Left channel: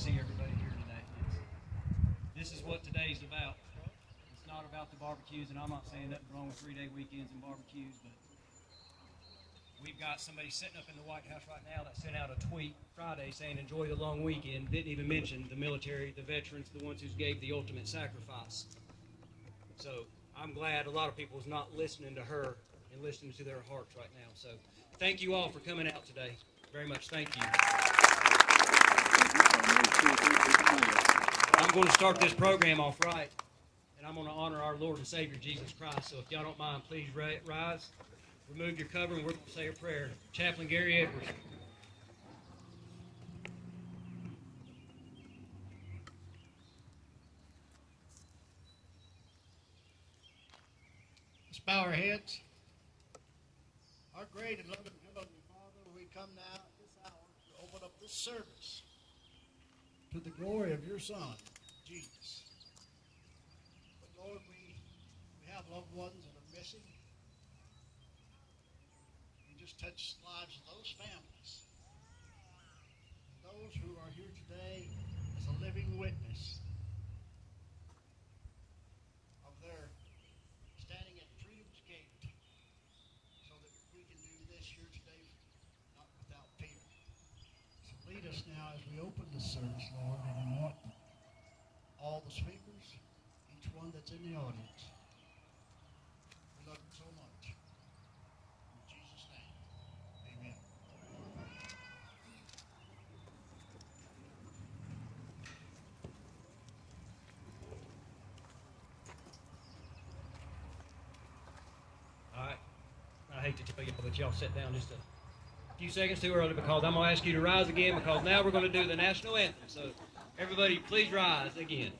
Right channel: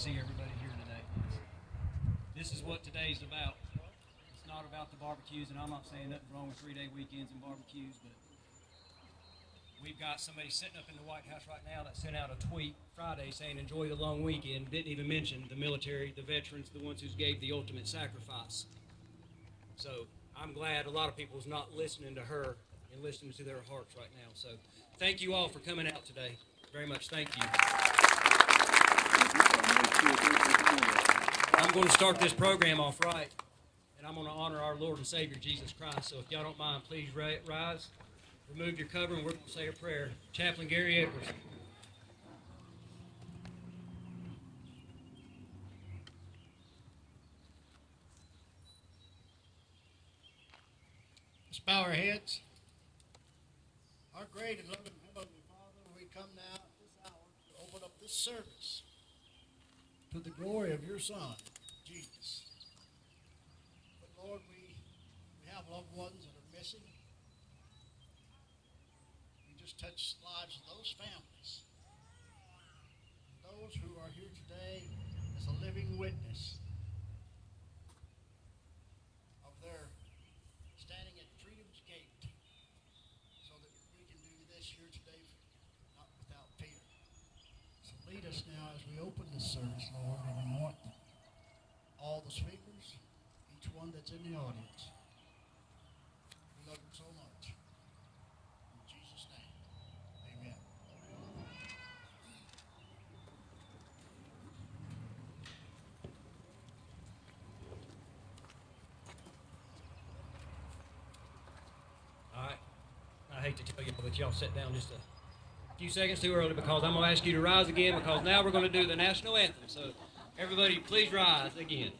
see everybody here today. This is what today's about. It's not about the barbecues, and I'm not saying nothing wrong with 3-day weekends and barbecues, but we've got somebody sitting up in the White House right now that sent out a tweet Friday saying enjoy the long weekend. Didn't even mention the military, the veterans, the ones who gave the ultimate sacrifice. So I'm glad a lot of people is not listening to her and listening to their hearts right now. So thank you all for coming out today. Very much thank you. I'm going to start this program off right, and I'm going to honor our Lord and Savior, Jesus Christ. So if y'all don't mind, please rise, remove your cover, and we're going to say a prayer. Chaplain Gary Edwards. Let's bow our heads. Our great and loving Heavenly Father, we come now at this hour to open up this service to the glory of your Son, Jesus. But Lord, we have loved ones that are missing. We just touch the lives of those families. Those who are here today as a living witness of their standing at freedom's gate so that we can do this here today not without fear. So lead us now as we open this service, Lord, and anoint all the speakers, each one that's in the audience. We love you so much. In Jesus' name, amen. All right. I hate to tell y'all, but y'all sit down just a few seconds too early because I'm going to ask you to rise again because now we're going to do the national anthem. So everybody, please rise again.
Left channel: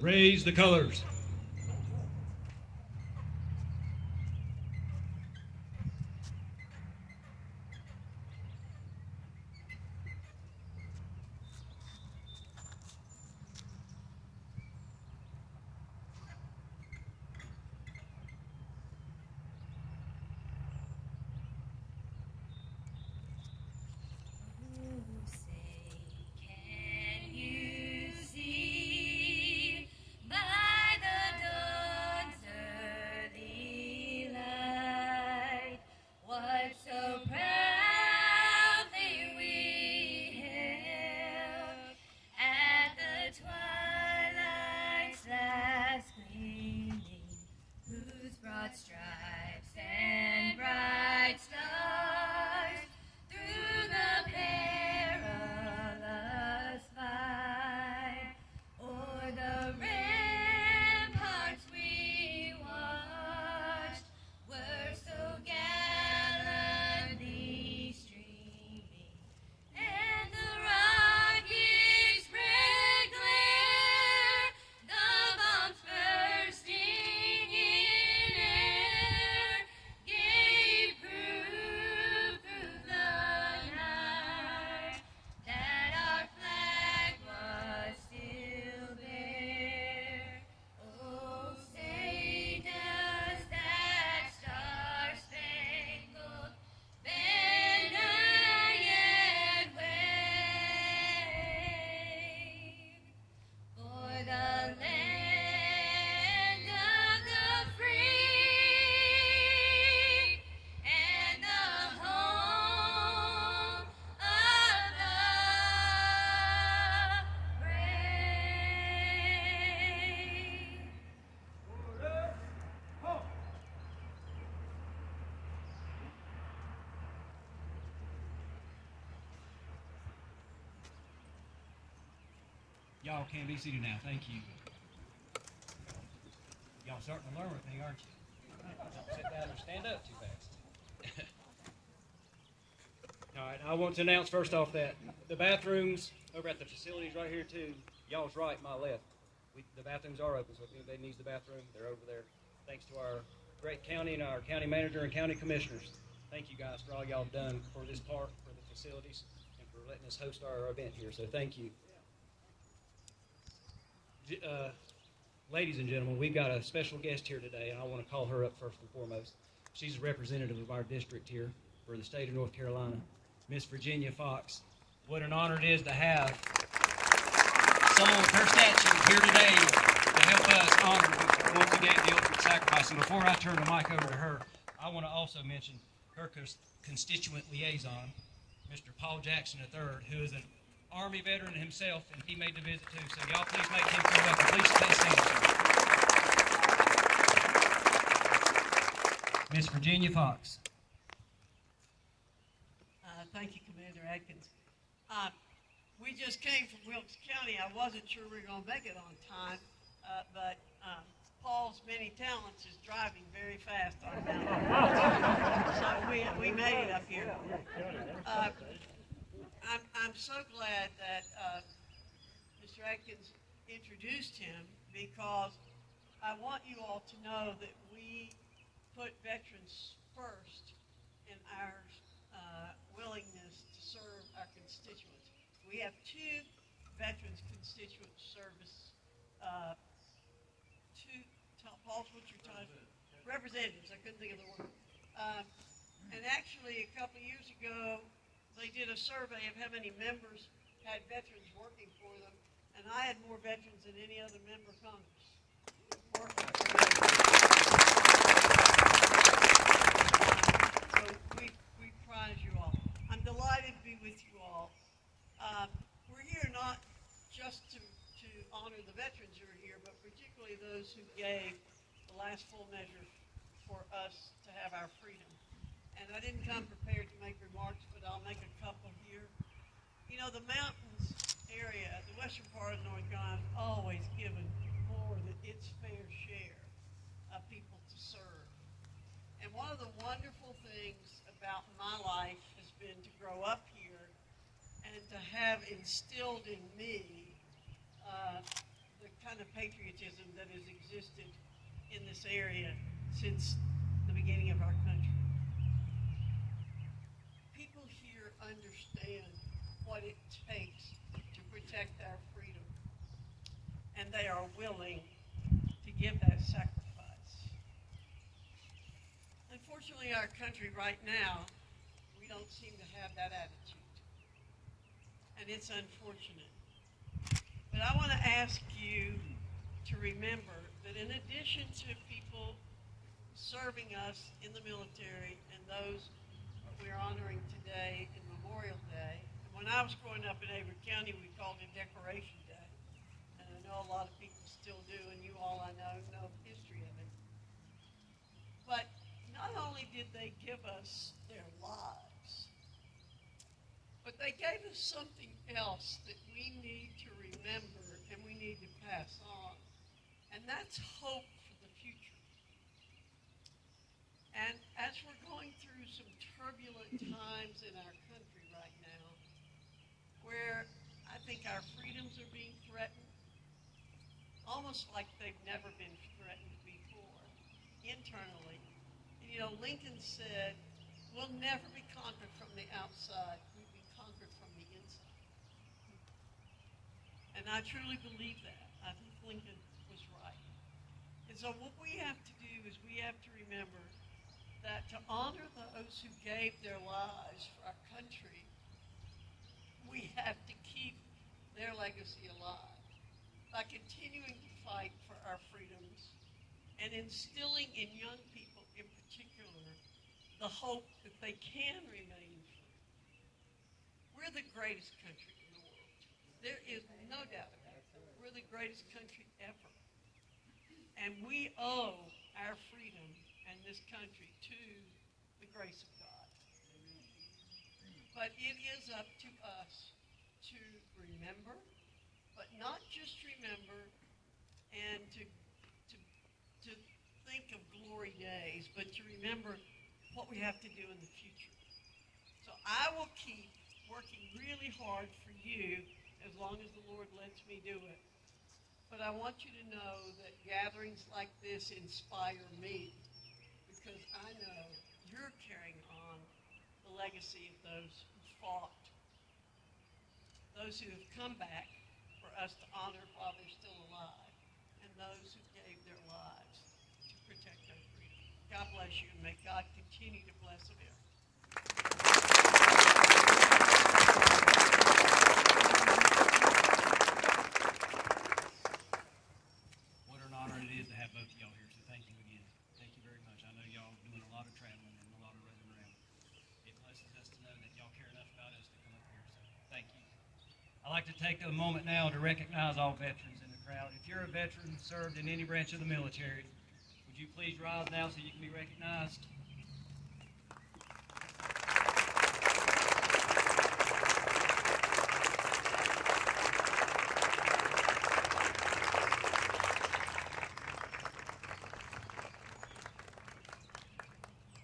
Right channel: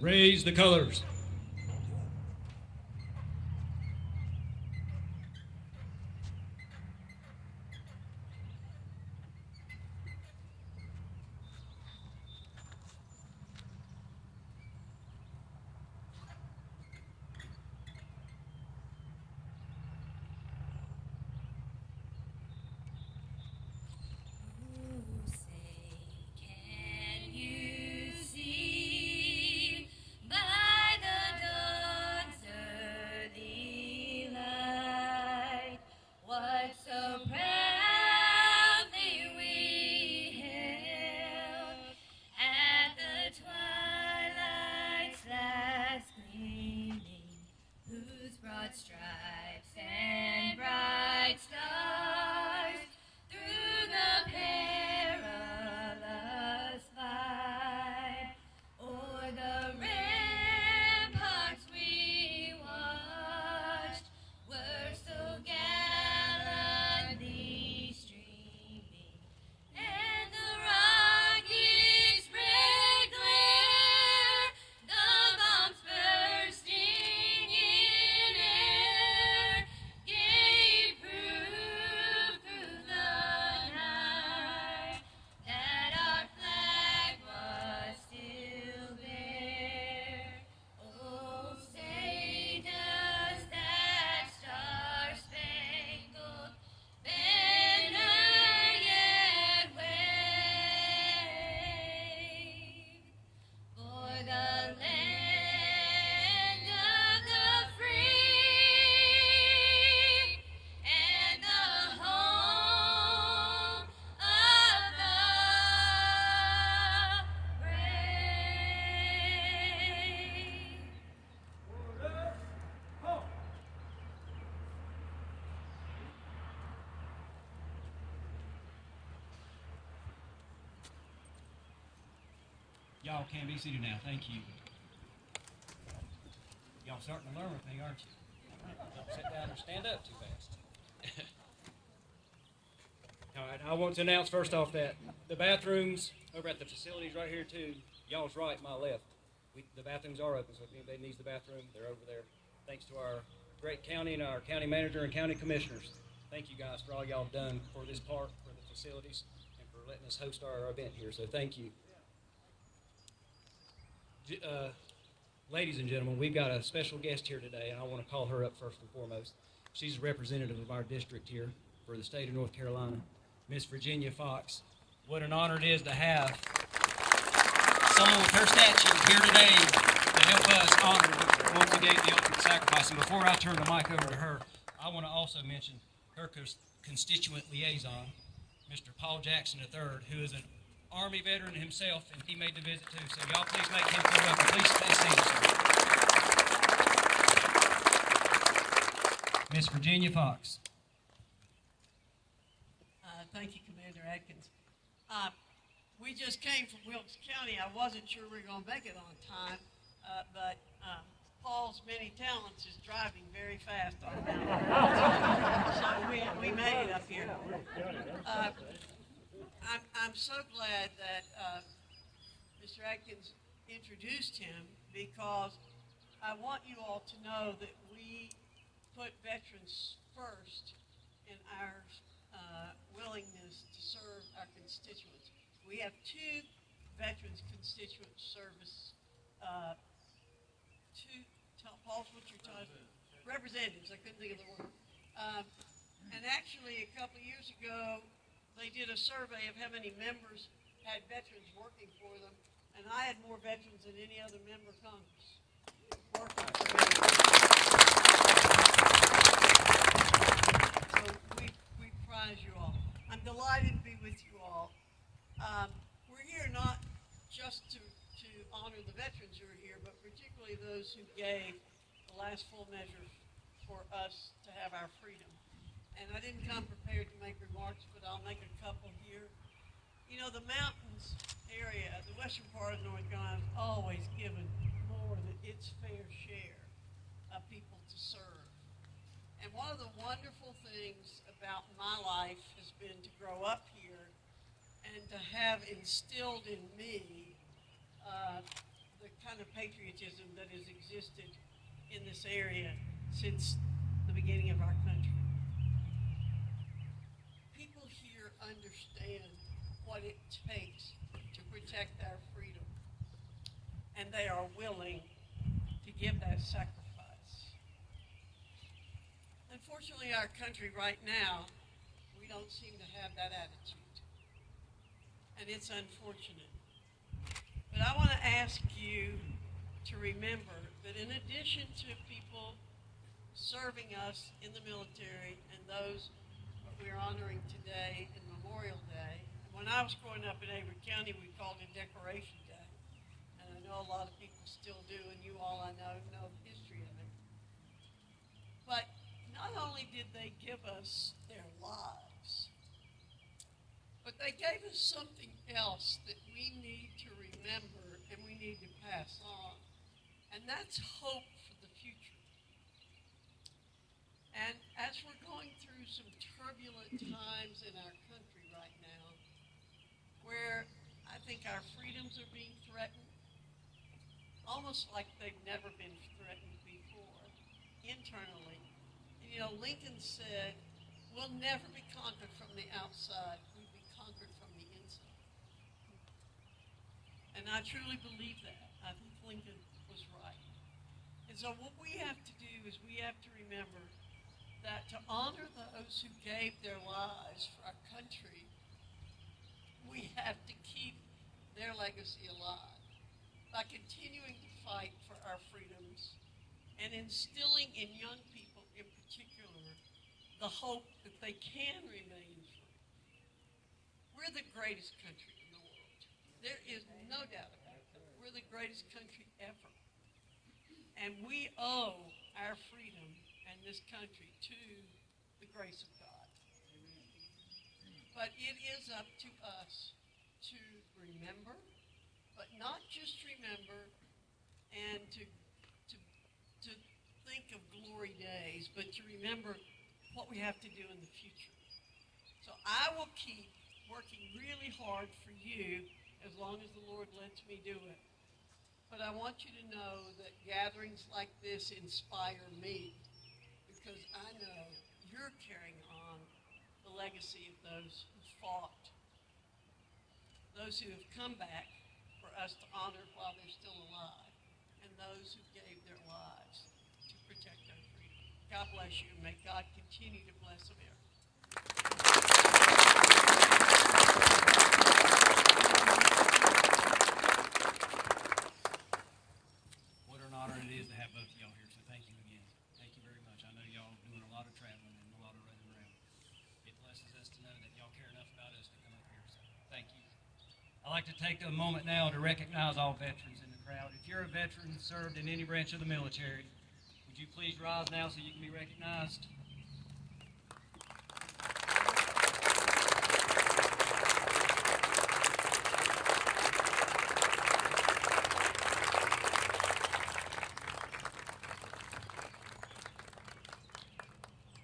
Raise the colors. Y'all can be seated now. Thank you. Y'all starting to learn with me, aren't you? Don't sit down and stand up too fast. All right, I want to announce first off that the bathrooms over at the facilities right here too, y'all's right, my left. The bathrooms are open, so if anybody needs the bathroom, they're over there. Thanks to our great county and our county manager and county commissioners. Thank you guys for all y'all done for this park, for the facilities, and for letting us host our event here, so thank you. Ladies and gentlemen, we've got a special guest here today, and I want to call her up first and foremost. She's a representative of our district here for the state of North Carolina, Miss Virginia Fox. What an honor it is to have someone with her stature here today to help us honor what we gave the ultimate sacrifice. And before I turn the mic over to her, I want to also mention her constituent liaison, Mr. Paul Jackson III, who is an Army veteran himself, and he made the visit too. So y'all please make him feel welcome. Please stay standing. Miss Virginia Fox. Thank you, Commander Atkins. We just came from Wilkes County. I wasn't sure we were going to make it on time, but Paul's many talents is driving very fast on that. So we made it up here. I'm so glad that Mr. Atkins introduced him, because I want you all to know that we put veterans first in our willingness to serve our constituents. We have 2 veterans constituent service, Paul, what's your title? Representatives, I couldn't think of the word. And actually, a couple of years ago, they did a survey of how many members had veterans working for them, and I had more veterans than any other member of Congress working for me. So we prize you all. I'm delighted to be with you all. We're here not just to honor the veterans who are here, but particularly those who gave the last full measure for us to have our freedom. And I didn't come prepared to make remarks, but I'll make a couple here. You know, the mountains area, the western part of North Carolina, has always given more than its fair share of people to serve. And one of the wonderful things about my life has been to grow up here and to have instilled in me the kind of patriotism that has existed in this area since the beginning of our country. People here understand what it takes to protect our freedom, and they are willing to give that sacrifice. Unfortunately, our country right now, we don't seem to have that attitude, and it's unfortunate. But I want to ask you to remember that in addition to people serving us in the military and those we're honoring today in Memorial Day, and when I was growing up in Avery County, we called it Decoration Day, and I know a lot of people still do, and you all I know the history of it. But not only did they give us their lives, but they gave us something else that we need to remember and we need to pass on. And that's hope for the future. And as we're going through some turbulent times in our country right now, where I think our freedoms are being threatened, almost like they've never been threatened before, internally. And, you know, Lincoln said, we'll never be conquered from the outside. We'll be conquered from the inside. And I truly believe that. I think Lincoln was right. And so what we have to do is we have to remember that to honor those who gave their lives for our country, we have to keep their legacy alive by continuing to fight for our freedoms and instilling in young people in particular the hope that they can remain free. We're the greatest country in the world. There is no doubt about that. We're the greatest country ever. And we owe our freedom and this country to the grace of God. But it is up to us to remember, but not just remember and to think of glory days, but to remember what we have to do in the future. So I will keep working really hard for you as long as the Lord lets me do it. But I want you to know that gatherings like this inspire me, because I know you're carrying on the legacy of those who fought, those who have come back for us to honor while they're still alive. and those who gave their lives to protect our freedom. God bless you, and may God continue to bless America. What an honor it is to have both of y'all here, so thank you again. Thank you very much. I know y'all doing a lot of traveling and a lot of running around. It blesses us to know that y'all care enough about us to come up here, so thank you. I'd like to take a moment now to recognize all veterans in the crowd. If you're a veteran served in any branch of the military, would you please rise now so you can be recognized?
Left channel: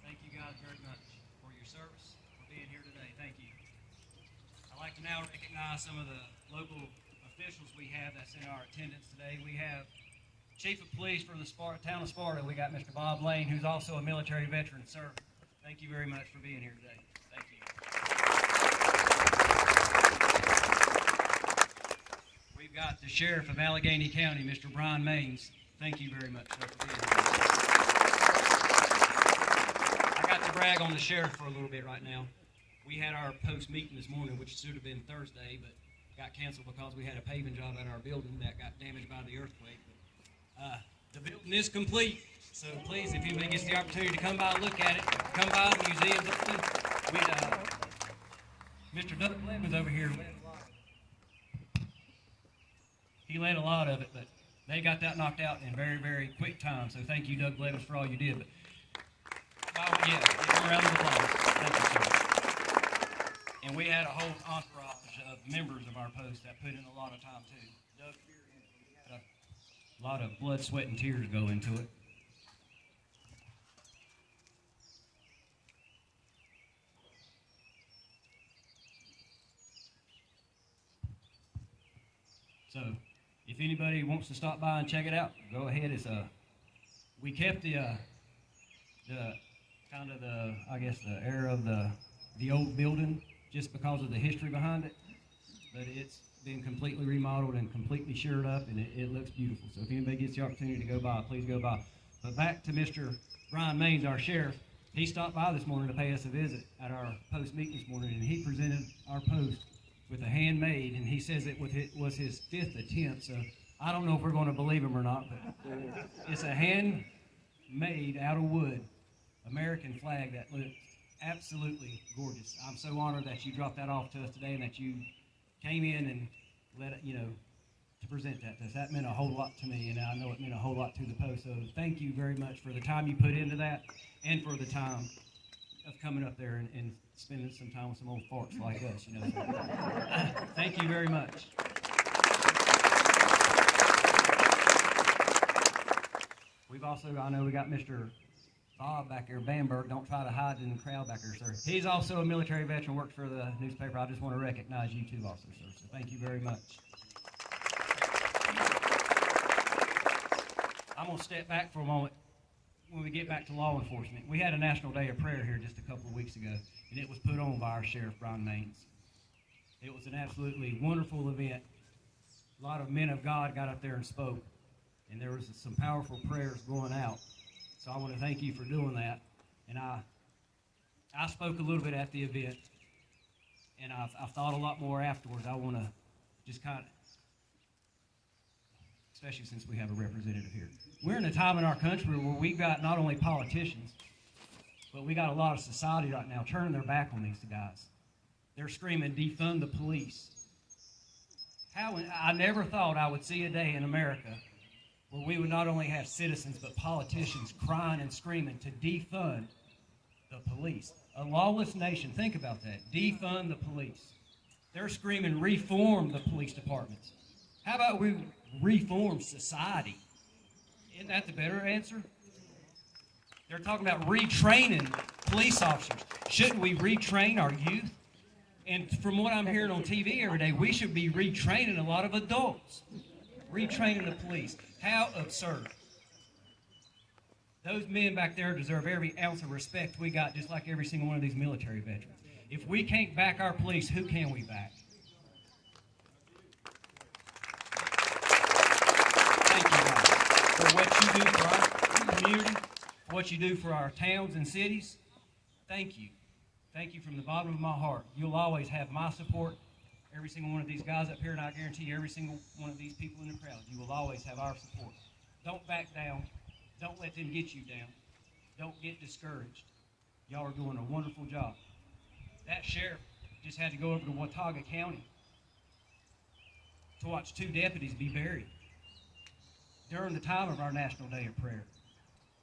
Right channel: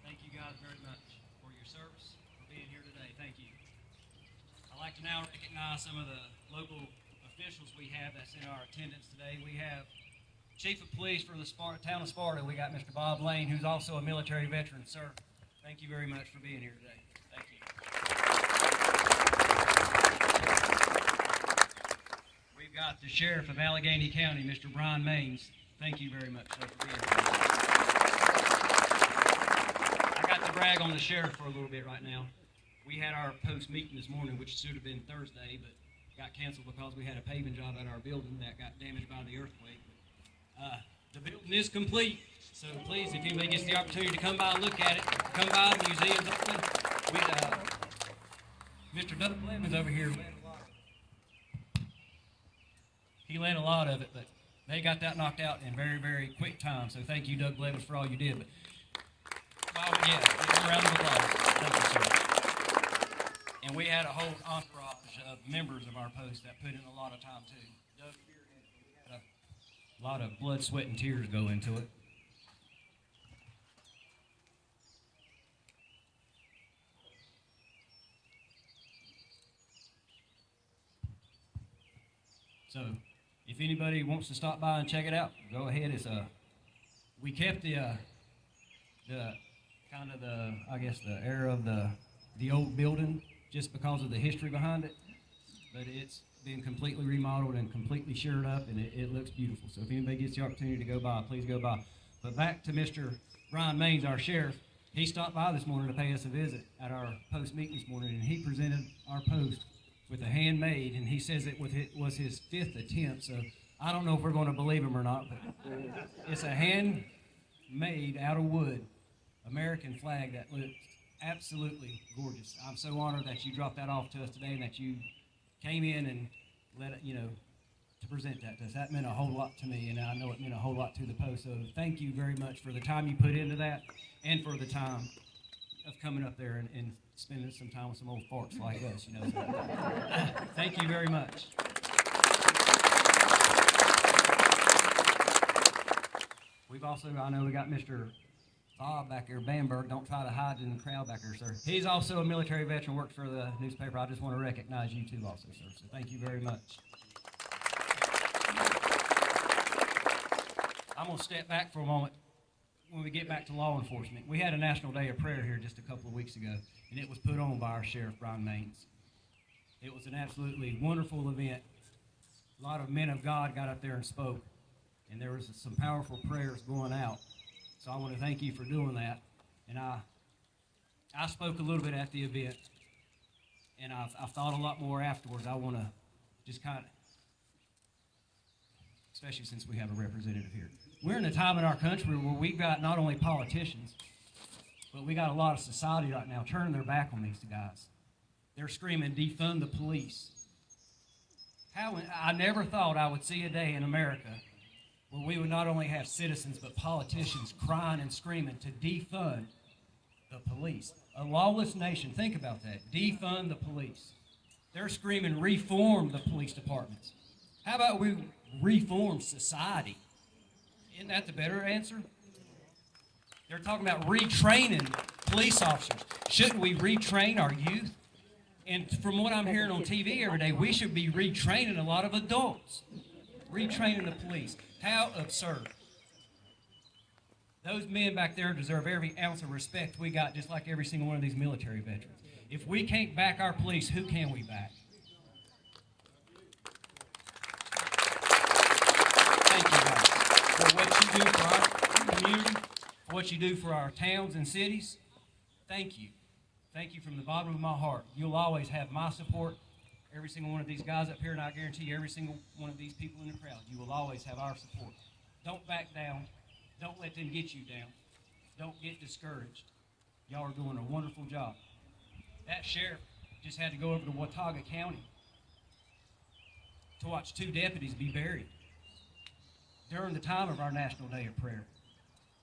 Thank you guys very much for your service, for being here today. Thank you. I'd like to now recognize some of the local officials we have that's in our attendance today. We have Chief of Police for the town of Sparta. We got Mr. Bob Lane, who's also a military veteran. Sir, thank you very much for being here today. Thank you. We've got the Sheriff of Alleghany County, Mr. Brian Maines. Thank you very much, sir, for being here. I got to brag on the sheriff for a little bit right now. We had our post meeting this morning, which should have been Thursday, but got canceled because we had a paving job at our building that got damaged by the earthquake. The building is complete, so please, if anybody gets the opportunity to come by and look at it, come by. The museum's open. Mr. Doug Blevins over here led a lot of it. He led a lot of it, but they got that knocked out in very, very quick time. So thank you, Doug Blevins, for all you did. But yeah, give him a round of applause. Thank you, sir. And we had a whole entourage of members of our post that put in a lot of time too. Doug spearheaded, but we had a lot of blood, sweat, and tears go into it. So, if anybody wants to stop by and check it out, go ahead. It's we kept the kind of the, I guess, the era of the old building just because of the history behind it, but it's been completely remodeled and completely shored up, and it looks beautiful. So if anybody gets the opportunity to go by, please go by. But back to Mr. Brian Maines, our sheriff. He stopped by this morning to pay us a visit at our post meeting this morning, and he presented our post with a handmade, and he says it was his 5th attempt. So I don't know if we're going to believe him or not, but it's a handmade out of wood American flag that looks absolutely gorgeous. I'm so honored that you dropped that off to us today and that you came in and let it, to present that to us. That meant a whole lot to me, and I know it meant a whole lot to the post. So thank you very much for the time you put into that and for the time of coming up there and spending some time with some old farts like us, So, thank you very much. We've also, I know we got Mr. Bob back here, Bamberg. Don't try to hide in the crowd back here, sir. He's also a military veteran, works for the newspaper. I just want to recognize you too also, sir. So thank you very much. I'm going to step back for a moment when we get back to law enforcement. We had a National Day of Prayer here just a couple of weeks ago, and it was put on by our Sheriff, Brian Maines. It was an absolutely wonderful event. A lot of men of God got up there and spoke, and there was some powerful prayers going out. So I want to thank you for doing that. And I spoke a little bit at the event, and I've thought a lot more afterwards. I want to just kind of, especially since we have a representative here. We're in a time in our country where we've got not only politicians, but we got a lot of society right now turning their back on these guys. They're screaming, defund the police. I never thought I would see a day in America where we would not only have citizens but politicians crying and screaming to defund the police. A lawless nation, think about that. Defund the police. They're screaming reform the police departments. How about we reform society? Isn't that the better answer? They're talking about retraining police officers. Shouldn't we retrain our youth? And from what I'm hearing on TV every day, we should be retraining a lot of adults. Retraining the police. How absurd. Those men back there deserve every ounce of respect we got, just like every single one of these military veterans. If we can't back our police, who can we back? Thank you, guys. for what you do for our community, for what you do for our towns and cities. Thank you. Thank you from the bottom of my heart. You'll always have my support, every single one of these guys up here, and I guarantee you every single one of these people in the crowd, you will always have our support. Don't back down. Don't let them get you down. Don't get discouraged. Y'all are doing a wonderful job. That sheriff just had to go over to Watauga County to watch 2 deputies be buried during the time of our National Day of Prayer.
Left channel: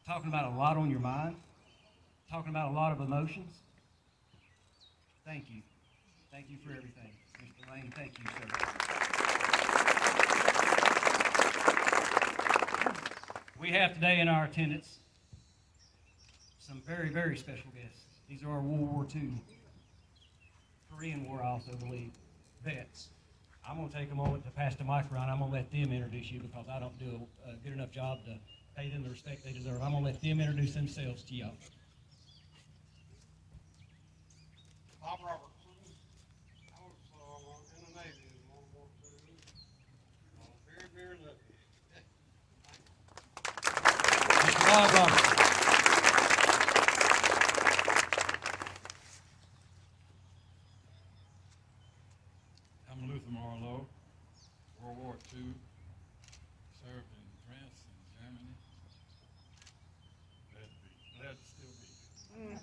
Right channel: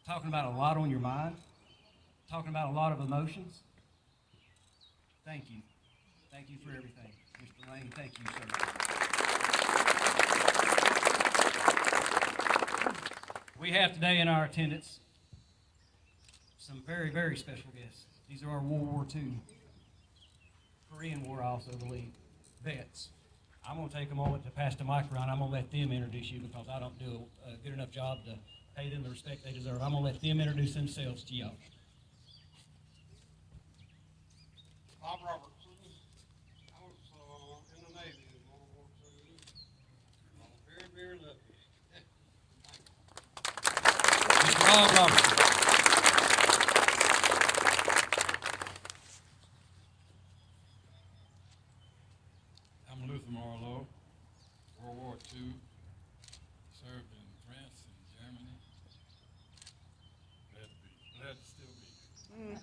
Talking about a lot on your mind, talking about a lot of emotions. Thank you. Thank you for everything. Mr. Lane, thank you, sir. We have today in our attendance some very, very special guests. These are our World War II, Korean War, I also believe, vets. I'm going to take a moment to pass the mic around. I'm going to let them introduce you because I don't do a good enough job to pay them the respect they deserve. I'm going to let them introduce themselves to y'all. Bob Robertson. I was in the Navy in World War II. I was very, very lucky. Mr. Bob Robertson. I'm Luther Marlowe, World War II, served in France and Germany. Glad to still be here.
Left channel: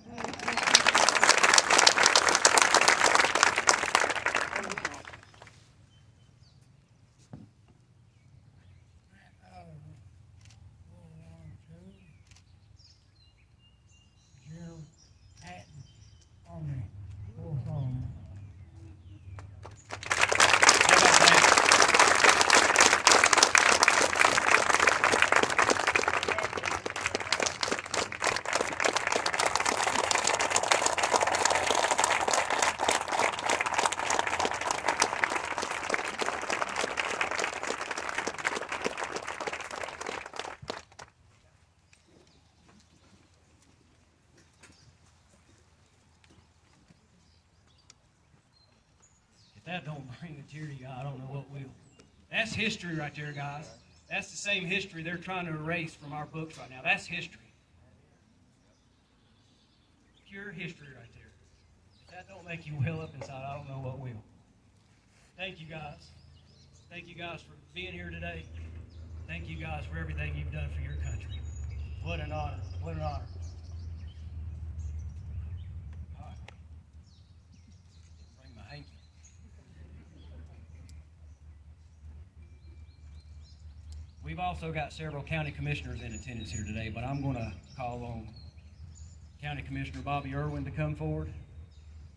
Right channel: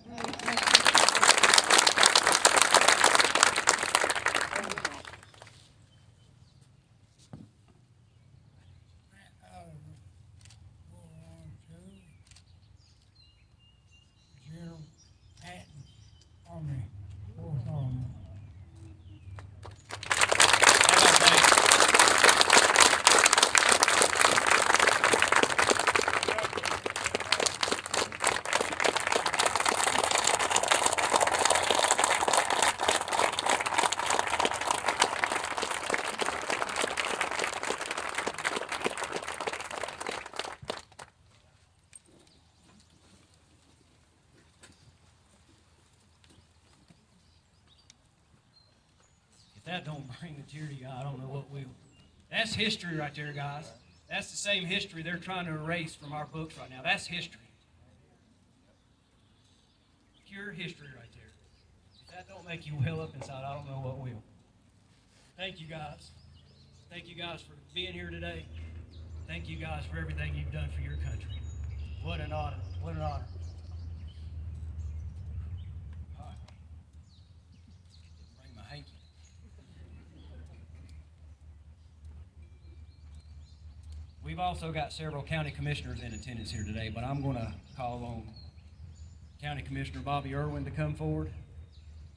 General Patton on the Fourth Army. If that don't bring the tear to you, I don't know what will. That's history right there, guys. That's the same history they're trying to erase from our books right now. That's history. Pure history right there. If that don't make you well up inside, I don't know what will. Thank you, guys. Thank you, guys, for being here today. Thank you, guys, for everything you've done for your country. What an honor. What an honor. All right. Bring my hanky. We've also got several county commissioners in attendance here today, but I'm going to call on County Commissioner Bobby Irwin to come forward.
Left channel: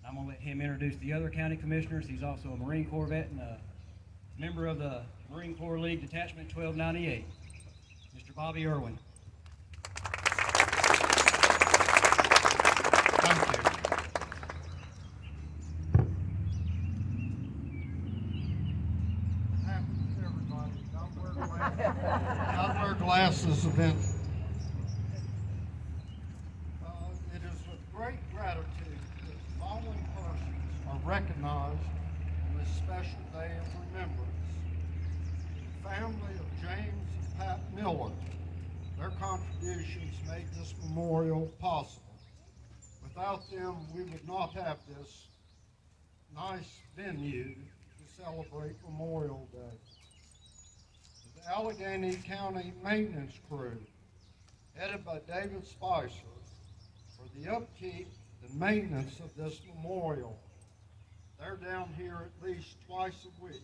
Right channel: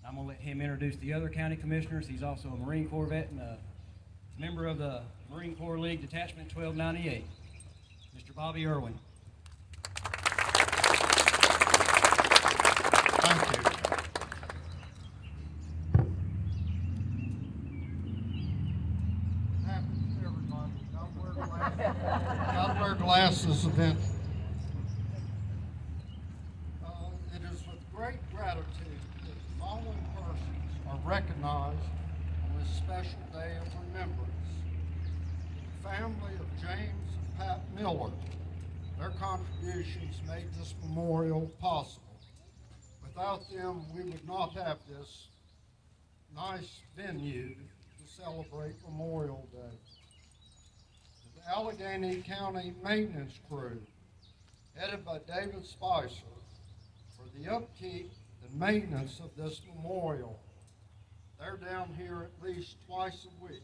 I'm going to let him introduce the other county commissioners. He's also a Marine Corps vet and a member of the Marine Corps League Detachment 1298. Mr. Bobby Irwin. Thank you. It happens to everybody. Don't wear glasses eventually. It is with great gratitude that the following persons are recognized on this special day of remembrance. The family of James and Pat Miller. Their contributions made this memorial possible. Without them, we would not have this nice venue to celebrate Memorial Day. To the Alleghany County Maintenance Crew, headed by David Spicer, for the upkeep and maintenance of this memorial. They're down here at least twice a week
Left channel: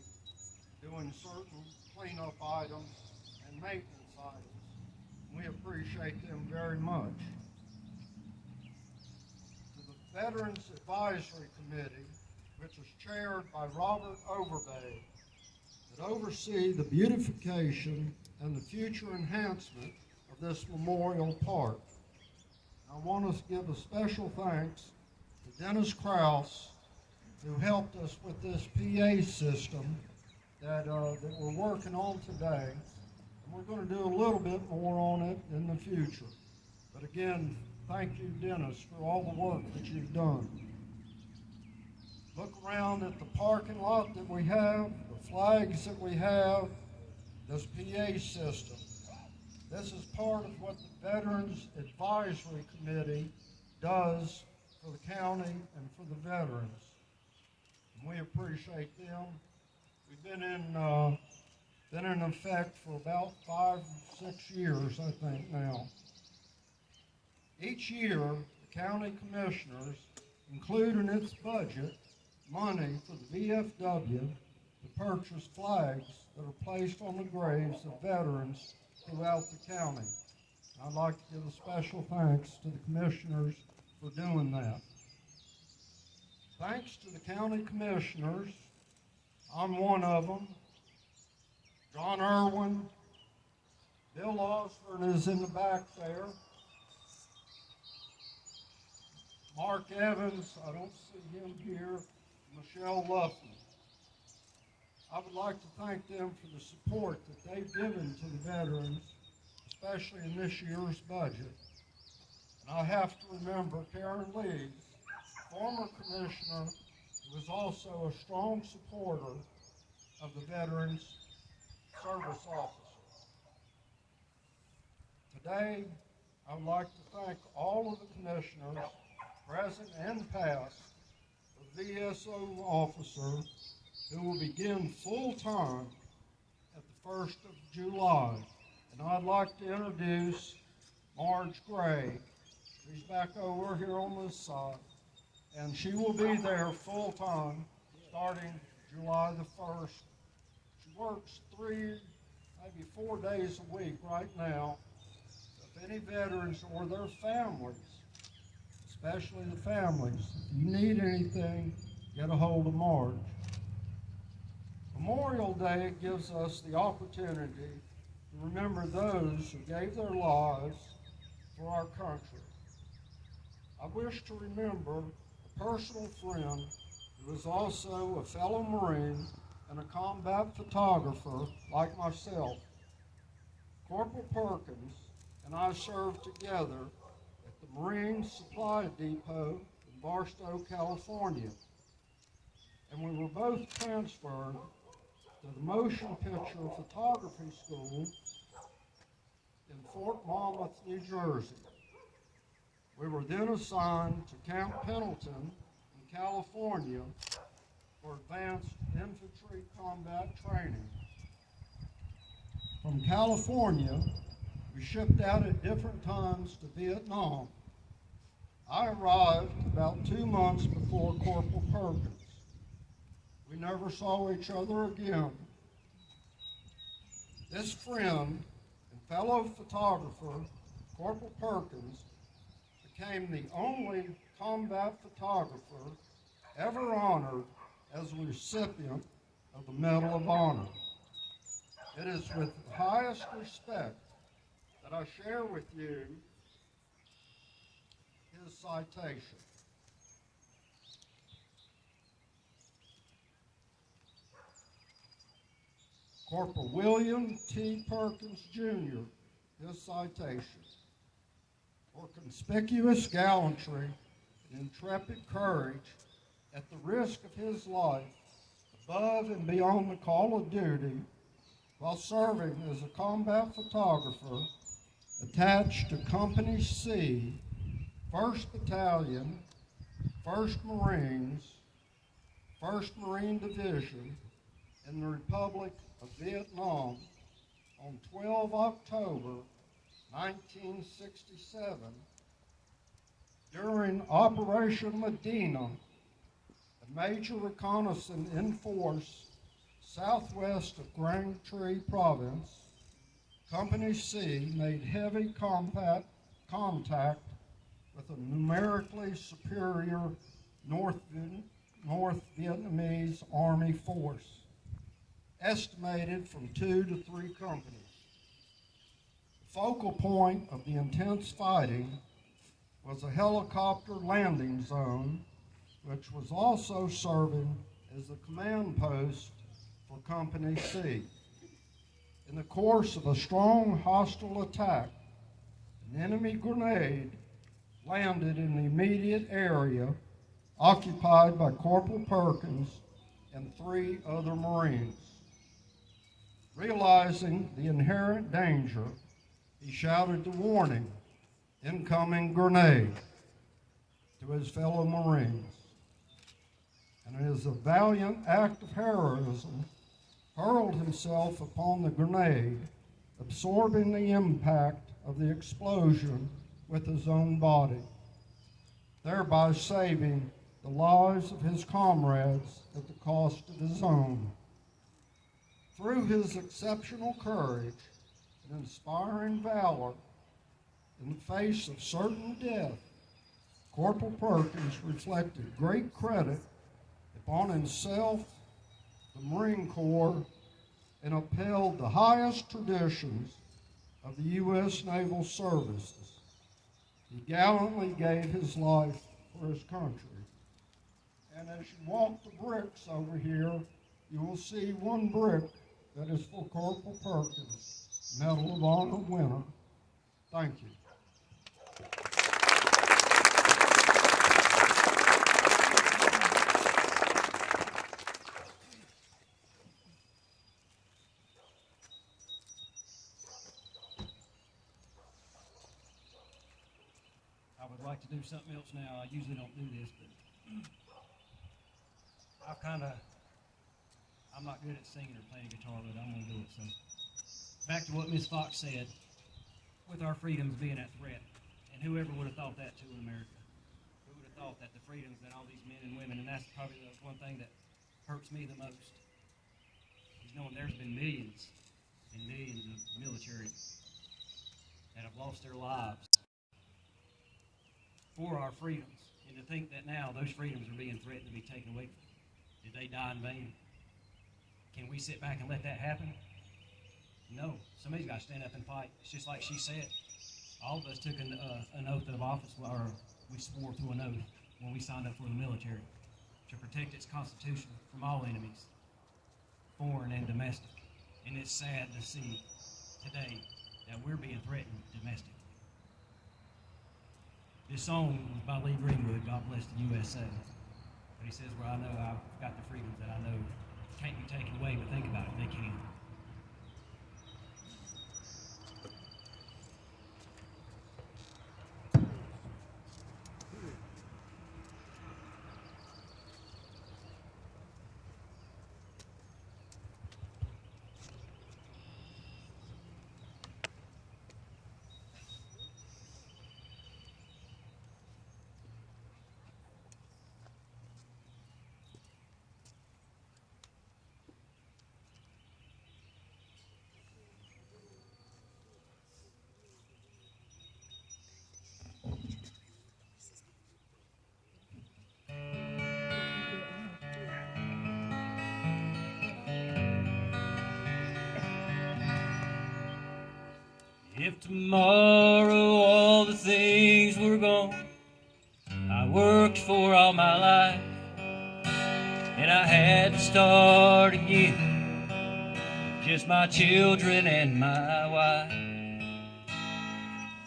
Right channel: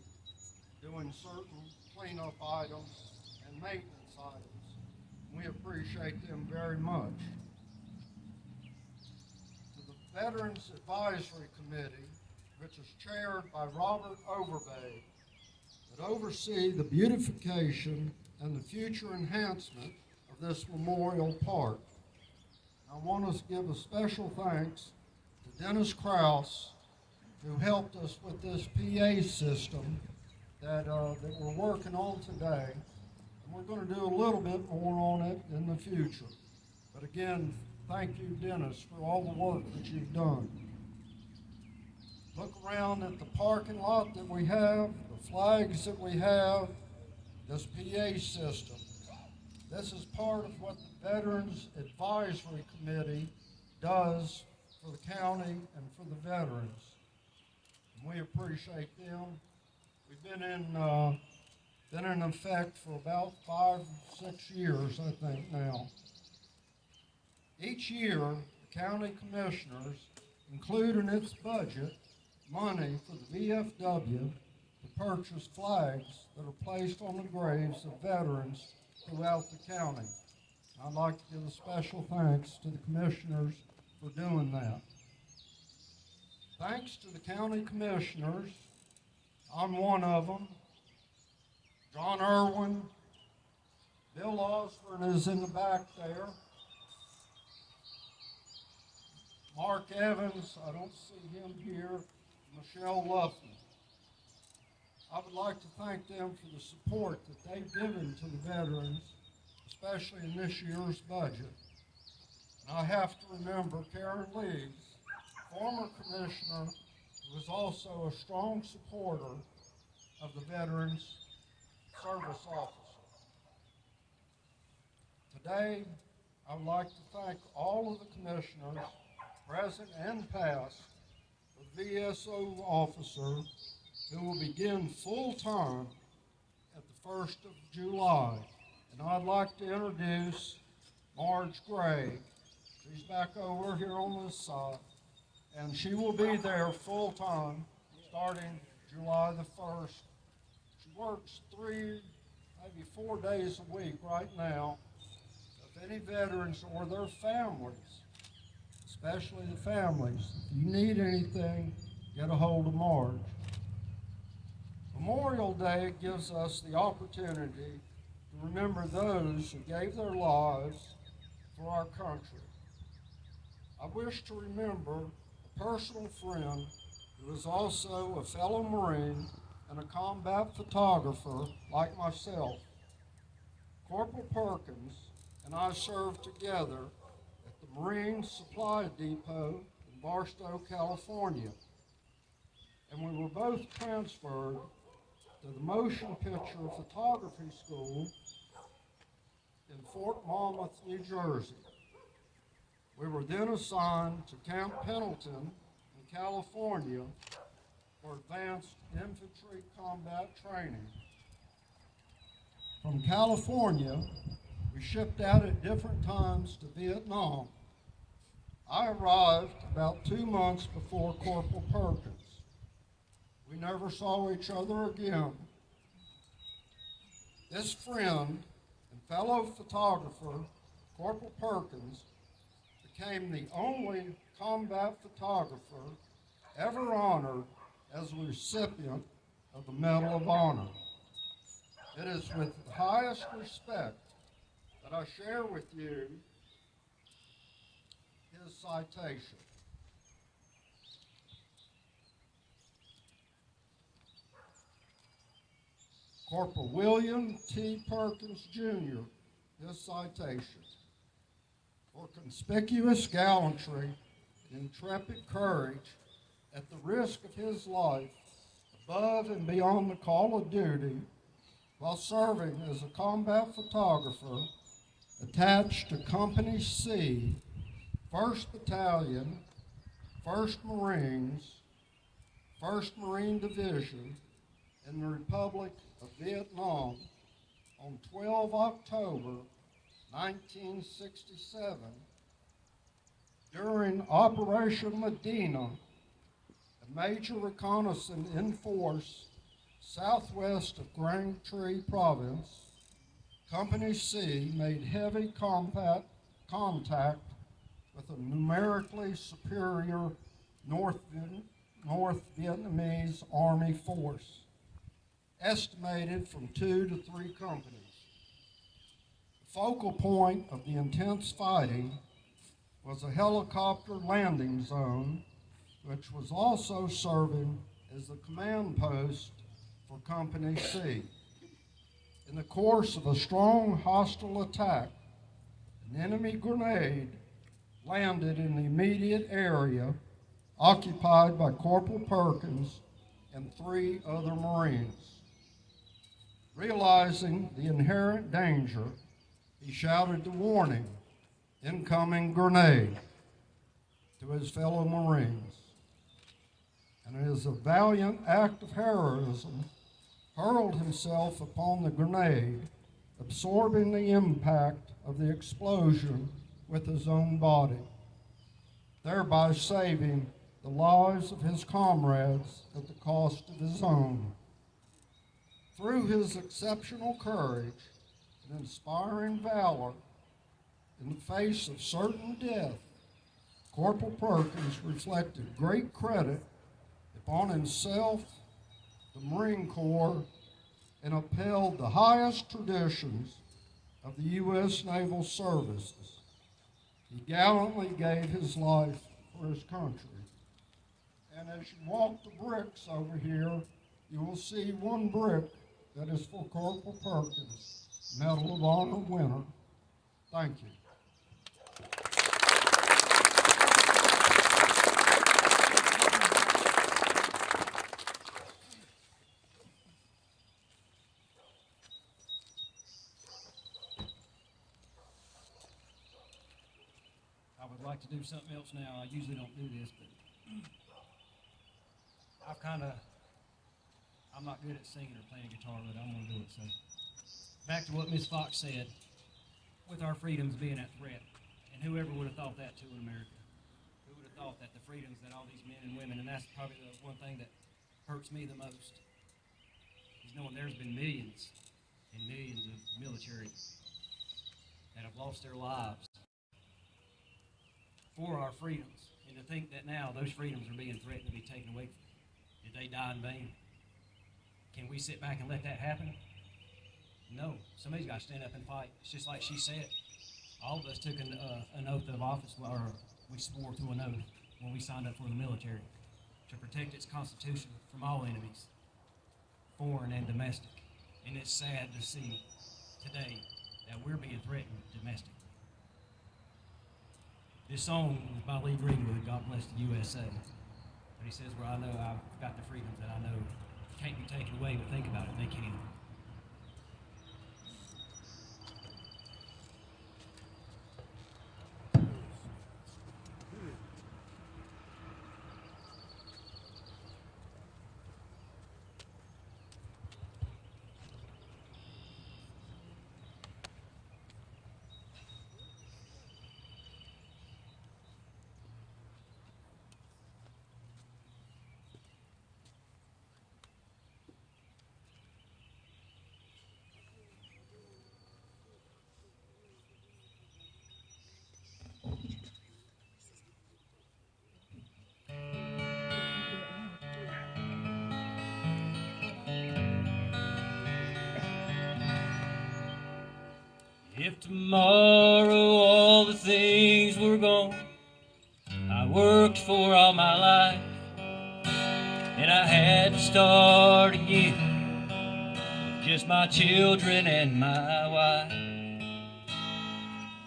doing certain cleanup items and maintenance items. We appreciate them very much. To the Veterans Advisory Committee, which is chaired by Robert Overbay, that oversee the beautification and the future enhancement of this memorial park. I want to give a special thanks to Dennis Krause, who helped us with this PA system that we're working on today. And we're going to do a little bit more on it in the future. But again, thank you, Dennis, for all the work that you've done. Look around at the parking lot that we have, the flags that we have, this PA system. This is part of what the Veterans Advisory Committee does for the county and for the veterans. And we appreciate them. We've been in effect for about 5 or 6 years, I think now. Each year, the county commissioners include in its budget money for the VFW to purchase flags that are placed on the graves of veterans throughout the county. I'd like to give a special thanks to the commissioners for doing that. Thanks to the county commissioners, I'm one of them. John Irwin, Bill Osborne is in the back there. Mark Evans, I don't see him here. Michelle Luffman. I would like to thank them for the support that they've given to the veterans, especially in this year's budget. And I have to remember Karen Leeds, former commissioner, who was also a strong supporter of the Veterans Service Officer. Today, I would like to thank all of the commissioners, present and past, the VSO officer who will begin full-time at the 1st of July. And I'd like to introduce Marge Gray. She's back over here on this side. And she will be there full-time starting July the 1st. She works 3, maybe 4 days a week right now. If any veterans or their families, especially the families, if you need anything, get a hold of Marge. Memorial Day gives us the opportunity to remember those who gave their lives for our country. I wish to remember a personal friend who is also a fellow Marine and a combat photographer like myself. Corporal Perkins and I served together at the Marine Supply Depot in Barstow, California. And we were both transferred to the Motion Picture Photography School in Fort Monmouth, New Jersey. We were then assigned to Camp Pendleton in California for advanced infantry combat training. From California, we shipped out at different times to Vietnam. I arrived about 2 months before Corporal Perkins. We never saw each other again. This friend and fellow photographer, Corporal Perkins, became the only combat photographer ever honored as a recipient of the Medal of Honor. It is with the highest respect that I share with you his citation. Corporal William T. Perkins, Jr., his citation. For conspicuous gallantry and intrepid courage at the risk of his life, above and beyond the call of duty, while serving as a combat photographer attached to Company C, 1st Battalion, 1st Marines, 1st Marine Division, in the Republic of Vietnam on 12 October 1967, during Operation Medina, a major reconnaissance in force southwest of Grand Tree Province, Company C made heavy contact with a numerically superior North Vietnamese Army force, estimated from 2 to 3 companies. The focal point of the intense fighting was a helicopter landing zone, which was also serving as the command post for Company C. In the course of a strong hostile attack, an enemy grenade landed in the immediate area occupied by Corporal Perkins and 3 other Marines. Realizing the inherent danger, he shouted the warning, "Incoming grenade," to his fellow Marines. And as a valiant act of heroism, hurled himself upon the grenade, absorbing the impact of the explosion with his own body, thereby saving the lives of his comrades at the cost of his own. Through his exceptional courage and inspiring valor in the face of certain death, Corporal Perkins reflected great credit upon himself, the Marine Corps, and upheld the highest traditions of the U.S. Naval Services. He gallantly gave his life for his country. And as you walk the bricks over here, you will see one brick that is for Corporal Perkins, Medal of Honor winner. Thank you. I would like to do something else now. I usually don't do this, but I'm not good at singing or playing guitar, but I'm going to do it. So, back to what Ms. Fox said, with our freedoms being at threat, and whoever would have thought that too in America? Who would have thought that the freedoms that all these men and women, and that's probably the one thing that hurts me the most, is knowing there's been millions and millions of military that have lost their lives for our freedoms, and to think that now those freedoms are being threatened to be taken away from them. Did they die in vain? Can we sit back and let that happen? No. Somebody's got to stand up and fight. It's just like she said. All of us took an oath of office, or we swore to an oath when we signed up for the military to protect its constitution from all enemies, foreign and domestic. And it's sad to see today that we're being threatened domestically. This song was by Lee Greenwood, God Bless the USA. But he says, "Well, I know I've got the freedoms that I know can't be taken away, but think about it, they can." If tomorrow all the things were gone I worked for all my life, and I had to start again with just my children and my wife,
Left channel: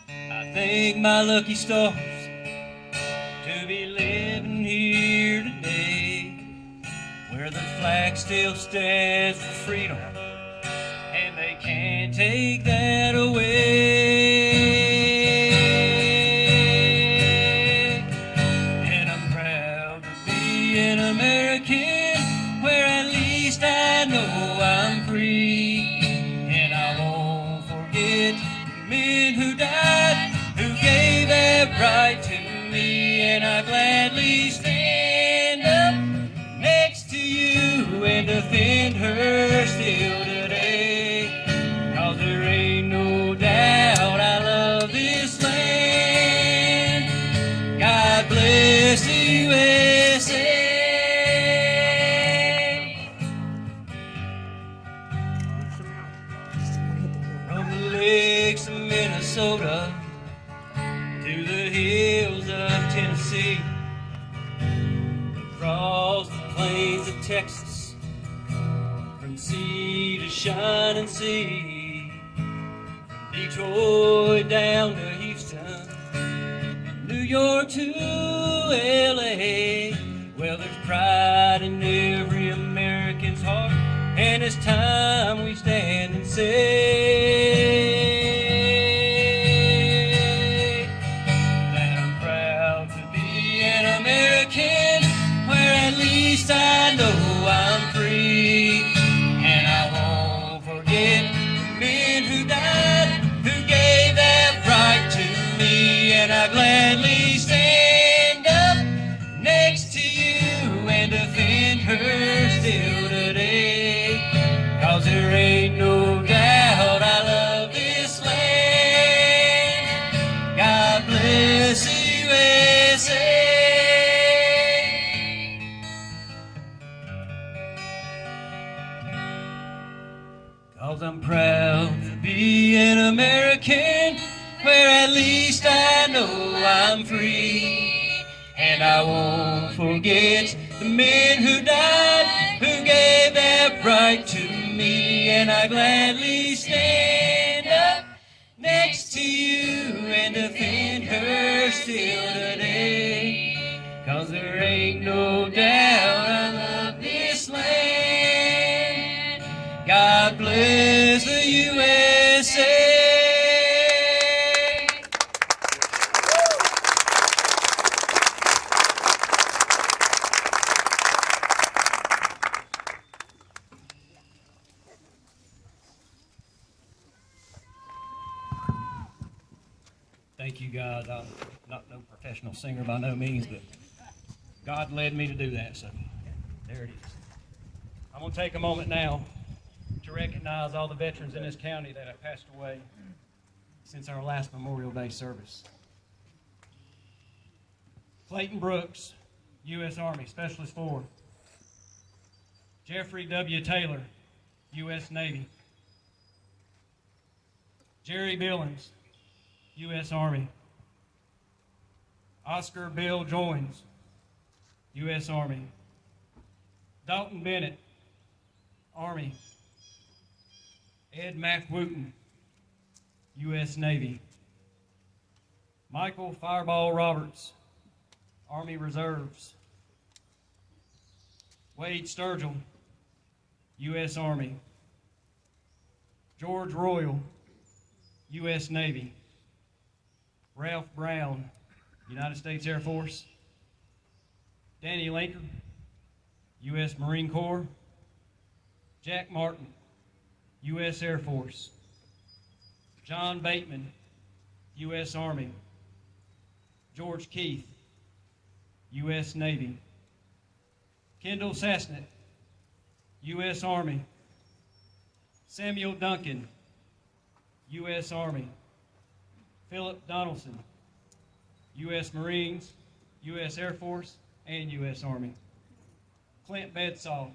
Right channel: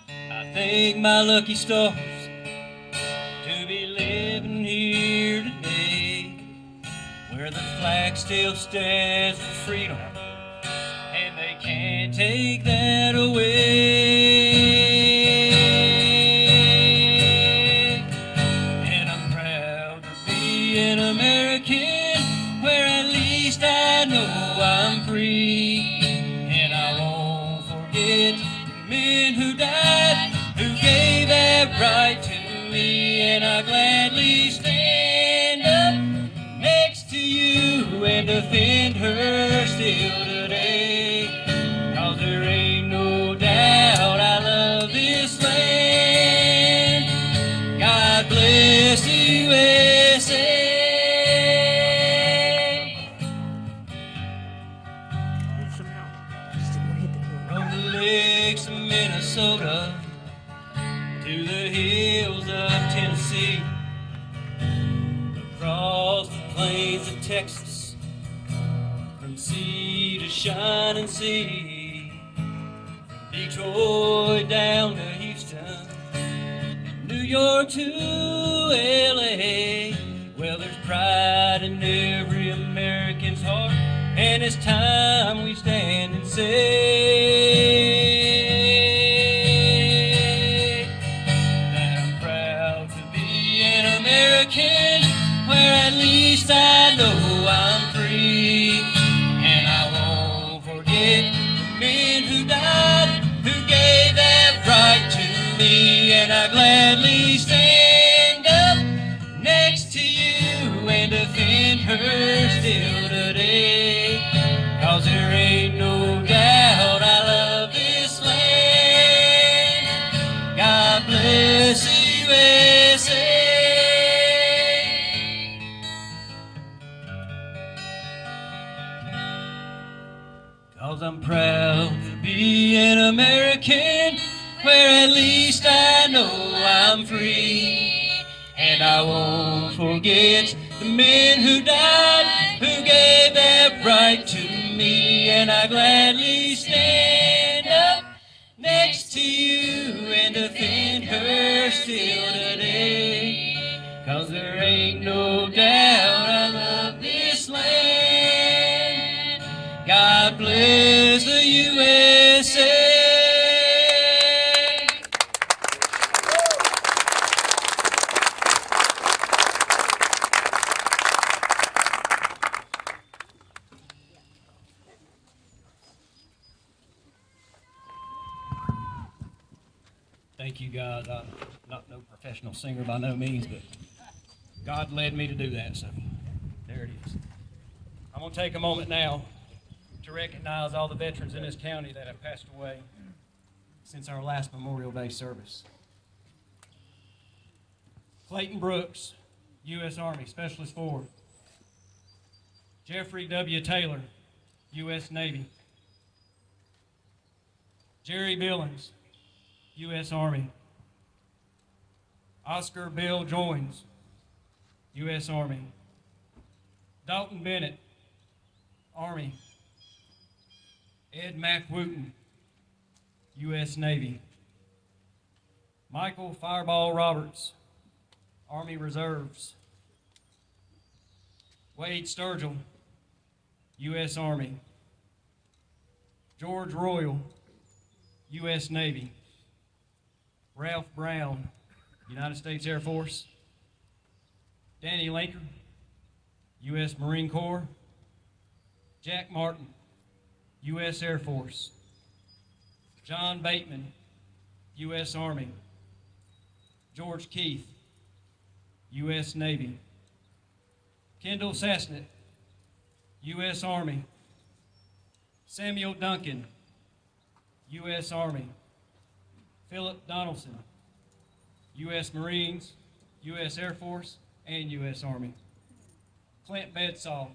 I thank my lucky stars to be living here today, where the flag still stands for freedom, and they can't take that away. And I'm proud to be an American, where at least I know I'm free. And I won't forget the men who died, who gave that right to me. And I gladly stand up next to you and defend her still today. 'Cause there ain't no doubt I love this land. God bless the USA. From the lakes of Minnesota to the hills of Tennessee, across the plains of Texas, from sea to shining sea, Detroit down to Houston, New York to LA. Well, there's pride in every American's heart, and it's time we stand and say, who died, who gave that right to me, and I gladly stand up next to you and defend her still today. 'Cause there ain't no doubt I love this land. God bless the USA. Cause I'm proud to be an American, where at least I know I'm free. And I won't forget the men who died, who gave that right to me. And I gladly stand up next to you and defend her still today. 'Cause there ain't no doubt I love this land. God bless the USA. Thank you, God. I'm not no professional singer by no means, but God led me to do that, so there it is. I'm going to take a moment now to recognize all the veterans in this county that have passed away since our last Memorial Day service. Clayton Brooks, U.S. Army, Specialist 4. Jeffrey W. Taylor, U.S. Navy. Jerry Billings, U.S. Army. Oscar Bill Joins, U.S. Army. Dalton Bennett, Army. Ed McWooten, U.S. Navy. Michael Fireball Roberts, Army Reserves. Wade Sturgill, U.S. Army. George Royal, U.S. Navy. Ralph Brown, United States Air Force. Danny Lincoln, U.S. Marine Corps. Jack Martin, U.S. Air Force. John Bateman, U.S. Army. George Keith, U.S. Navy. Kendall Sassnett, U.S. Army. Samuel Duncan, U.S. Army. Philip Donaldson, U.S. Marines, U.S. Air Force, and U.S. Army. Clint Bedsaw,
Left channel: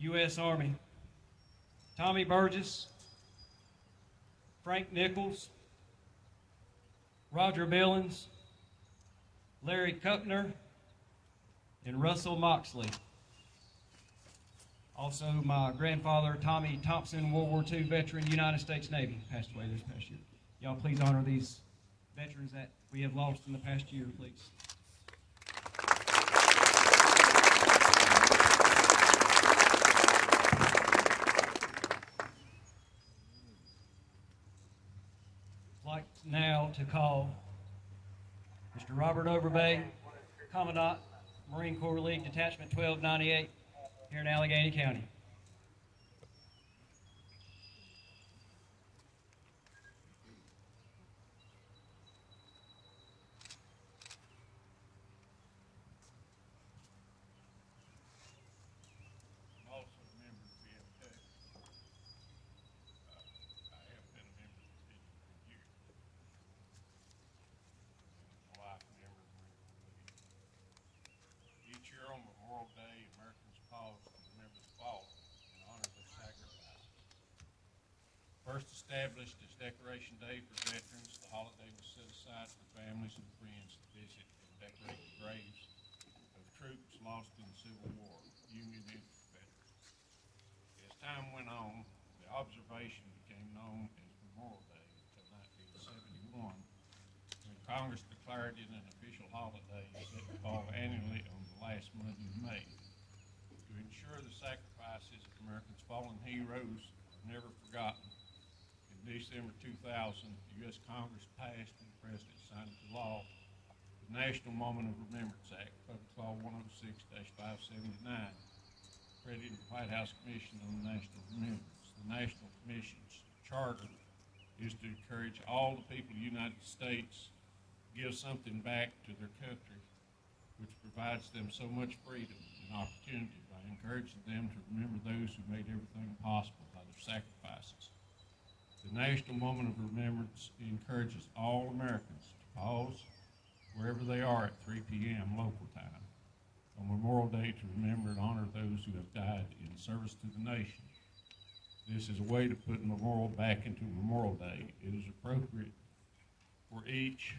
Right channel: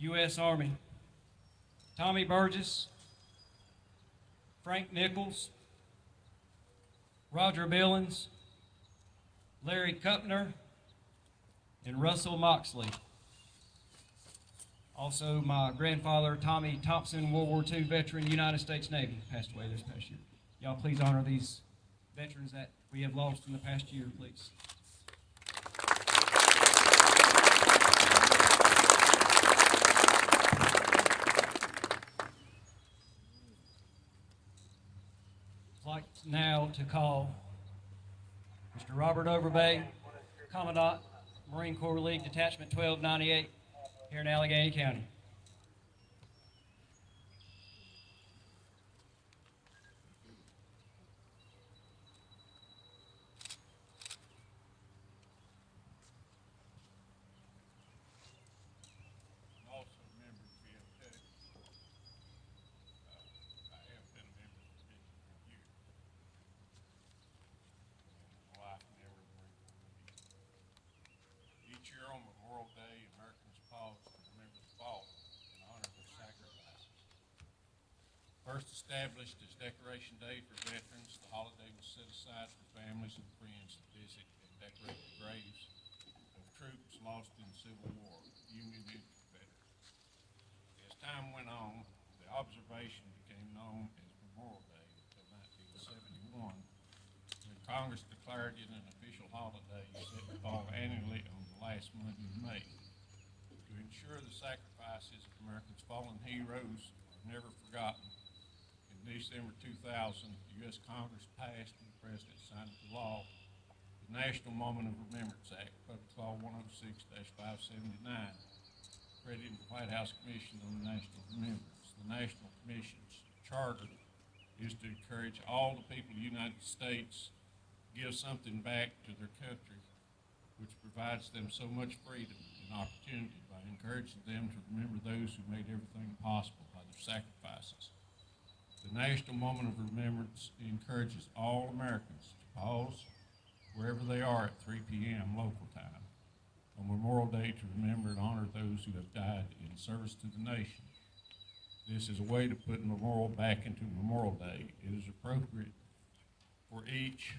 U.S. Army. Tommy Burgess, Frank Nichols, Roger Billings, Larry Kuckner, and Russell Moxley. Also, my grandfather, Tommy Thompson, World War II veteran, United States Navy, passed away this past year. Y'all please honor these veterans that we have lost in the past year, please. I'd like now to call Mr. Robert Overbay, Commandant, Marine Corps League Detachment 1298 here in Alleghany County. Also a member of VFW. I have been a member of the district for years. And my wife, member of the Marine Corps League. Each year on Memorial Day, Americans pause to remember the fallen and honor their sacrifices. First established as Decoration Day for veterans, the holiday was set aside for families and friends to visit and decorate the graves of troops lost in the Civil War, Union and Confederate. As time went on, the observation became known as Memorial Day until 1971, when Congress declared it an official holiday set to fall annually on the last Monday in May. To ensure the sacrifices of America's fallen heroes are never forgotten, in December 2000, the U.S. Congress passed and the President signed into law the National Moment of Remembrance Act, Public Law 106-579, crediting the White House Commission on the National Remembrance. The National Commission's charter is to encourage all the people of the United States to give something back to their country, which provides them so much freedom and opportunity by encouraging them to remember those who made everything possible by their sacrifices. The National Moment of Remembrance encourages all Americans to pause wherever they are at 3 p.m. local time on Memorial Day to remember and honor those who have died in service to the nation. This is a way to put Memorial back into Memorial Day. It is appropriate for each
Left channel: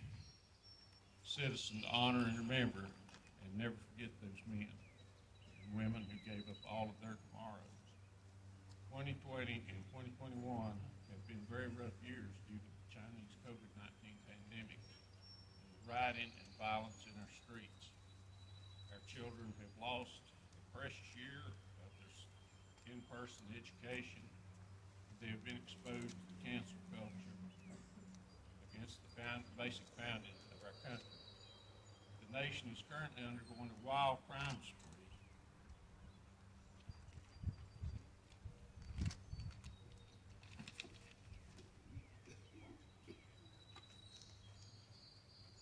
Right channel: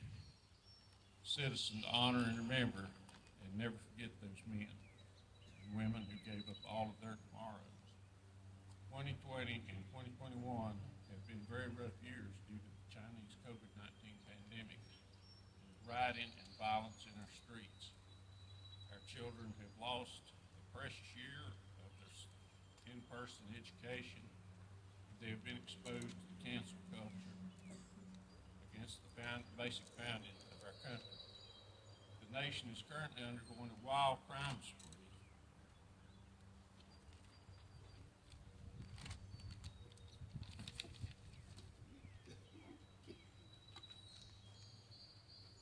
citizen to honor and remember and never forget those men and women who gave up all of their tomorrows. 2020 and 2021 have been very rough years due to the Chinese COVID-19 pandemic and the rioting and violence in our streets. Our children have lost a precious year of their in-person education. They have been exposed to cancel culture against the basic founding of our country. The nation is currently undergoing a wild crime spree.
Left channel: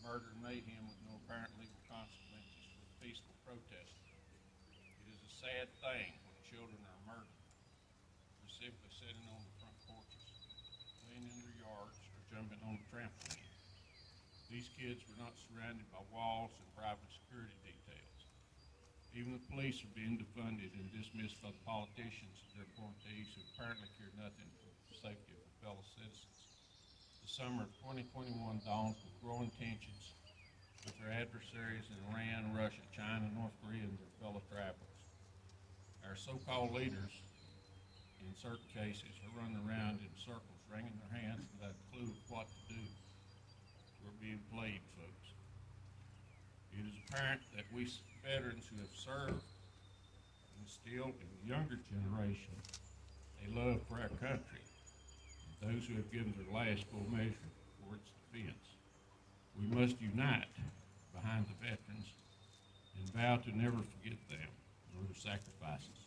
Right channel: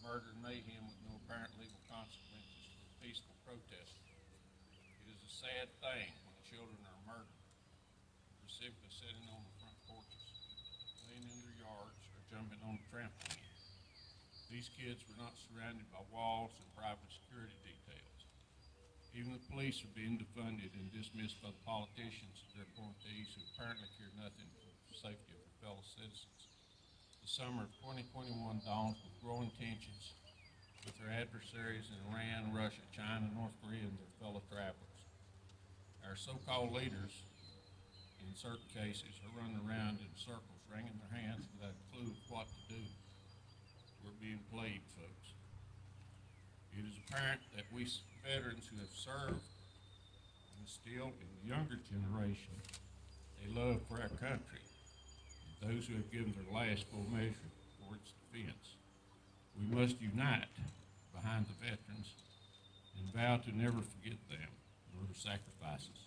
Murder and mayhem with no apparent legal consequences for the peaceful protesters. It is a sad thing when children are murdered for simply sitting on the front porches, playing in their yards, or jumping on the trampoline. These kids were not surrounded by walls and private security details. Even the police are being defunded and dismissed by the politicians and their appointees who apparently care nothing for the safety of their fellow citizens. The summer of 2021 dawns with growing tensions with their adversaries in Iran, Russia, China, North Korea, and their fellow travelers. Our so-called leaders, in certain cases, are running around in circles, wringing their hands without a clue of what to do. We're being played, folks. It is apparent that we veterans who have served instill in the younger generation a love for our country, and those who have given their last full measure for its defense. We must unite behind the veterans and vow to never forget them nor their sacrifices.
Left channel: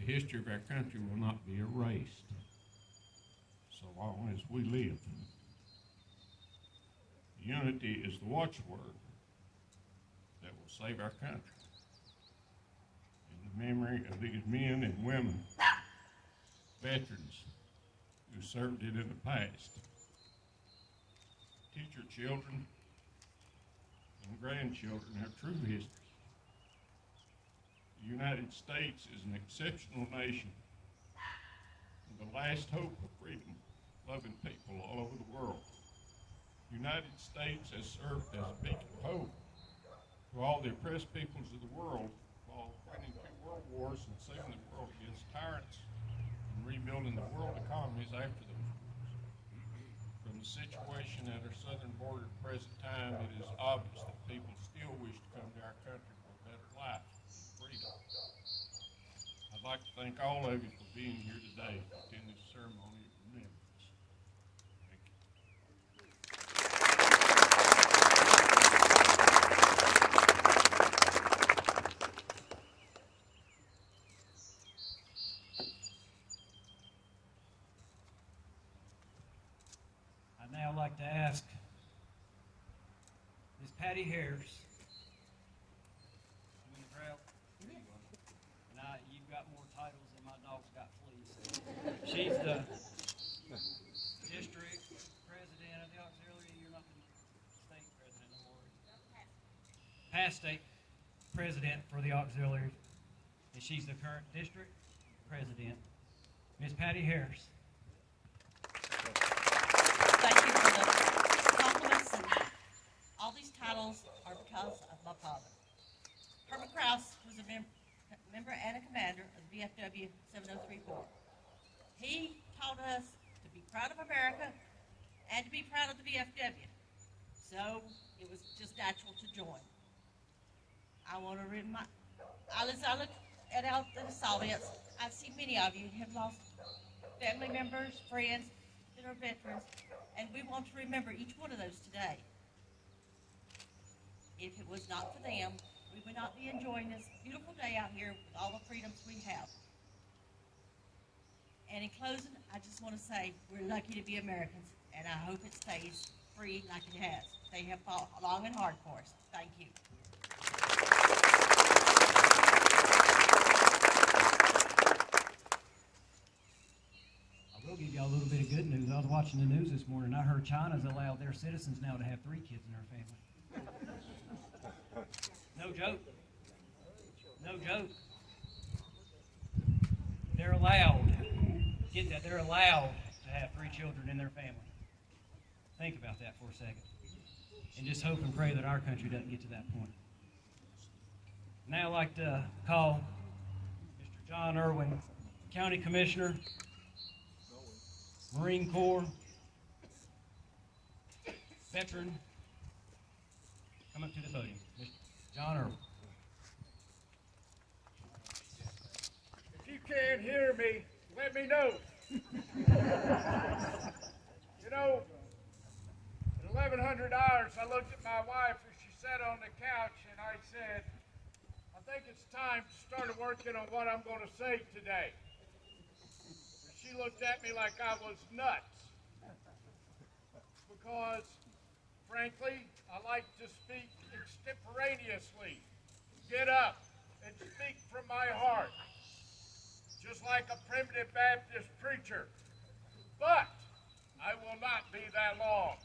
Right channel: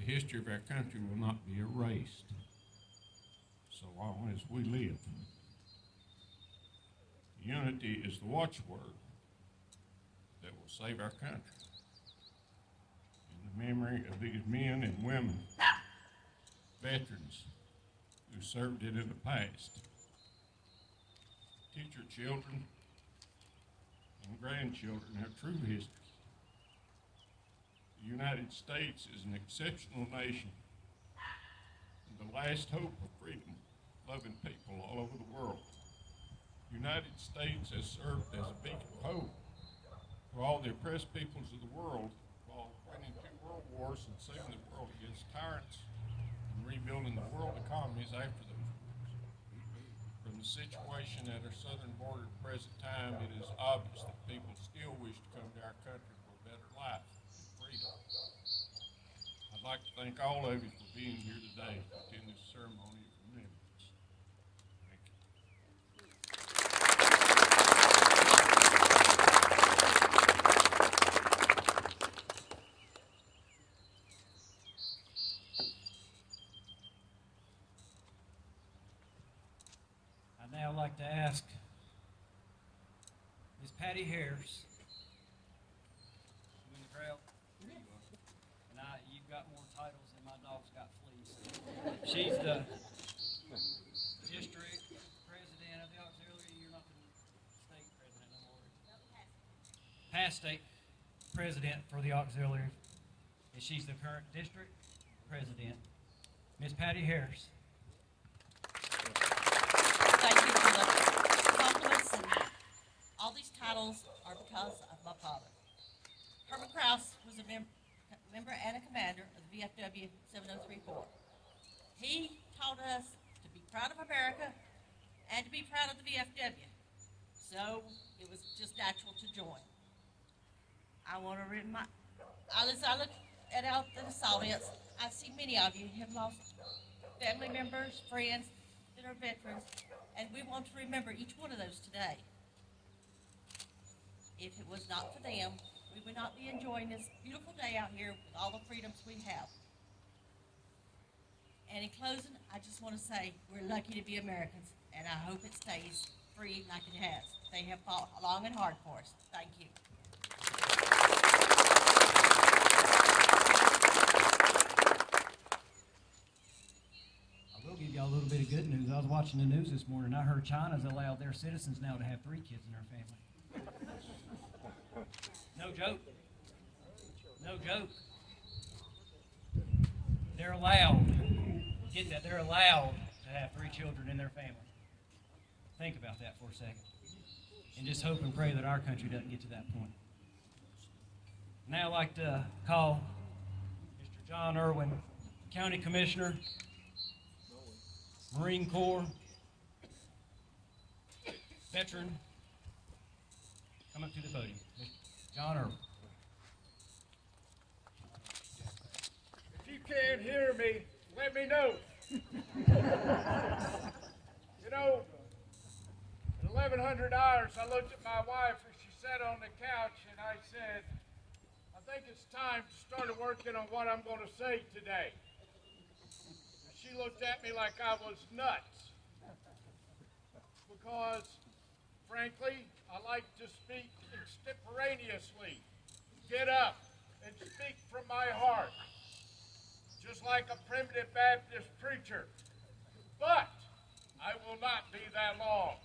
The history of our country will not be erased so long as we live. Unity is the watchword that will save our country. In the memory of these men and women, veterans who served it in the past, teach your children and grandchildren our true history. The United States is an exceptional nation and the last hope of freedom-loving people all over the world. The United States has served as a beacon of hope to all the oppressed peoples of the world while winning 2 world wars and saving the world against tyrants and rebuilding the world economies after those wars. From the situation at our southern border at the present time, it is obvious that people still wish to come to our country for a better life and freedom. I'd like to thank all of you for being here today to attend this ceremony of remembrance. Thank you. I'd now like to ask Miss Patty Harris. You in the crowd? And you've got more titles than my dog's got fleas. She's the district president of the auxiliary. You're not the state president no more. Past state president for the auxiliary. And she's the current district president. Miss Patty Harris. Thank you for the compliments, and all these titles are because of my father. Herbert Krause was a member and a commander of the VFW 7034. He taught us to be proud of America and to be proud of the VFW. So it was just natural to join. I want to remind, as I look at out this audience, I see many of you have lost family members, friends that are veterans, and we want to remember each one of those today. If it was not for them, we would not be enjoying this beautiful day out here with all the freedoms we have. And in closing, I just want to say we're lucky to be Americans, and I hope it stays free like it has. They have fought long and hard for us. Thank you. I will give y'all a little bit of good news. I was watching the news this morning. I heard China's allowed their citizens now to have 3 kids in their family. No joke. No joke. They're allowed. Get that? They're allowed to have 3 children in their family. Think about that for a second. And just hope and pray that our country doesn't get to that point. Now I'd like to call Mr. John Irwin, County Commissioner, Marine Corps, veteran, come up to the podium. Mr. John Irwin. If you can't hear me, let me know. You know, at 1100 hours, I looked at my wife as she sat on the couch and I said, I think it's time to start working on what I'm going to say today. And she looked at me like I was nuts. Because, frankly, I like to speak extemporaneously. Get up and speak from my heart. Just like a primitive Baptist preacher. But I will not be that long.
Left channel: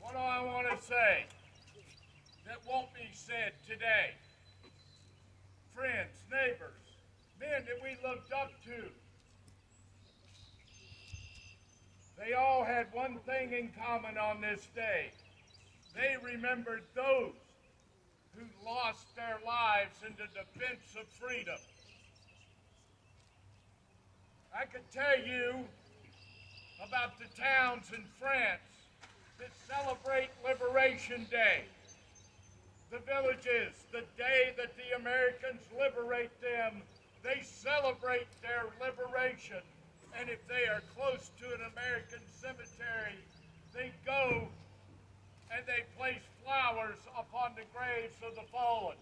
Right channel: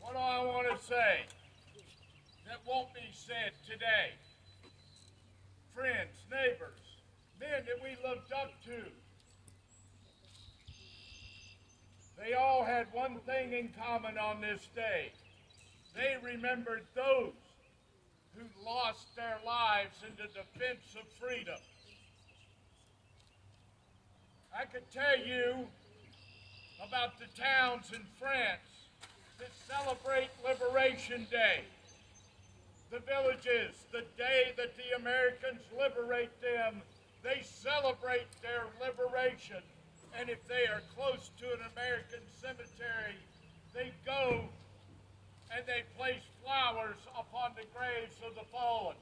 What do I want to say that won't be said today? Friends, neighbors, men that we looked up to. They all had one thing in common on this day. They remembered those who lost their lives in the defense of freedom. I could tell you about the towns in France that celebrate Liberation Day. The villages, the day that the Americans liberate them, they celebrate their liberation. And if they are close to an American cemetery, they go and they place flowers upon the graves of the fallen.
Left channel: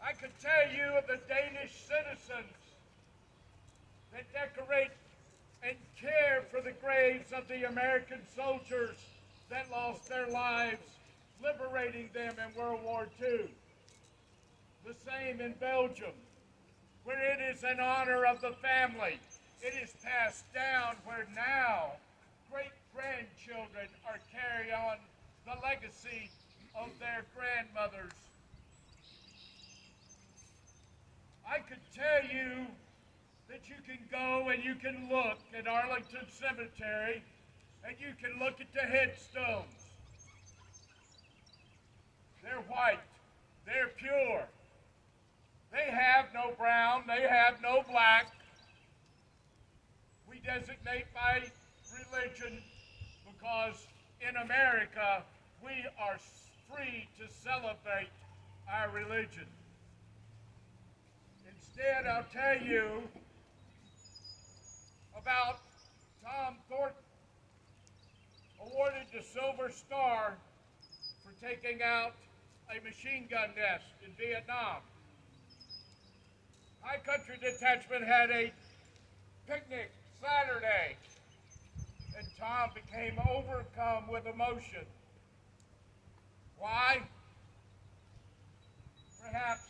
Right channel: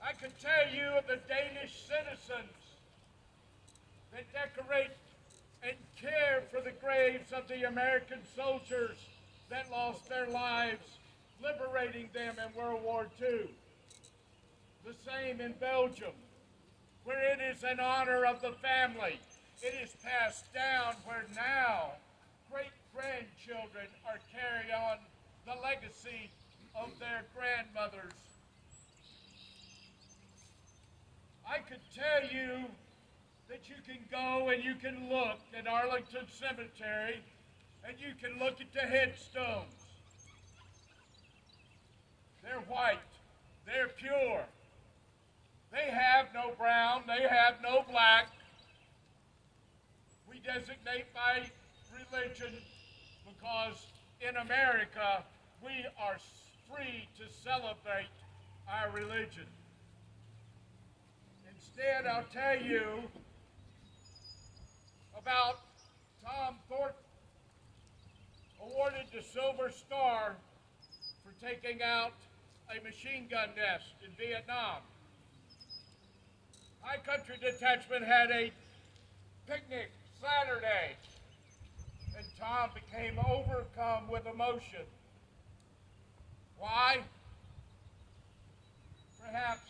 I could tell you of the Danish citizens that decorate and care for the graves of the American soldiers that lost their lives liberating them in World War II. The same in Belgium, where it is an honor of the family. It is passed down where now great-grandchildren are carrying on the legacy of their grandmothers. I could tell you that you can go and you can look at Arlington Cemetery and you can look at the headstones. They're white. They're pure. They have no brown. They have no black. We designate by religion because in America we are free to celebrate our religion. Instead, I'll tell you about Tom Thornton, awarded the Silver Star for taking out a machine gun nest in Vietnam. High Country Detachment had a picnic Saturday, and Tom became overcome with emotion. Why? Perhaps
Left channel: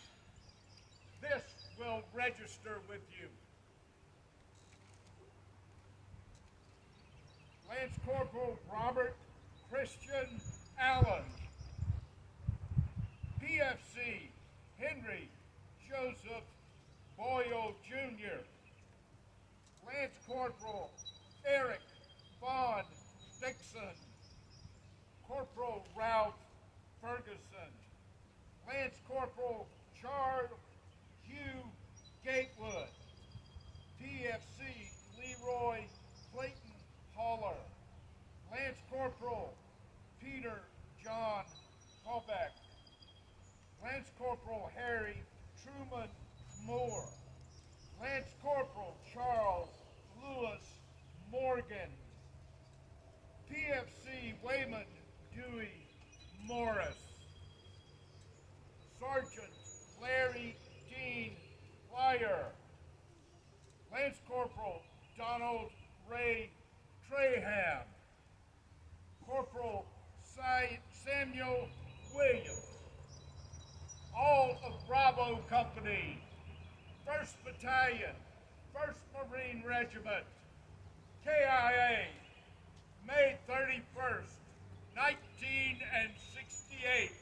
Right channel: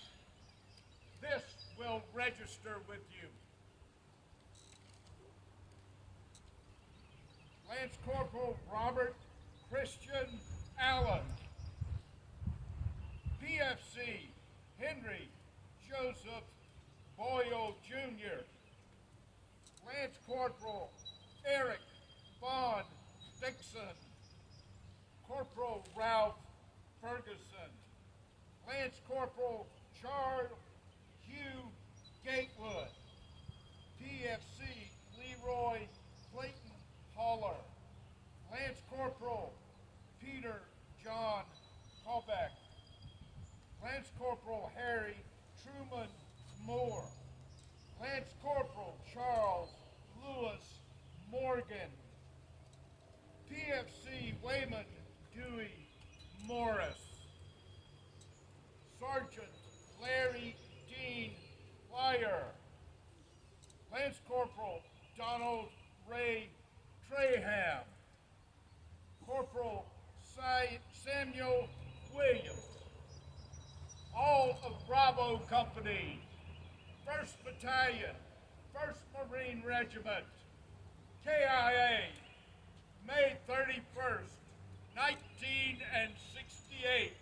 this will register with you. Lance Corporal Robert Christian Allen, PFC Henry Joseph Boyle Jr., Lance Corporal Eric Vaughn Dixon, Corporal Ralph Ferguson, Lance Corporal Charles Hugh Gatewood, PFC Leroy Clayton Haller, Lance Corporal Peter John Kovac, Lance Corporal Harry Truman Moore, Lance Corporal Charles Lewis Morgan, PFC Wayman Dewey Morris, Sergeant Larry Dean Fire, Lance Corporal Donald Ray Traham, Corporal Samuel Williams, all of Bravo Company, 1st Battalion, 1st Marine Regiment, KIA, May 31st, 1968.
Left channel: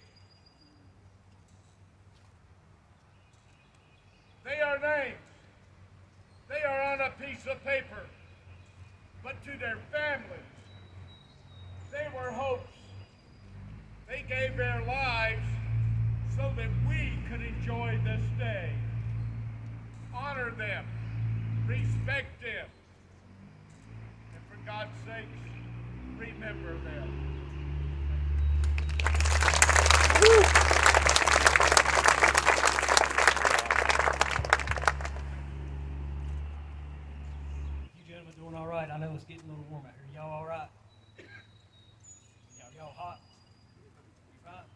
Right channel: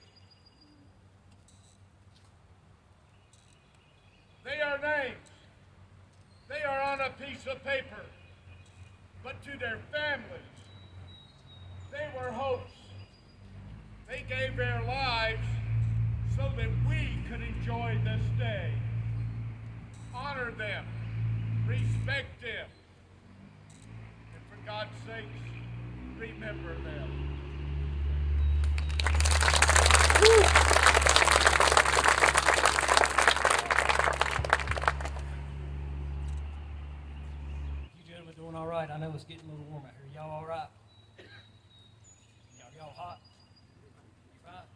They are names. They are on a piece of paper. But to their families, they were hopes. They gave their lives so that we could enjoy this day. Honor them. Respect them. And for God's sakes, remember them. You gentlemen doing all right? I know it's getting a little warm out here. Y'all all right? Y'all hot? You fine?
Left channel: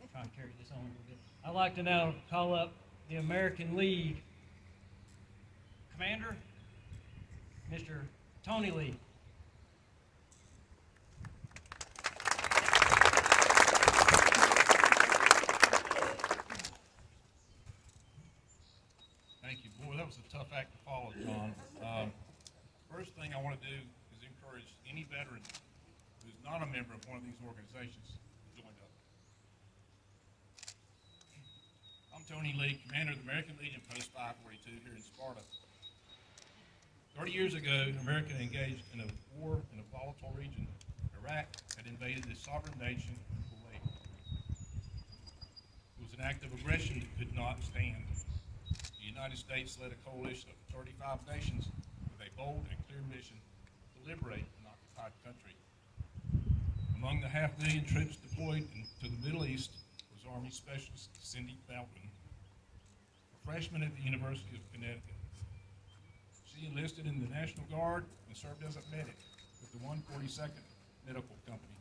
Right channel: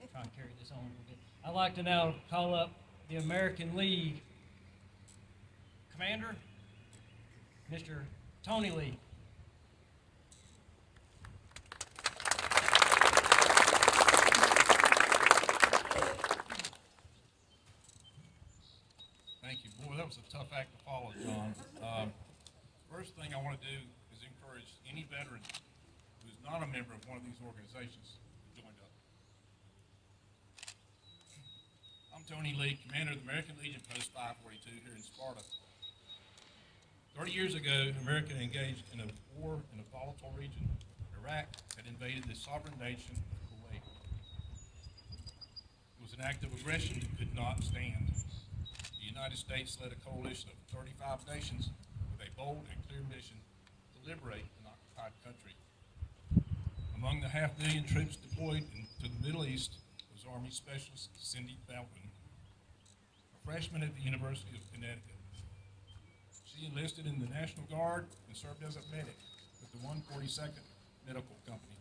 Okay. Try and carry this on a little bit. I'd like to now call up the American League Commander, Mr. Tony Lee. Thank you. Boy, that was a tough act to follow, John. First thing I want to do is encourage any veteran who's not a member of one of these organizations to join up. I'm Tony Lee, Commander of the American Legion Post 542 here in Sparta. 30 years ago, America engaged in a war in a volatile region. Iraq had invaded the sovereign nation of Kuwait. It was an act of aggression that could not stand. The United States led a coalition of 35 nations with a bold and clear mission to liberate an occupied country. Among the 500,000 troops deployed to the Middle East was Army Specialist Cindy Eldon, a freshman at the University of Connecticut. She enlisted in the National Guard and served as a medic with the 142nd Medical Company.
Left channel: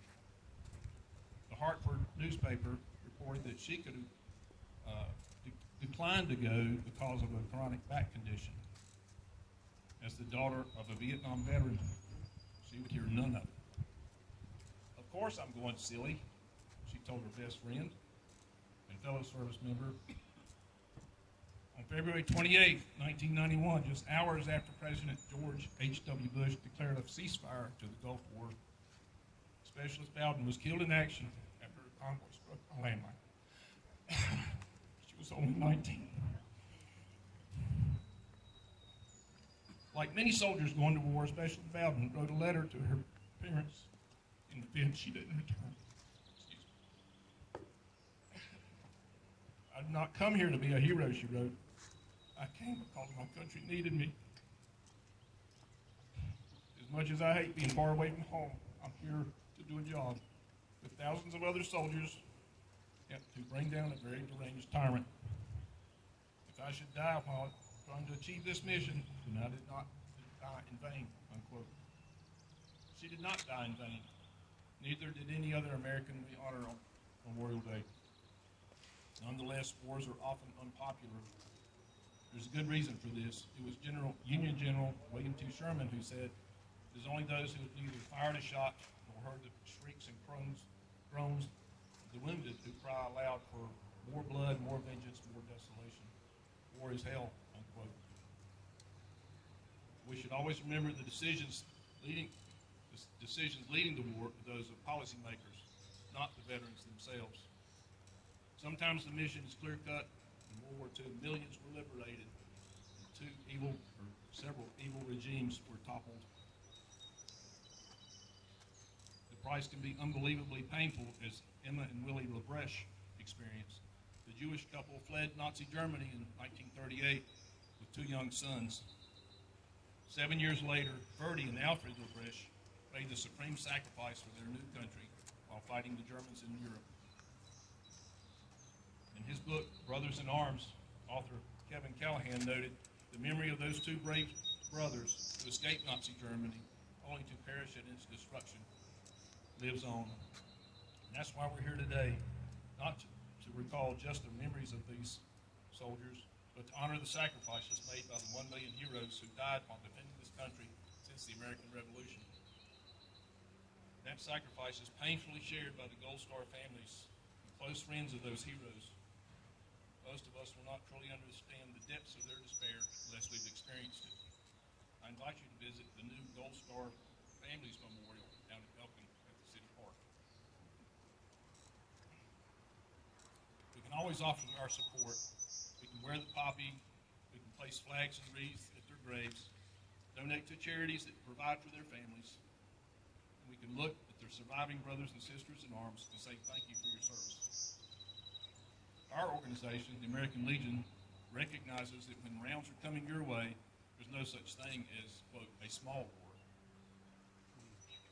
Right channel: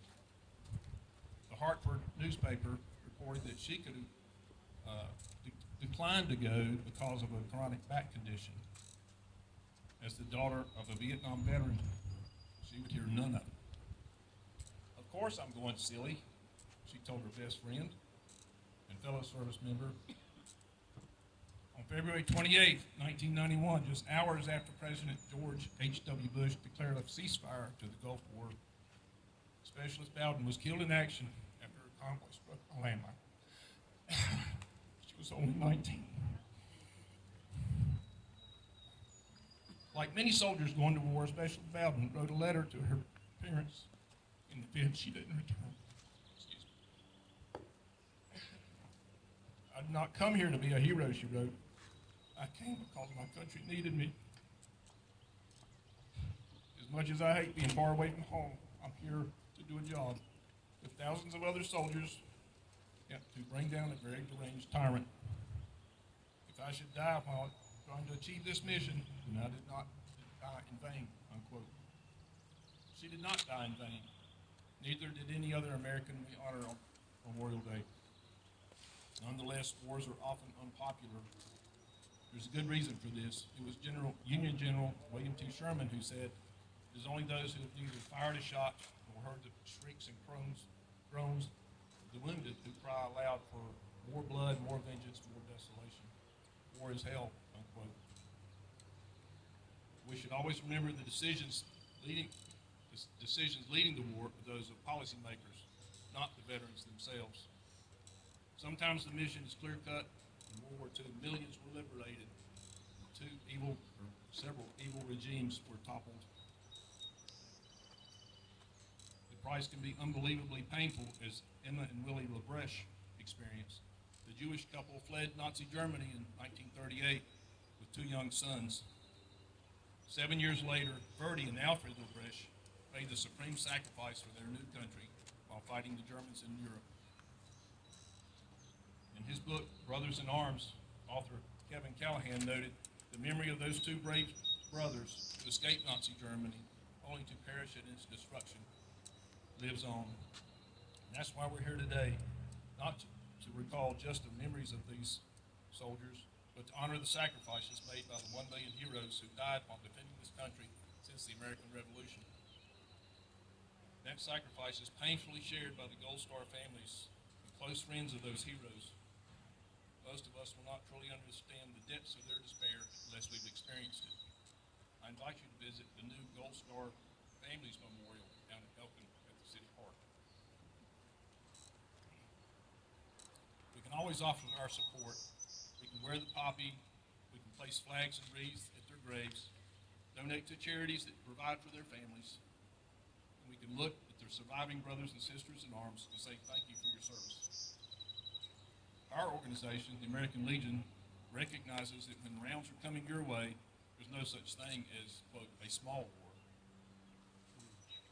The Hartford newspaper reported that she could declined to go because of a chronic back condition. As the daughter of a Vietnam veteran, she would hear none of it. Of course I'm going, silly, she told her best friend and fellow service member. On February 28, 1991, just hours after President George H.W. Bush declared a ceasefire to the Gulf War, Specialist Bowden was killed in action after a convoy struck a landmine. She was only 19. Like many soldiers going to war, Specialist Bowden wrote a letter to her parents in the event she didn't return. I did not come here to be a hero, she wrote. I came because my country needed me. As much as I hate being far away from home, I'm here to do a job with thousands of other soldiers to bring down a very deranged tyrant. If I should die while trying to achieve this mission, then I did not die in vain, unquote. She did not die in vain. Neither did any other American we honor on Memorial Day. Nonetheless, wars are often unpopular. There's a good reason for this. It was Union General William T. Sherman who said, "It is only those who have neither fired a shot nor heard the shrieks and groans of the wounded who cry aloud for more blood, more vengeance, more desolation. War is hell," unquote. We should always remember the decisions leading to war are those of policymakers, not the veterans themselves. Sometimes the mission is clear-cut. In World War II, millions were liberated, and several evil regimes were toppled. The price can be unbelievably painful, as Emma and Willie LaBreche experienced. The Jewish couple fled Nazi Germany in 1938 with 2 young sons. 7 years later, Verdi and Alfred LaBreche paid the supreme sacrifice for their new country while fighting the Germans in Europe. In his book, Brothers in Arms, author Kevin Callahan noted, the memory of those 2 brave brothers who escaped Nazi Germany only to perish in its destruction lives on. And that's why we're here today, not to recall just the memories of these soldiers, but to honor the sacrifices made by the 1 million heroes who died while defending this country since the American Revolution. That sacrifice is painfully shared by the Gold Star families and close friends of those heroes. Most of us will not truly understand the depths of their despair unless we've experienced it. I invite you to visit the new Gold Star Families Memorial down at Eldon at the City Park. We can always offer our support. We can wear the poppy, we can place flags and wreaths at their graves, donate to charities that provide for their families, and we can look at their surviving brothers and sisters in arms and say thank you for your service. Our organization, the American Legion, recognizes that when rounds are coming your way, there's no such thing as, quote, a small war.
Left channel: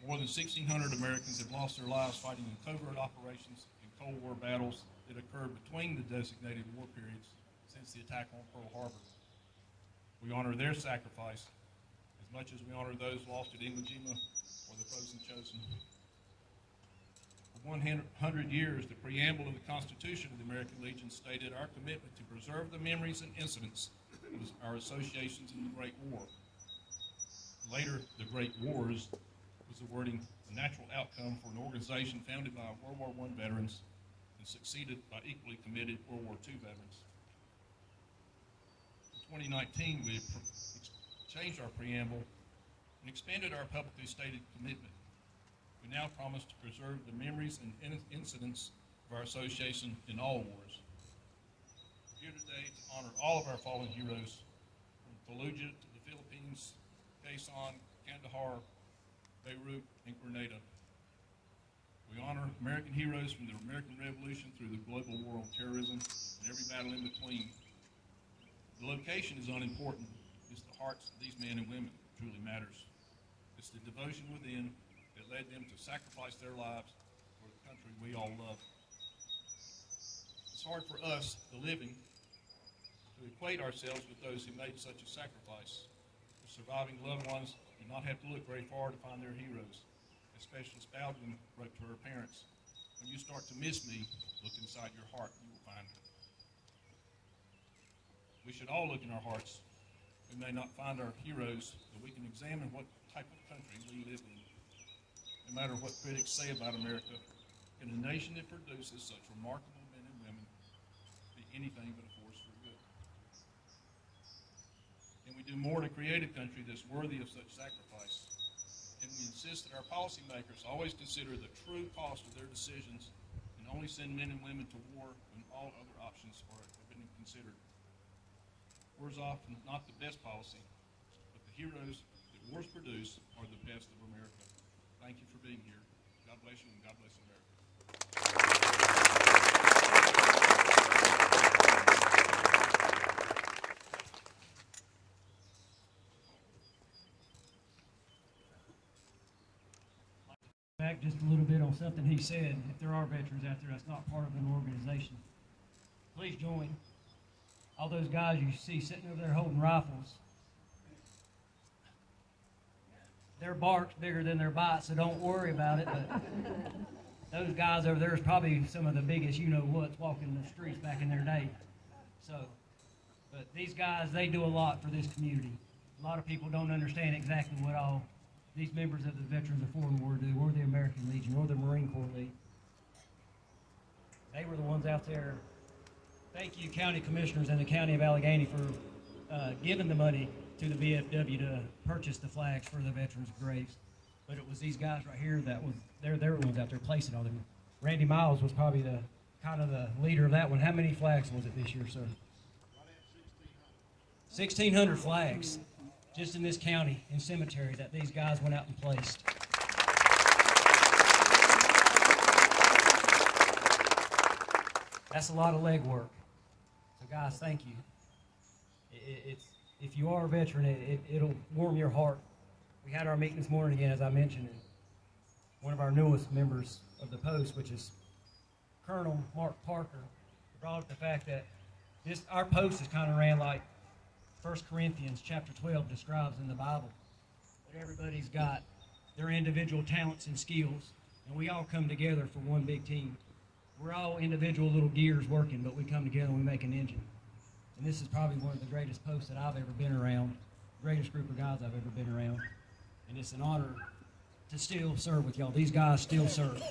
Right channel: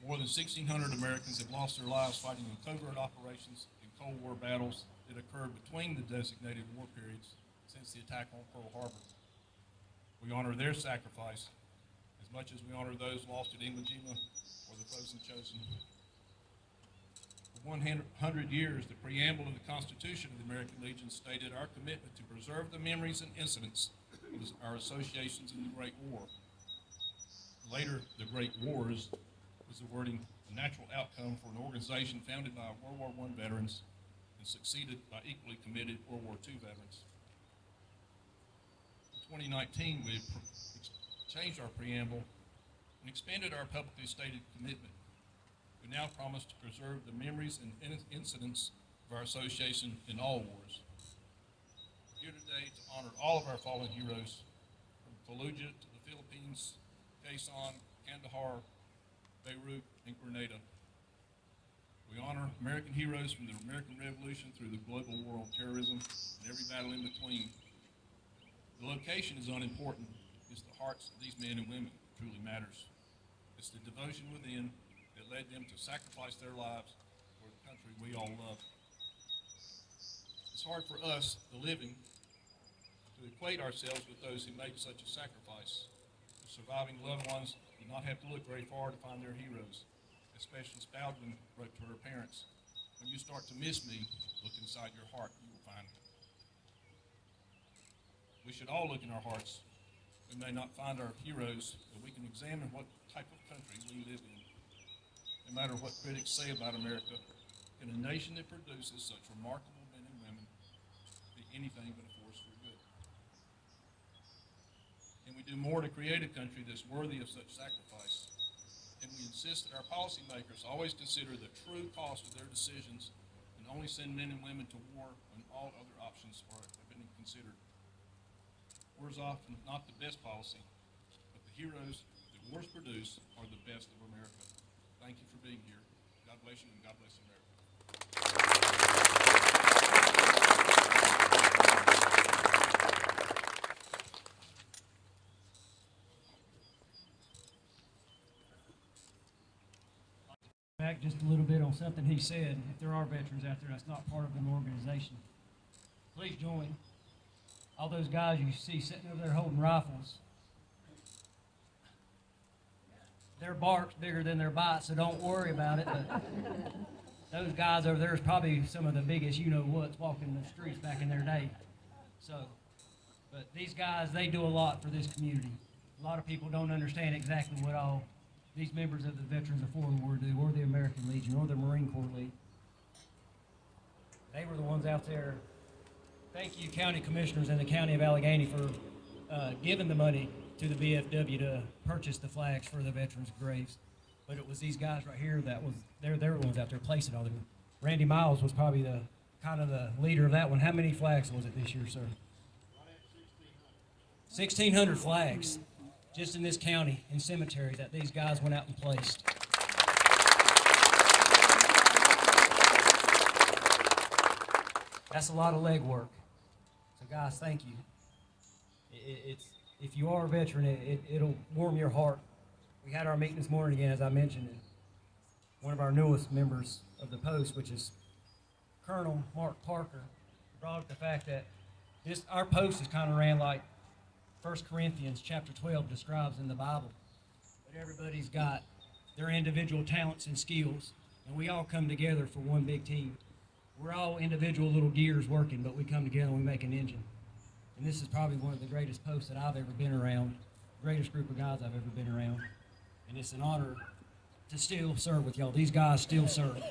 More than 1,600 Americans have lost their lives fighting in covert operations and Cold War battles that occurred between the designated war periods since the attack on Pearl Harbor. We honor their sacrifice as much as we honor those lost at Iwo Jima or the Frozen Chosin. For 100 years, the preamble of the Constitution of the American Legion stated our commitment to preserve the memories and incidents of our associations in the Great War. Later, the Great Wars was the wording, a natural outcome for an organization founded by World War I veterans and succeeded by equally committed World War II veterans. In 2019, we changed our preamble and expanded our publicly stated commitment. We now promise to preserve the memories and incidents of our association in all wars. We're here today to honor all of our fallen heroes from Fallujah to the Philippines, Quezon, Kandahar, Beirut, and Grenada. We honor American heroes from the American Revolution through the global war on terrorism and every battle in between. The location is unimportant. It's the hearts of these men and women that truly matters. It's the devotion within that led them to sacrifice their lives for the country we all love. It's hard for us, the living, to equate ourselves with those who made such a sacrifice. The surviving loved ones do not have to look very far to find their heroes. As Specialist Eldon wrote to her parents, when you start to miss me, look inside your heart, you will find me. We should all look in our hearts. We may not find our heroes, but we can examine what type of country we live in. No matter what critics say about America, can a nation that produces such remarkable men and women be anything but a force for good? Can we do more to create a country that's worthy of such sacrifice? And we insist that our policymakers always consider the true cost of their decisions and only send men and women to war when all other options have been considered. War is often not the best policy, but the heroes that wars produce are the best of America. Thank you for being here. God bless you, and God bless America. Back just a little bit on something he said. If there are veterans out there that's not part of an organization, please join. All those guys you see sitting over there holding rifles, their bark's bigger than their bite, so don't worry about it. But those guys over there is probably some of the biggest you-know-whats walking the streets back in their day. So, but these guys, they do a lot for this community. A lot of people don't understand exactly what all these members of the Veterans of Foreign War do, or the American Legion, or the Marine Corps League. They were the ones out there. Thank you, county commissioners in the county of Alleghany, for giving the money to the VFW to purchase the flags for the veterans' graves. But it was these guys right here that was, they're the ones out there placing all them. Randy Miles was probably the kind of the leader of that one. How many flags was it this year, sir? 1,600 flags just in this county and cemetery that these guys went out and placed. That's a lot of legwork. So guys, thank you. If you are a veteran, it'll warm your heart. We had our meeting this morning again, as I mentioned, and one of our newest members of the Post, which is Colonel Mark Parker, brought up the fact that our Post is kind of ran like 1 Corinthians chapter 12 describes in the Bible. But everybody's got their individual talents and skills, and we all come together for one big team. We're all individual little gears working, but we come together and we make an engine. And this is probably one of the greatest posts that I've ever been around, greatest group of guys I've ever been around. And it's an honor to still serve with y'all. These guys still serve.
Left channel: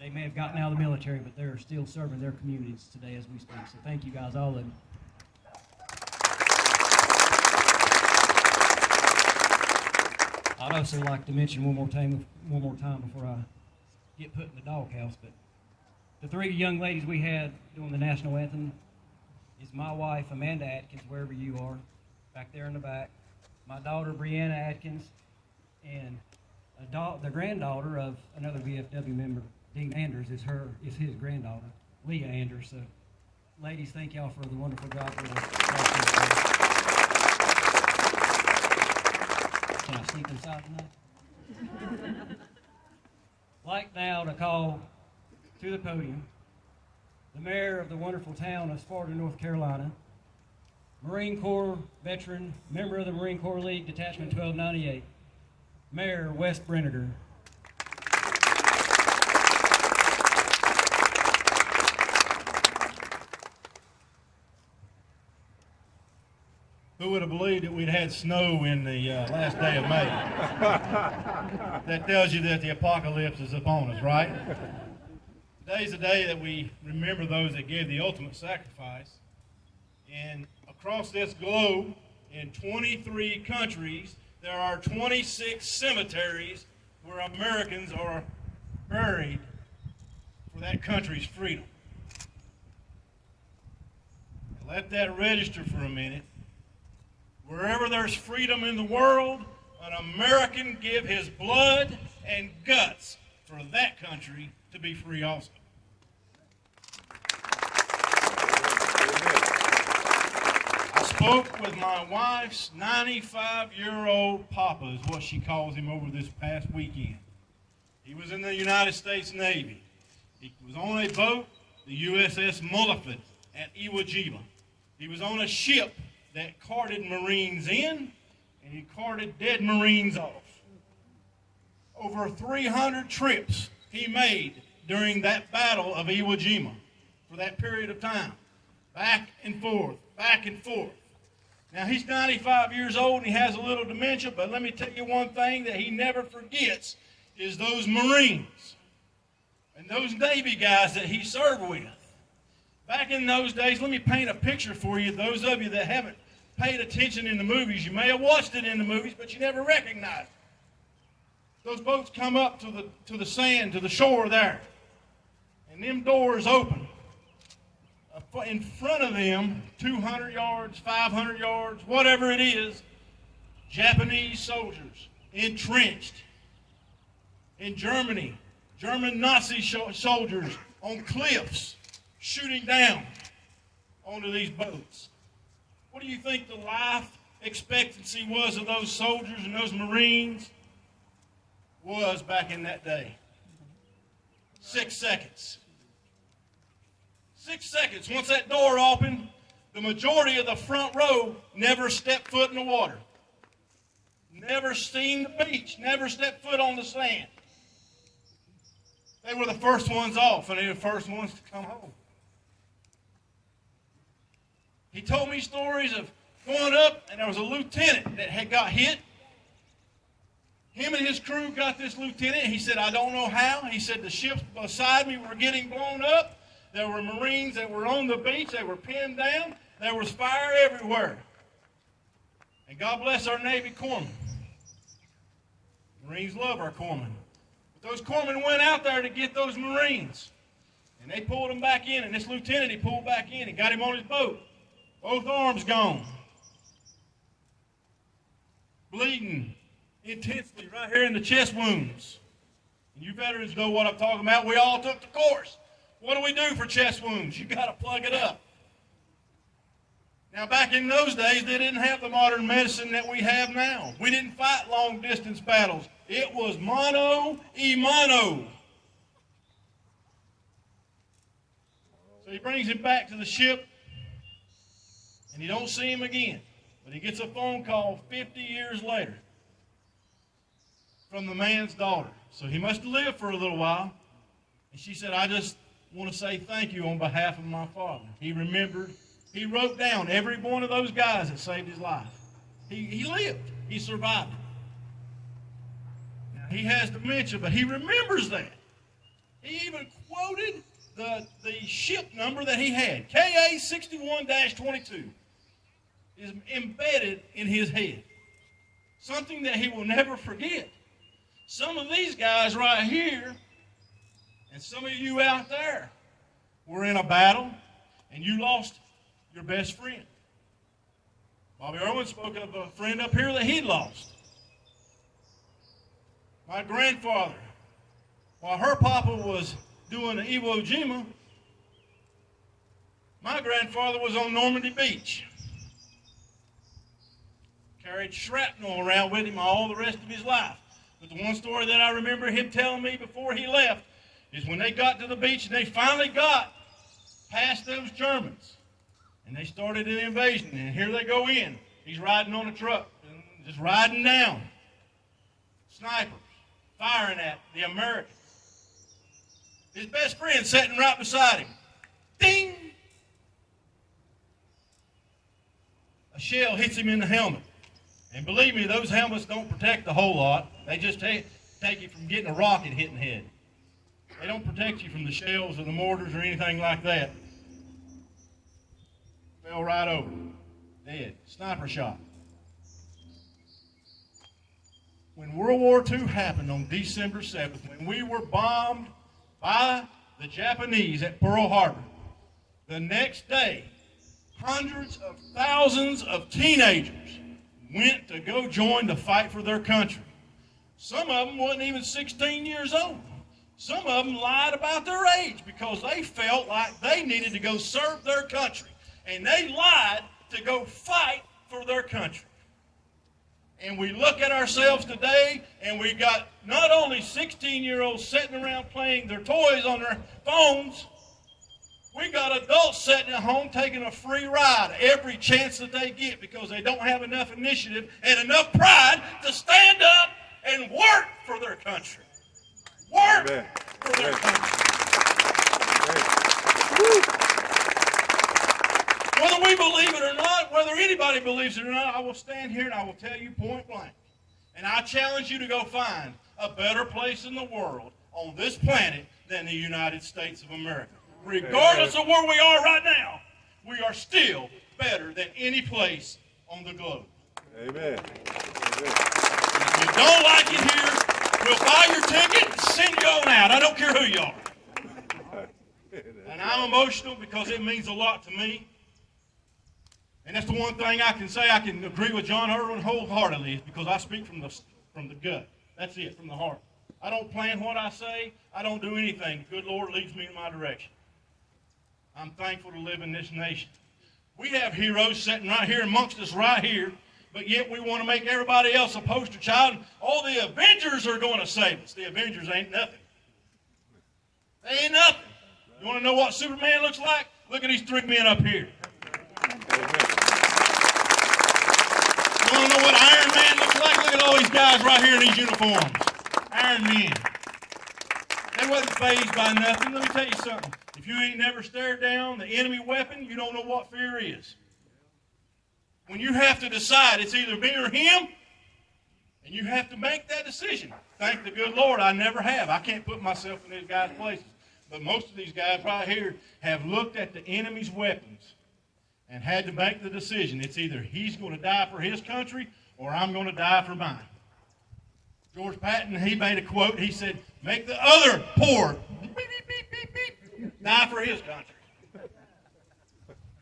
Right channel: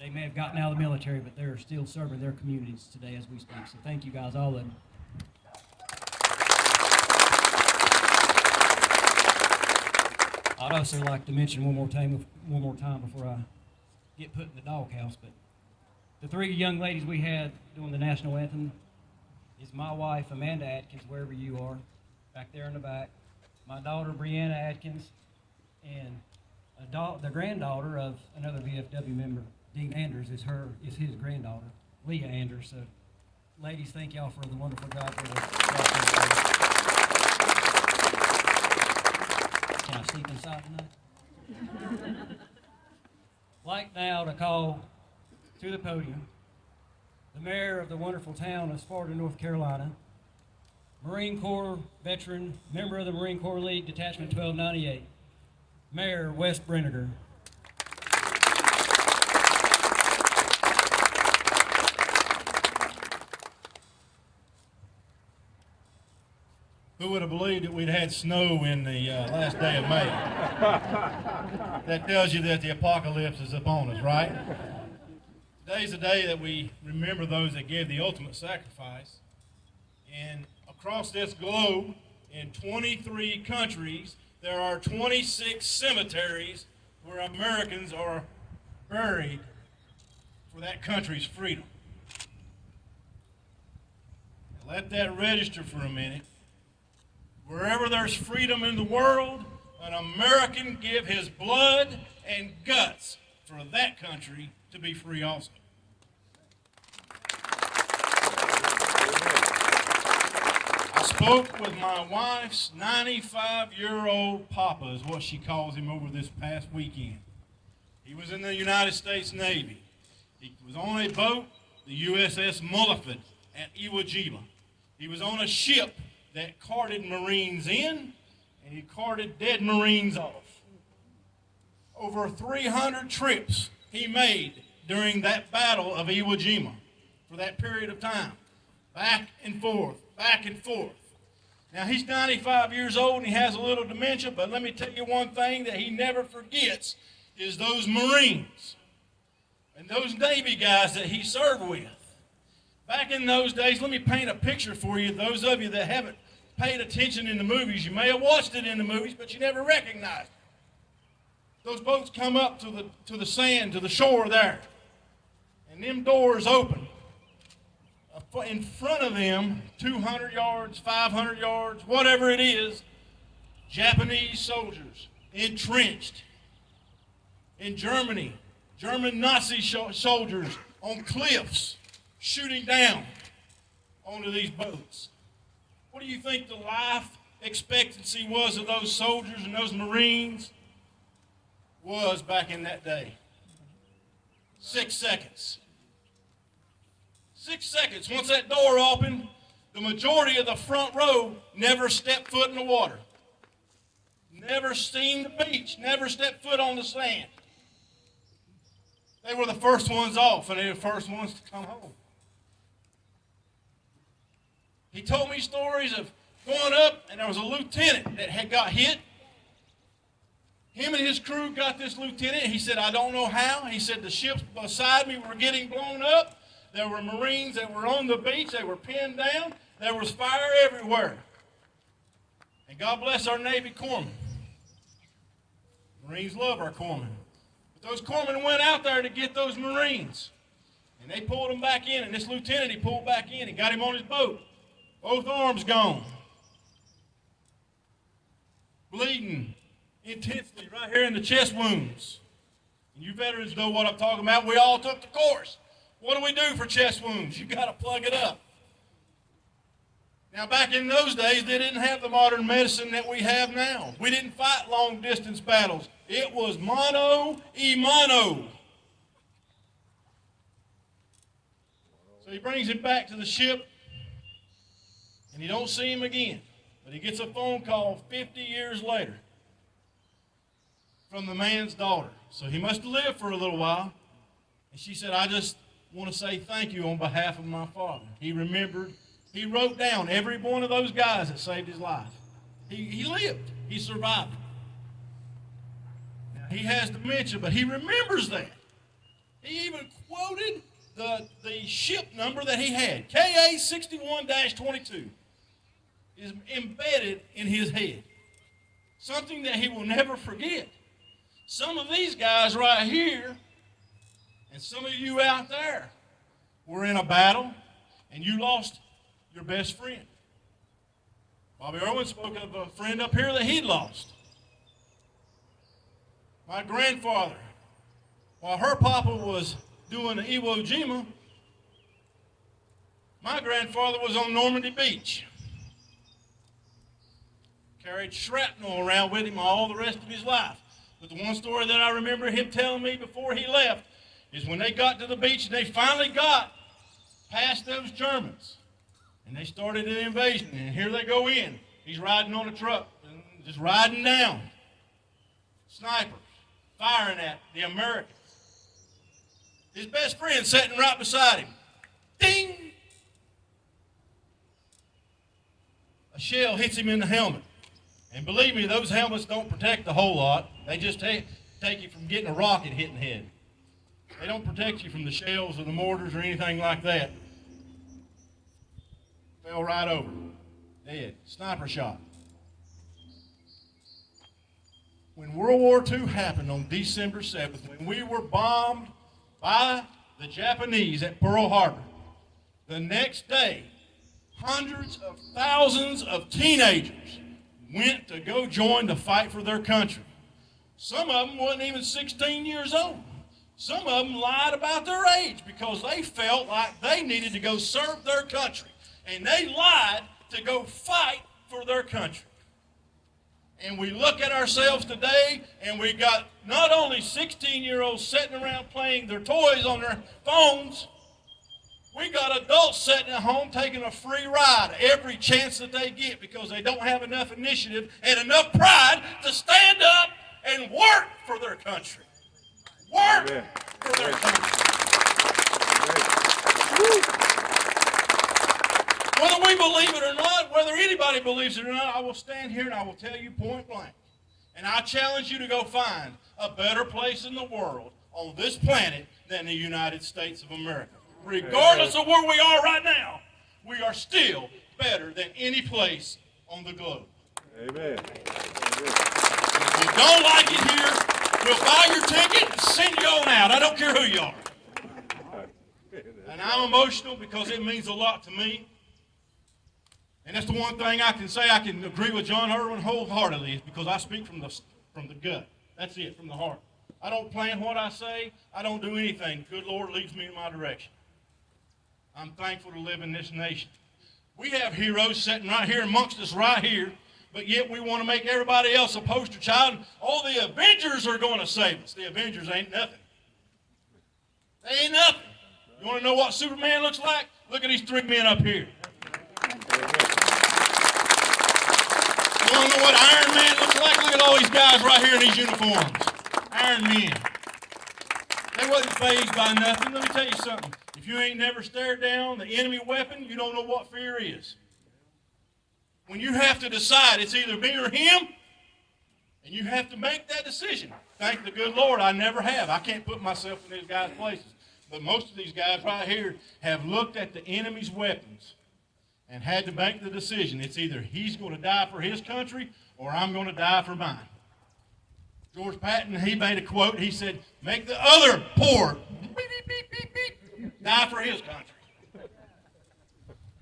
They may have gotten out of the military, but they're still serving their communities today as we speak. So thank you guys, all of you. I'd also like to mention one more time before I get put in the doghouse, but the three young ladies we had doing the national anthem is my wife, Amanda Atkins, wherever you are, back there in the back, my daughter, Brianna Atkins, and the granddaughter of another VFW member, Dean Anders, is his granddaughter, Leah Anders. So, ladies, thank y'all for the wonderful job for the. Can I sleep inside tonight? Like now to call to the podium the mayor of the wonderful town of Sparta, North Carolina, Marine Corps veteran, member of the Marine Corps League Detachment 1298, Mayor Wes Brenniger. Who would have believed that we'd had snow in the last day of May? That tells you that the apocalypse is upon us, right? Today's the day that we remember those that gave the ultimate sacrifice. And across this globe, in 23 countries, there are 26 cemeteries where Americans are buried for that country's freedom. Now let that register for a minute. Wherever there's freedom in the world, an American give his blood and guts for that country to be free also. I spoke with my wife's 95-year-old papa, is what she calls him, over this past weekend. He was in the United States Navy. He was on a boat, the USS Mulliford, at Iwo Jima. He was on a ship that carted Marines in, and he carted dead Marines off. Over 300 trips he made during that battle of Iwo Jima for that period of time. Back and forth, back and forth. Now, he's 95 years old and he has a little dementia, but let me tell you one thing that he never forgets is those Marines and those Navy guys that he served with. Back in those days, let me paint a picture for you. Those of you that haven't paid attention in the movies, you may have watched it in the movies, but you never recognized it. Those boats come up to the sand, to the shore there, and them doors open. In front of them, 200 yards, 500 yards, whatever it is, Japanese soldiers entrenched. In Germany, German Nazi soldiers on cliffs shooting down onto these boats. What do you think the life expectancy was of those soldiers and those Marines was back in that day? 6 seconds. 6 seconds. Once that door opened, the majority of the front row never stepped foot in the water. Never seen the beach. Never stepped foot on the sand. They were the first ones off, and they were the first ones to come home. He told me stories of going up, and there was a lieutenant that had got hit. Him and his crew got this lieutenant. He said, I don't know how. He said, the ships beside me were getting blown up. There were Marines that were on the beach. They were pinned down. There was fire everywhere. And God bless our Navy corpsmen. Marines love our corpsmen. But those corpsmen went out there to get those Marines. And they pulled them back in. And this lieutenant, he pulled back in and got him on his boat. Both arms gone. Bleeding intensely right here in the chest wounds. And you veterans know what I'm talking about. We all took the course. What do we do for chest wounds? You got to plug it up. Now, back in those days, they didn't have the modern medicine that we have now. We didn't fight long-distance battles. It was mano a mano. So he brings him back to the ship, and you don't see him again. But he gets a phone call 50 years later from the man's daughter. So he must have lived for a little while. And she said, I just want to say thank you on behalf of my father. He remembered He wrote down every one of those guys that saved his life. He lived. He survived. Now, he has dementia, but he remembers that. He even quoted the ship number that he had. KA 61-22 is embedded in his head. Something that he will never forget. Some of these guys right here and some of you out there were in a battle and you lost your best friend. Bobby Irwin spoke of a friend up here that he lost. My grandfather, while her papa was doing the Iwo Jima, my grandfather was on Normandy Beach. Carried shrapnel around with him all the rest of his life. But the one story that I remember him telling me before he left is when they got to the beach and they finally got past those Germans. And they started an invasion, and here they go in. He's riding on a truck, just riding down. Snipers, firing at the Americans. His best friend sitting right beside him. Ding! A shell hits him in the helmet. And believe me, those helmets don't protect the whole lot. They just take you from getting a rocket hitting the head. They don't protect you from the shells or the mortars or anything like that. Fell right over. Dead. Sniper shot. When World War II happened on December 7th, when we were bombed by the Japanese at Pearl Harbor, the next day, hundreds of thousands of teenagers went to go join the fight for their country. Some of them wasn't even 16 years old. Some of them lied about their age because they felt like they needed to go serve their country. And they lied to go fight for their country. And we look at ourselves today, and we got not only 16-year-olds sitting around playing their toys on their phones, we got adults sitting at home taking a free ride every chance that they get because they don't have enough initiative and enough pride to stand up and work for their country. Work for their country. Whether we believe it or not, whether anybody believes it or not, I will stand here and I will tell you point blank. And I challenge you to go find a better place in the world on this planet than the United States of America. Regardless of where we are right now, we are still better than any place on the globe. Amen. If you don't like it here, we'll buy your ticket and send you on out. I don't care who you are. And I'm emotional because it means a lot to me. And that's the one thing I can say I can agree with John Irwin wholeheartedly is because I speak from the gut. That's it, from the heart. I don't plan what I say. I don't do anything. The good Lord leads me in my direction. I'm thankful to live in this nation. We have heroes sitting right here amongst us right here, but yet we want to make everybody else a poster child. Oh, the Avengers are going to save us. The Avengers ain't nothing. They ain't nothing. You want to know what Superman looks like? Look at these three men up here. You want to know what Iron Man looks like? Look at all these guys right here in these uniforms. Iron Men. They wasn't fazed by nothing. Let me tell you something. If you ain't never stared down the enemy weapon, you don't know what fear is. When you have to decide, it's either me or him, and you have to make that decision. Thank the good Lord, I never have. I can't put myself in these guys' places. But most of these guys right here have looked at the enemy's weapons and had to make the decision. It's either he's going to die for his country or I'm going to die for mine. George Patton, he made a quote. He said, make the other poor die for his country.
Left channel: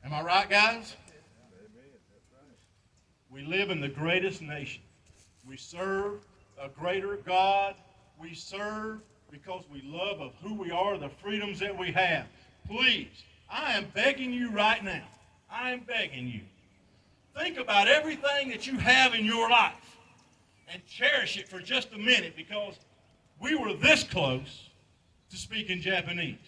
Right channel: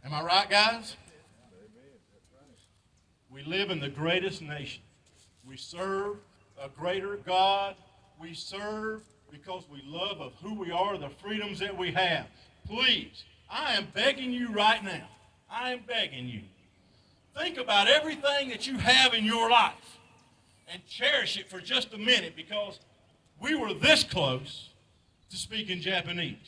Am I right, guys? We live in the greatest nation. We serve a greater God. We serve because we love of who we are, the freedoms that we have. Please, I am begging you right now. I am begging you. Think about everything that you have in your life and cherish it for just a minute because we were this close to speaking Japanese.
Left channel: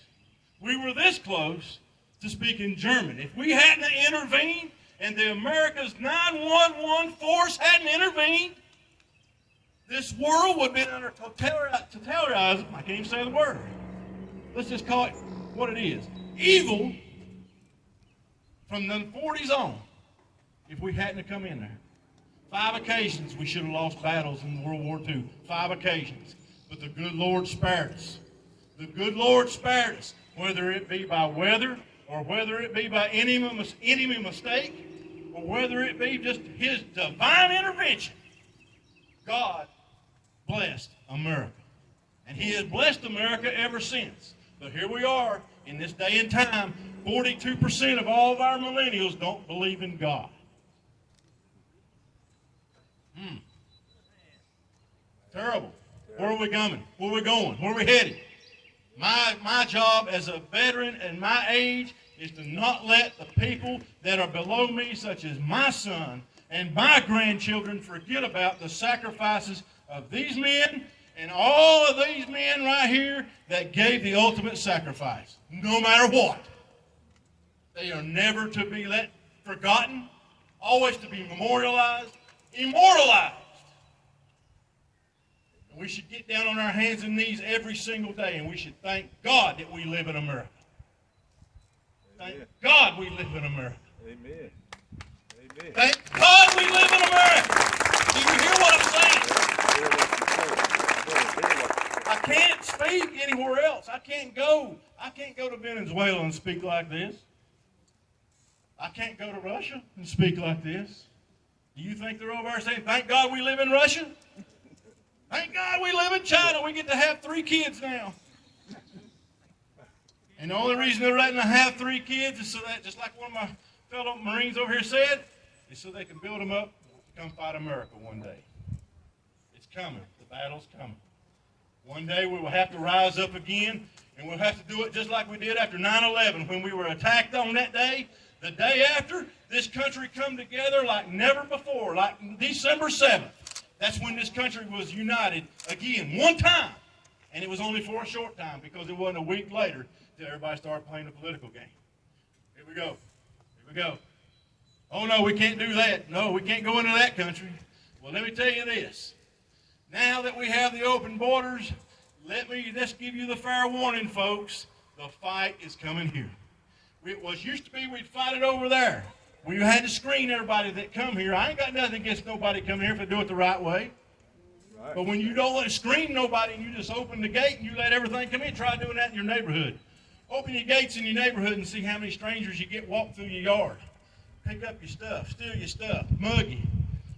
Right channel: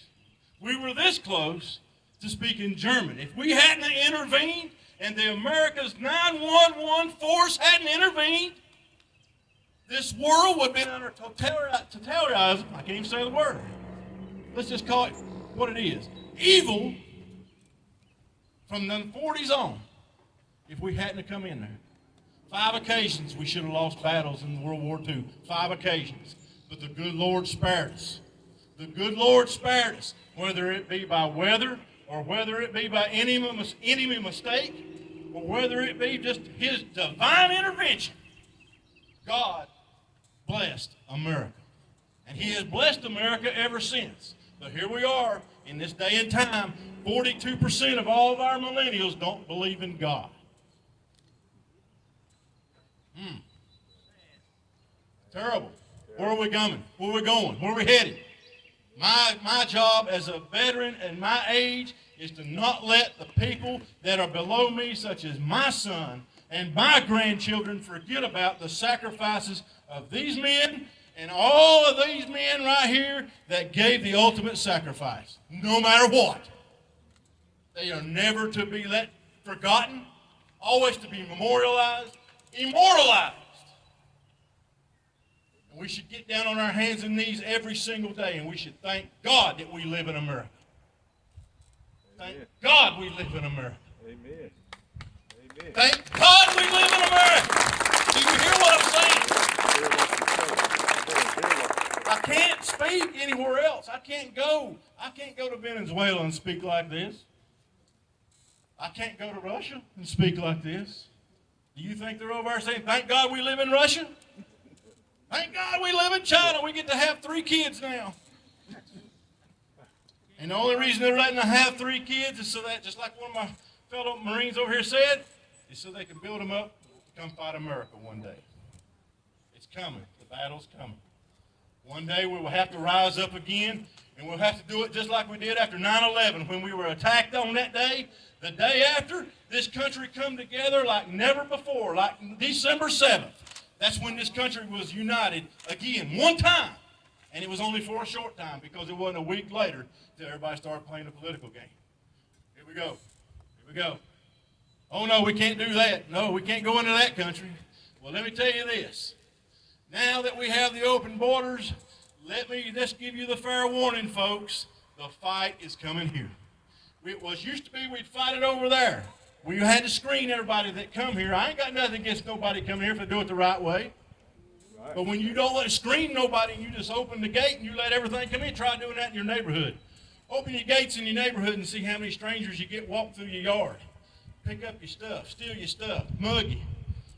We were this close to speaking German. If we hadn't intervened and the America's 911 force hadn't intervened, this world would have been under totalitarianism. I can't even say the word. Let's just call it what it is. Evil from the 40s on if we hadn't have come in there. 5 occasions we should have lost battles in World War II. 5 occasions. But the good Lord spared us. The good Lord spared us, whether it be by weather or whether it be by enemy mistake or whether it be just his divine intervention. God blessed America. And he has blessed America ever since. But here we are in this day and time, 42% of all of our millennials don't believe in God. Terrible. Where are we coming? Where are we going? Where are we headed? My job as a veteran and my age is to not let the people that are below me, such as my son and my grandchildren, forget about the sacrifices of these men and all of these men right here that gave the ultimate sacrifice, no matter what. They are never to be forgotten, always to be memorialized, immortalized. And we should get down on our hands and knees every single day, and we should thank God that we live in America. Thank God we live in America. Amen. Amen. Thank God we live in America. Do you hear what I'm saying? I can't speak anywhere else. I can't go to Venezuela and speak like this. I can't go to Russia and speak like this. Do you think they're over there saying, thank God we live in Russia? Thank God we live in China. We get to have 3 kids now. And the only reason they're letting them have 3 kids is so that, just like one of my fellow Marines over here said, is so they can build them up to come fight America one day. It's coming. The battle's coming. One day we will have to rise up again, and we'll have to do it just like we did after 9/11 when we were attacked on that day. The day after, this country come together like never before, like December 7th. That's when this country was united again, one time. And it was only for a short time because it wasn't a week later till everybody started playing a political game. Here we go. Here we go. Oh, no, we can't do that. No, we can't go into that country. Well, let me tell you this. Now that we have the open borders, let's give you the fair warning, folks. The fight is coming here. It was used to be we'd fight it over there. We had to screen everybody that come here. I ain't got nothing against nobody coming here if they do it the right way. Right. But when you don't let screen nobody, you just open the gate and you let everything come in. Try doing that in your neighborhood. Open your gates in your neighborhood and see how many strangers you get walk through your yard. Pick up your stuff, steal your stuff, mug you,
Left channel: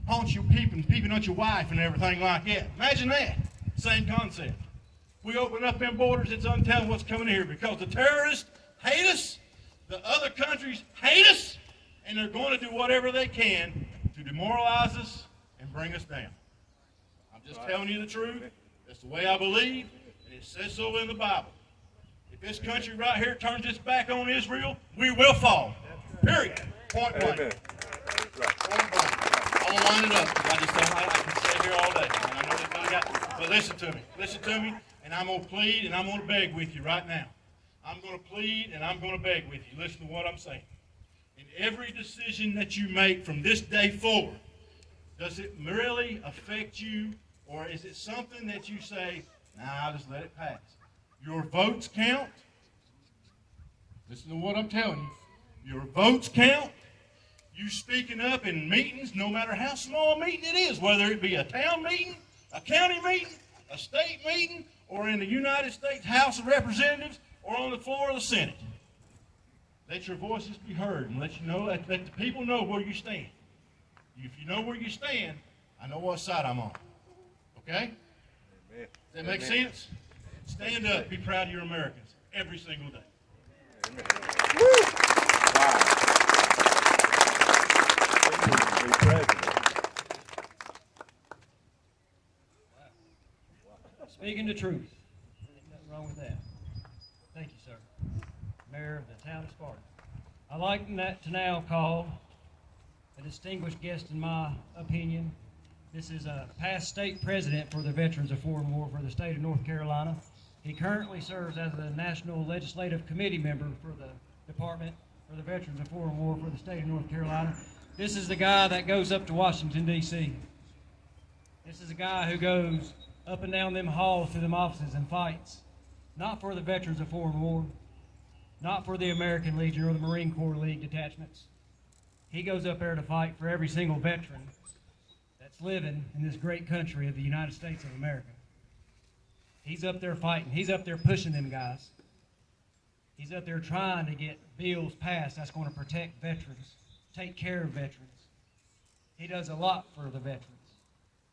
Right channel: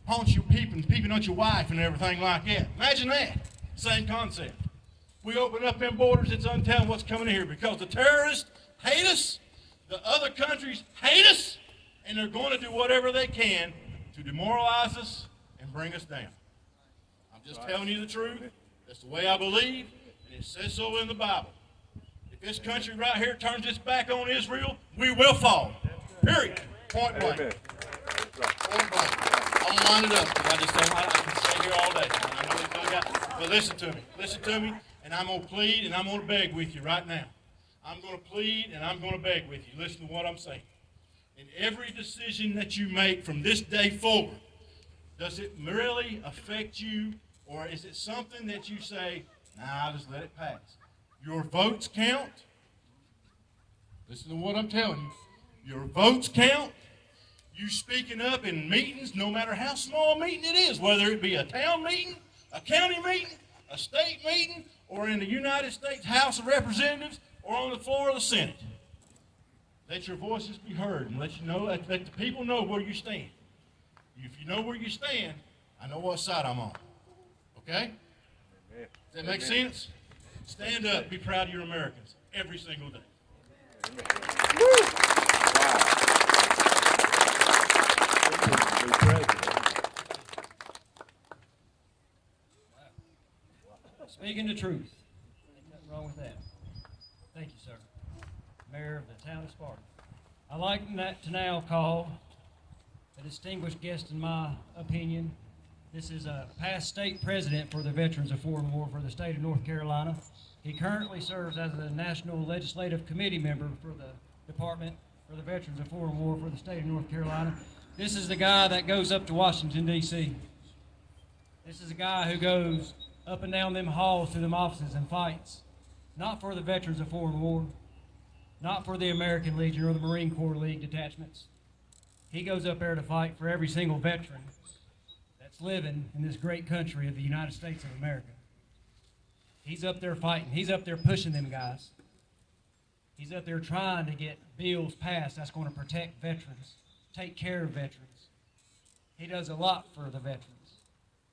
haunt you peeping on your wife and everything like that. Imagine that. Same concept. We open up them borders, it's untelling what's coming in here because the terrorists hate us, the other countries hate us, and they're going to do whatever they can to demoralize us and bring us down. I'm just telling you the truth. That's the way I believe, and it says so in the Bible. If this country right here turns its back on Israel, we will fall. Period. Point blank. Point blank. I'm going to wind it up because I just don't like I can stay here all day. And I know they really got. But listen to me. Listen to me, and I'm going to plead and I'm going to beg with you right now. I'm going to plead and I'm going to beg with you. Listen to what I'm saying. In every decision that you make from this day forward, does it really affect you, or is it something that you say, nah, I'll just let it pass? Your votes count. Listen to what I'm telling you. Your votes count. You speaking up in meetings, no matter how small a meeting it is, whether it be a town meeting, a county meeting, a state meeting, or in the United States House of Representatives, or on the floor of the Senate. Let your voices be heard and let the people know where you stand. If you know where you stand, I know what side I'm on. Okay? Does that make sense? Stand up. Be proud of your Americans every single day. Speaking the truth. Nothing wrong with that. Thank you, sir. Mayor of the town of Sparta. I'd like to now call a distinguished guest in my opinion. This is a past state president for the Veterans of Foreign War for the state of North Carolina. He currently serves as the National Legislative Committee member for the Department for the Veterans of Foreign War for the state of North Carolina. This is the guy that goes up to Washington, D.C. This is a guy who goes up and down them halls to them offices and fights. Not for the Veterans of Foreign War, not for the American Legion or the Marine Corps League Detachments. He goes up there to fight for every single veteran that's living in this great country of the United States of America. He's up there fighting. He's up there pushing them guys. He's up there trying to get bills passed that's going to protect veterans, take care of veterans. He does a lot for the veterans.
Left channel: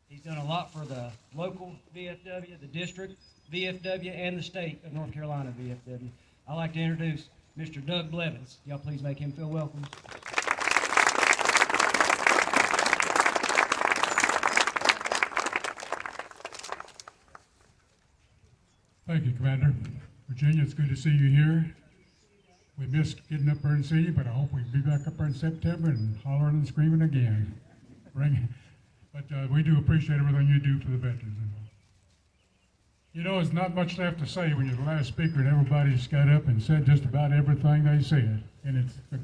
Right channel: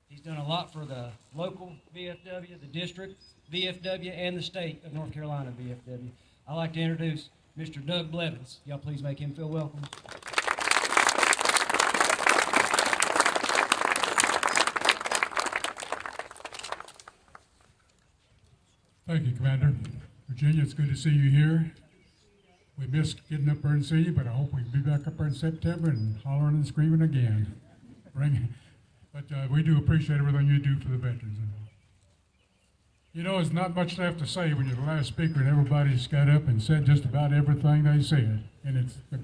He's done a lot for the local VFW, the district VFW, and the state of North Carolina VFW. I'd like to introduce Mr. Doug Blevins. Y'all please make him feel welcome. Thank you, Commander. Virginia, it's good to see you here. We missed getting up there and see you, but I hope we can be back up there in September and hollering and screaming again. But we do appreciate everything you do for the veterans. You know, there's not much left to say when you're the last speaker and everybody's got up and said just about everything they said. And it's a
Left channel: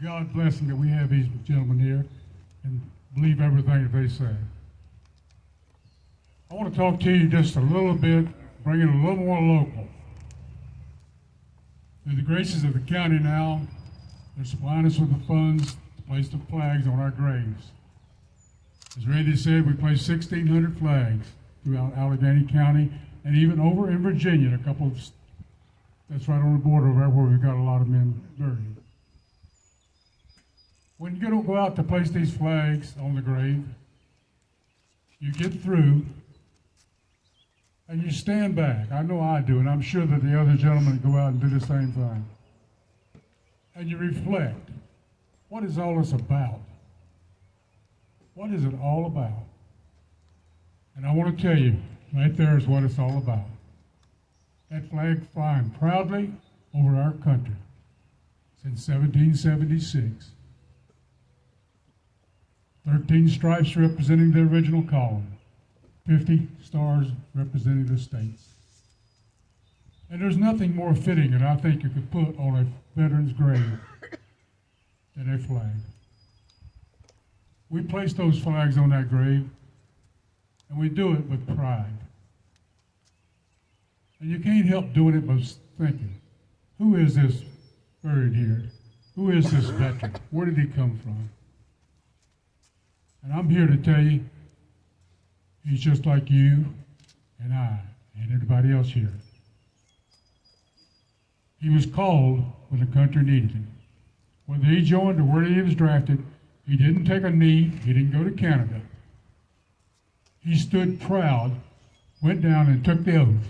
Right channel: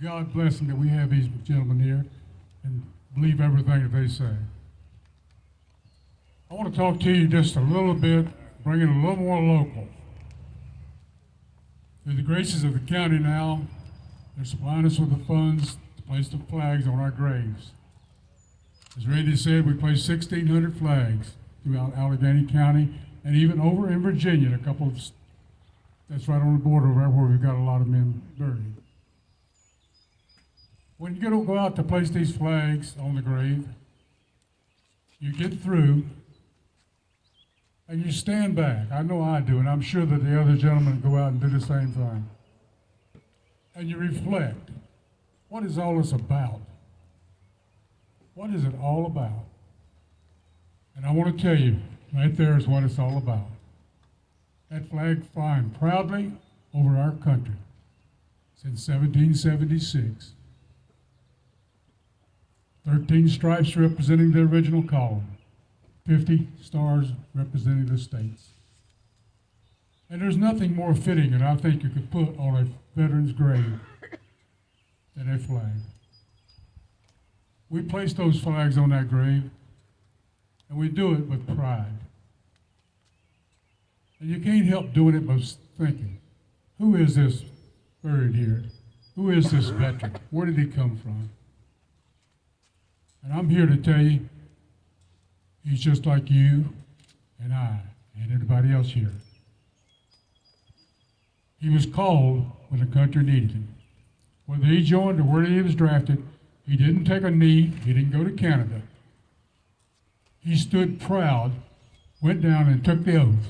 God blessing that we have these gentlemen here and believe everything that they say. I want to talk to you just a little bit, bring it a little more local. Through the graces of the county now, they're supplying us with the funds to place the flags on our graves. As Randy said, we placed 1,600 flags throughout Alleghany County and even over in Virginia, a couple of, that's right on the border over there where we've got a lot of men buried. When you go out to place these flags on the grave, you get through and you stand back. I know I do, and I'm sure that the other gentlemen go out and do the same thing. And you reflect. What is all this about? What is it all about? And I want to tell you, right there is what it's all about. That flag flying proudly over our country since 1776. 13 stripes representing the original column. 50 stars representing the states. And there's nothing more fitting that I think you could put on a veteran's grave than a flag. We place those flags on that grave, and we do it with pride. And you can't help doing it by thinking, who is this buried here? Who is this veteran? Where did he come from? And I'm here to tell you, he's just like you and I and everybody else here. He was called when the country needed him. Whether he joined or where he was drafted, he didn't take a knee, he didn't go to Canada. He stood proud, went down and took the oath.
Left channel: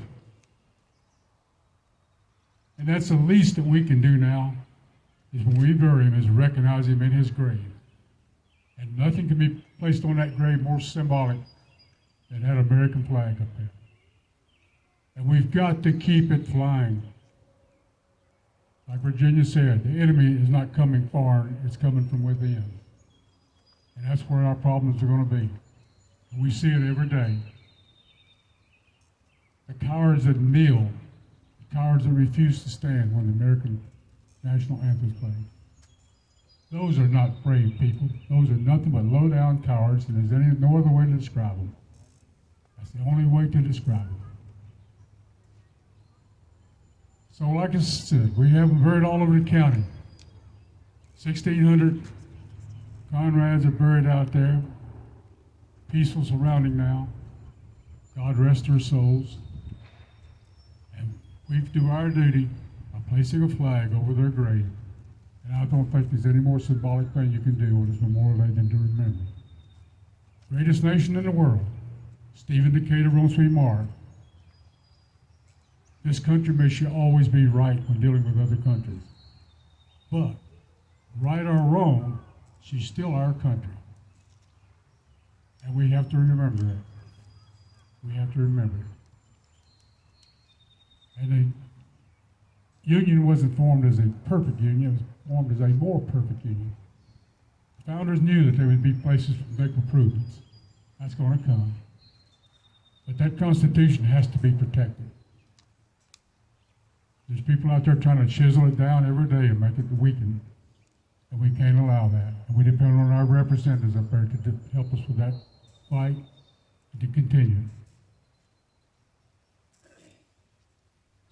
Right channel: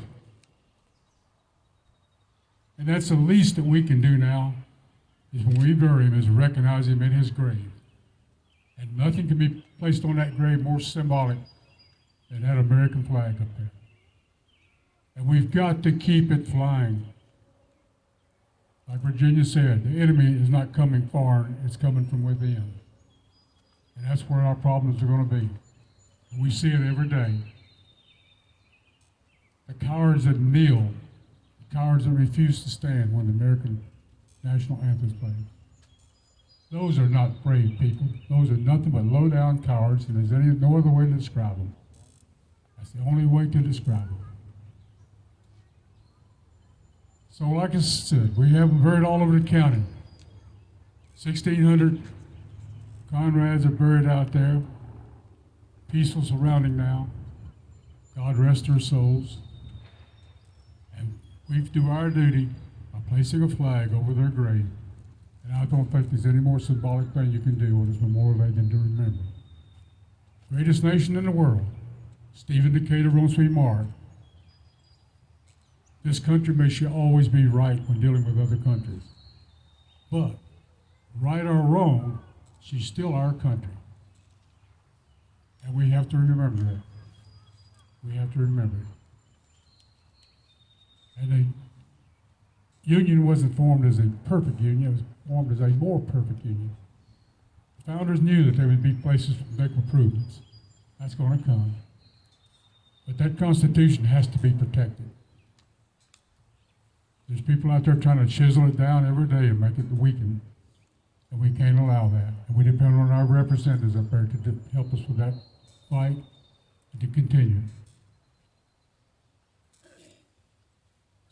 And that's the least that we can do now, is when we bury him, is recognize him in his grave. And nothing can be placed on that grave more symbolic than that American flag up there. And we've got to keep it flying. Like Virginia said, the enemy is not coming far, it's coming from within. And that's where our problems are going to be. And we see it every day. The cowards that kneel, the cowards that refuse to stand when the American national anthem is played. Those are not brave people. Those are nothing but low-down cowards, and there's no other way to describe them. That's the only way to describe them. So like I said, we have them buried all over the county. 1,600 Conrads are buried out there, peaceful surrounding now. God rest their souls. And we do our duty by placing a flag over their grave. And I don't think there's any more symbolic thing you can do with this memorial day than to remember. Greatest nation in the world, Stephen Decatur once remarked, this country may should always be right when dealing with other countries. But, right or wrong, she's still our country. And we have to remember that. We have to remember it. And the union wasn't formed as a perfect union, it was formed as a more perfect union. The founders knew that there would be places to make improvements. That's going to come. But that Constitution has to be protected. There's people out there trying to chisel it down every day and make it weaken. And we can't allow that. And we depend on our representatives up there to help us with that fight and to continue.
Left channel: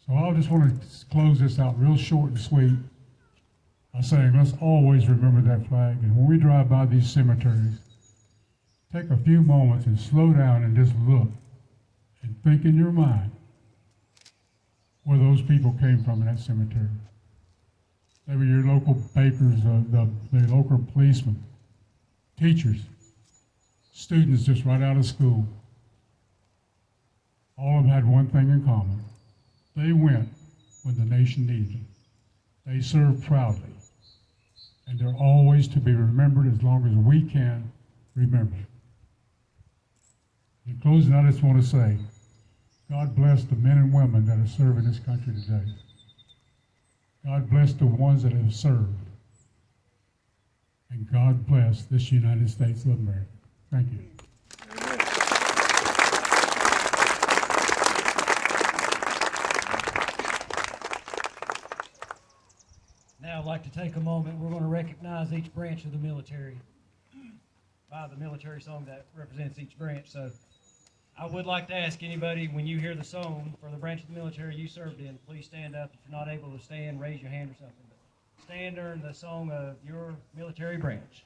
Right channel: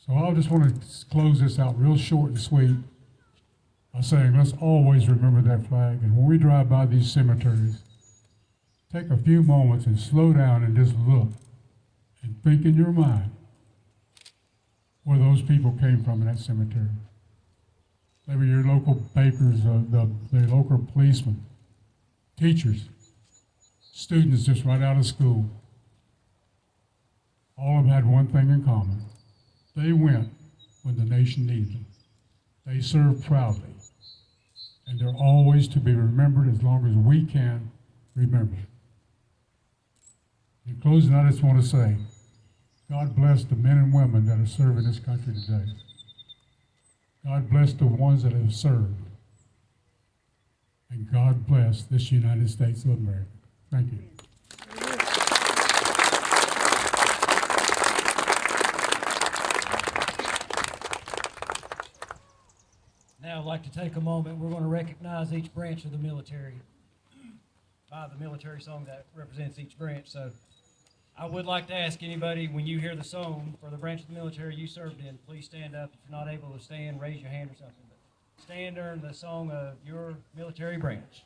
So I just want to close this out real short and sweet by saying let's always remember that flag. And when we drive by these cemeteries, take a few moments and slow down and just look and think in your mind where those people came from in that cemetery. Maybe your local bakers, the local policemen, teachers, students just right out of school. All of them had one thing in common. They went when the nation needed them. They served proudly. And they're always to be remembered as long as we can remember. In closing, I just want to say, God bless the men and women that are serving this country today. God bless the ones that have served. And God bless this United States of America. Thank you. Now I'd like to take a moment. We're going to recognize each branch of the military by the military song that represents each branch. So I would like to ask anybody, when you hear the song for the branch of the military you served in, please stand up. If you're not able to stand, raise your hand or something. But stand during the song of your military branch.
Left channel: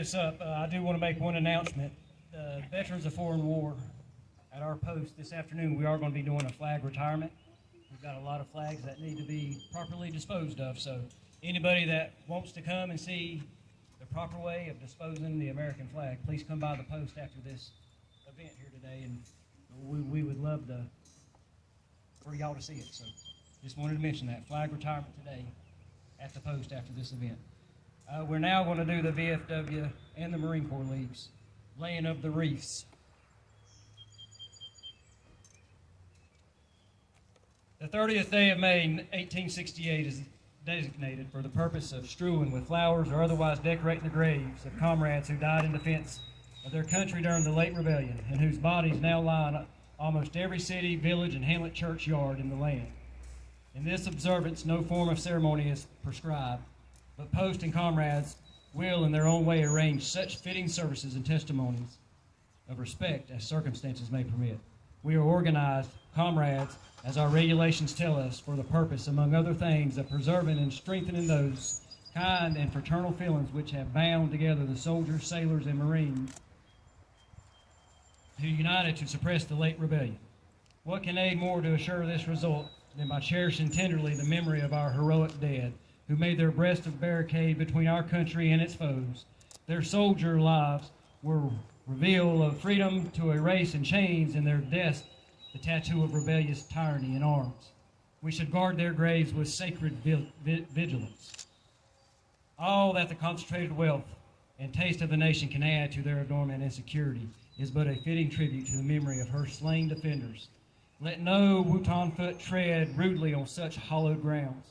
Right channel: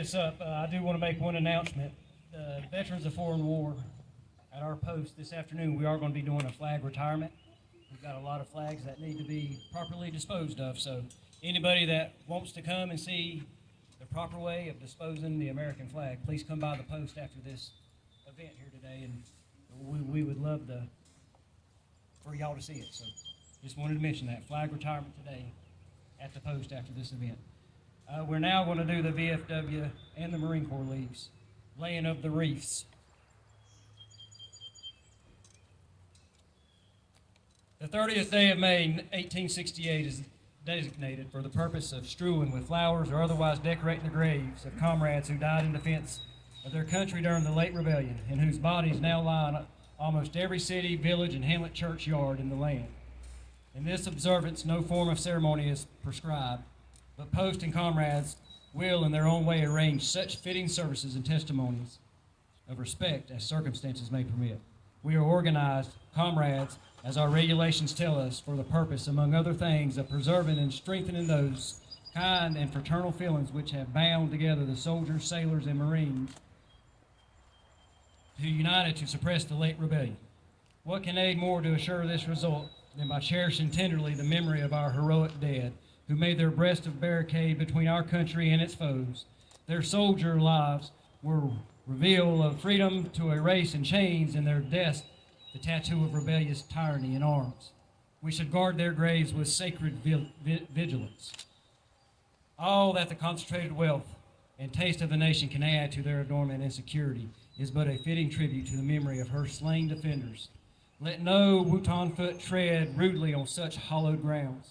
this up, I do want to make one announcement. Veterans of Foreign War, at our post this afternoon, we are going to be doing a flag retirement. We've got a lot of flags that need to be properly disposed of, so anybody that wants to come and see the proper way of disposing the American flag, please come by the post after this event here today, and we would love for y'all to see it. So just wanted to mention that, flag retirement today at the post after this event. We're now going to do the VFW and the Marine Corps leaves, laying of the wreaths. The 30th day of May 1868 is designated for the purpose of strewing with flowers or otherwise decorating the graves of comrades who died in defense of their country during the late rebellion, and whose bodies now lie in almost every city, village, and hamlet churchyard in the land. In this observance, no form of ceremony is prescribed, but post and comrades will in their own way arrange such fitting services and testimonies of respect as circumstances may permit. We are organized, comrades, as our regulations tell us, for the purpose, among other things, of preserving and strengthening those kind and fraternal feelings which have bound together the soldiers, sailors, and Marines who united to suppress the late rebellion. What can aid more to assure this result than by cherishing tenderly the memory of our heroic dead, who made their breast a barricade between our country and its foes. Their soldier lives were reveal of freedom to a race in chains, and their deaths the tattoo of rebellious tyranny in arms. We should guard their graves with sacred vigilance. All that the concentrated wealth and taste of the nation can add to their adornment and security is but a fitting tribute to the memory of her slain defenders. Let no Wutan foot tread rudely on such hallowed grounds.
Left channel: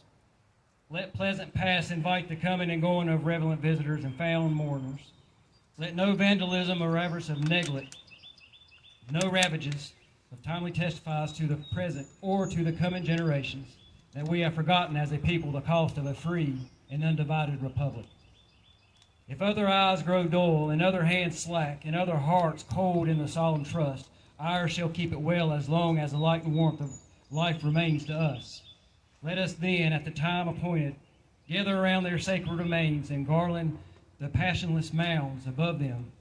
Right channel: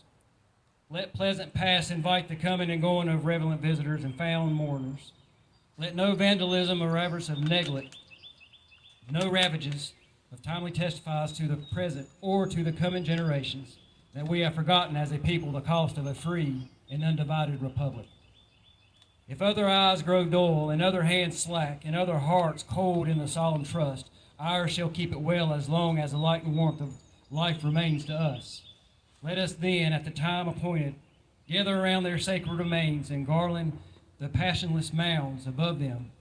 Let pleasant paths invite the coming and going of relevant visitors and found mourners. Let no vandalism or avarice of neglect, no ravages of timely testifies to the present or to the coming generations that we have forgotten as a people the cost of a free and undivided republic. If other eyes grow dull, and other hands slack, and other hearts cold in the solemn trust, ours shall keep it well as long as the light and warmth of life remains to us. Let us then, at the time appointed, gather around their sacred remains and garland the passionless mounds above them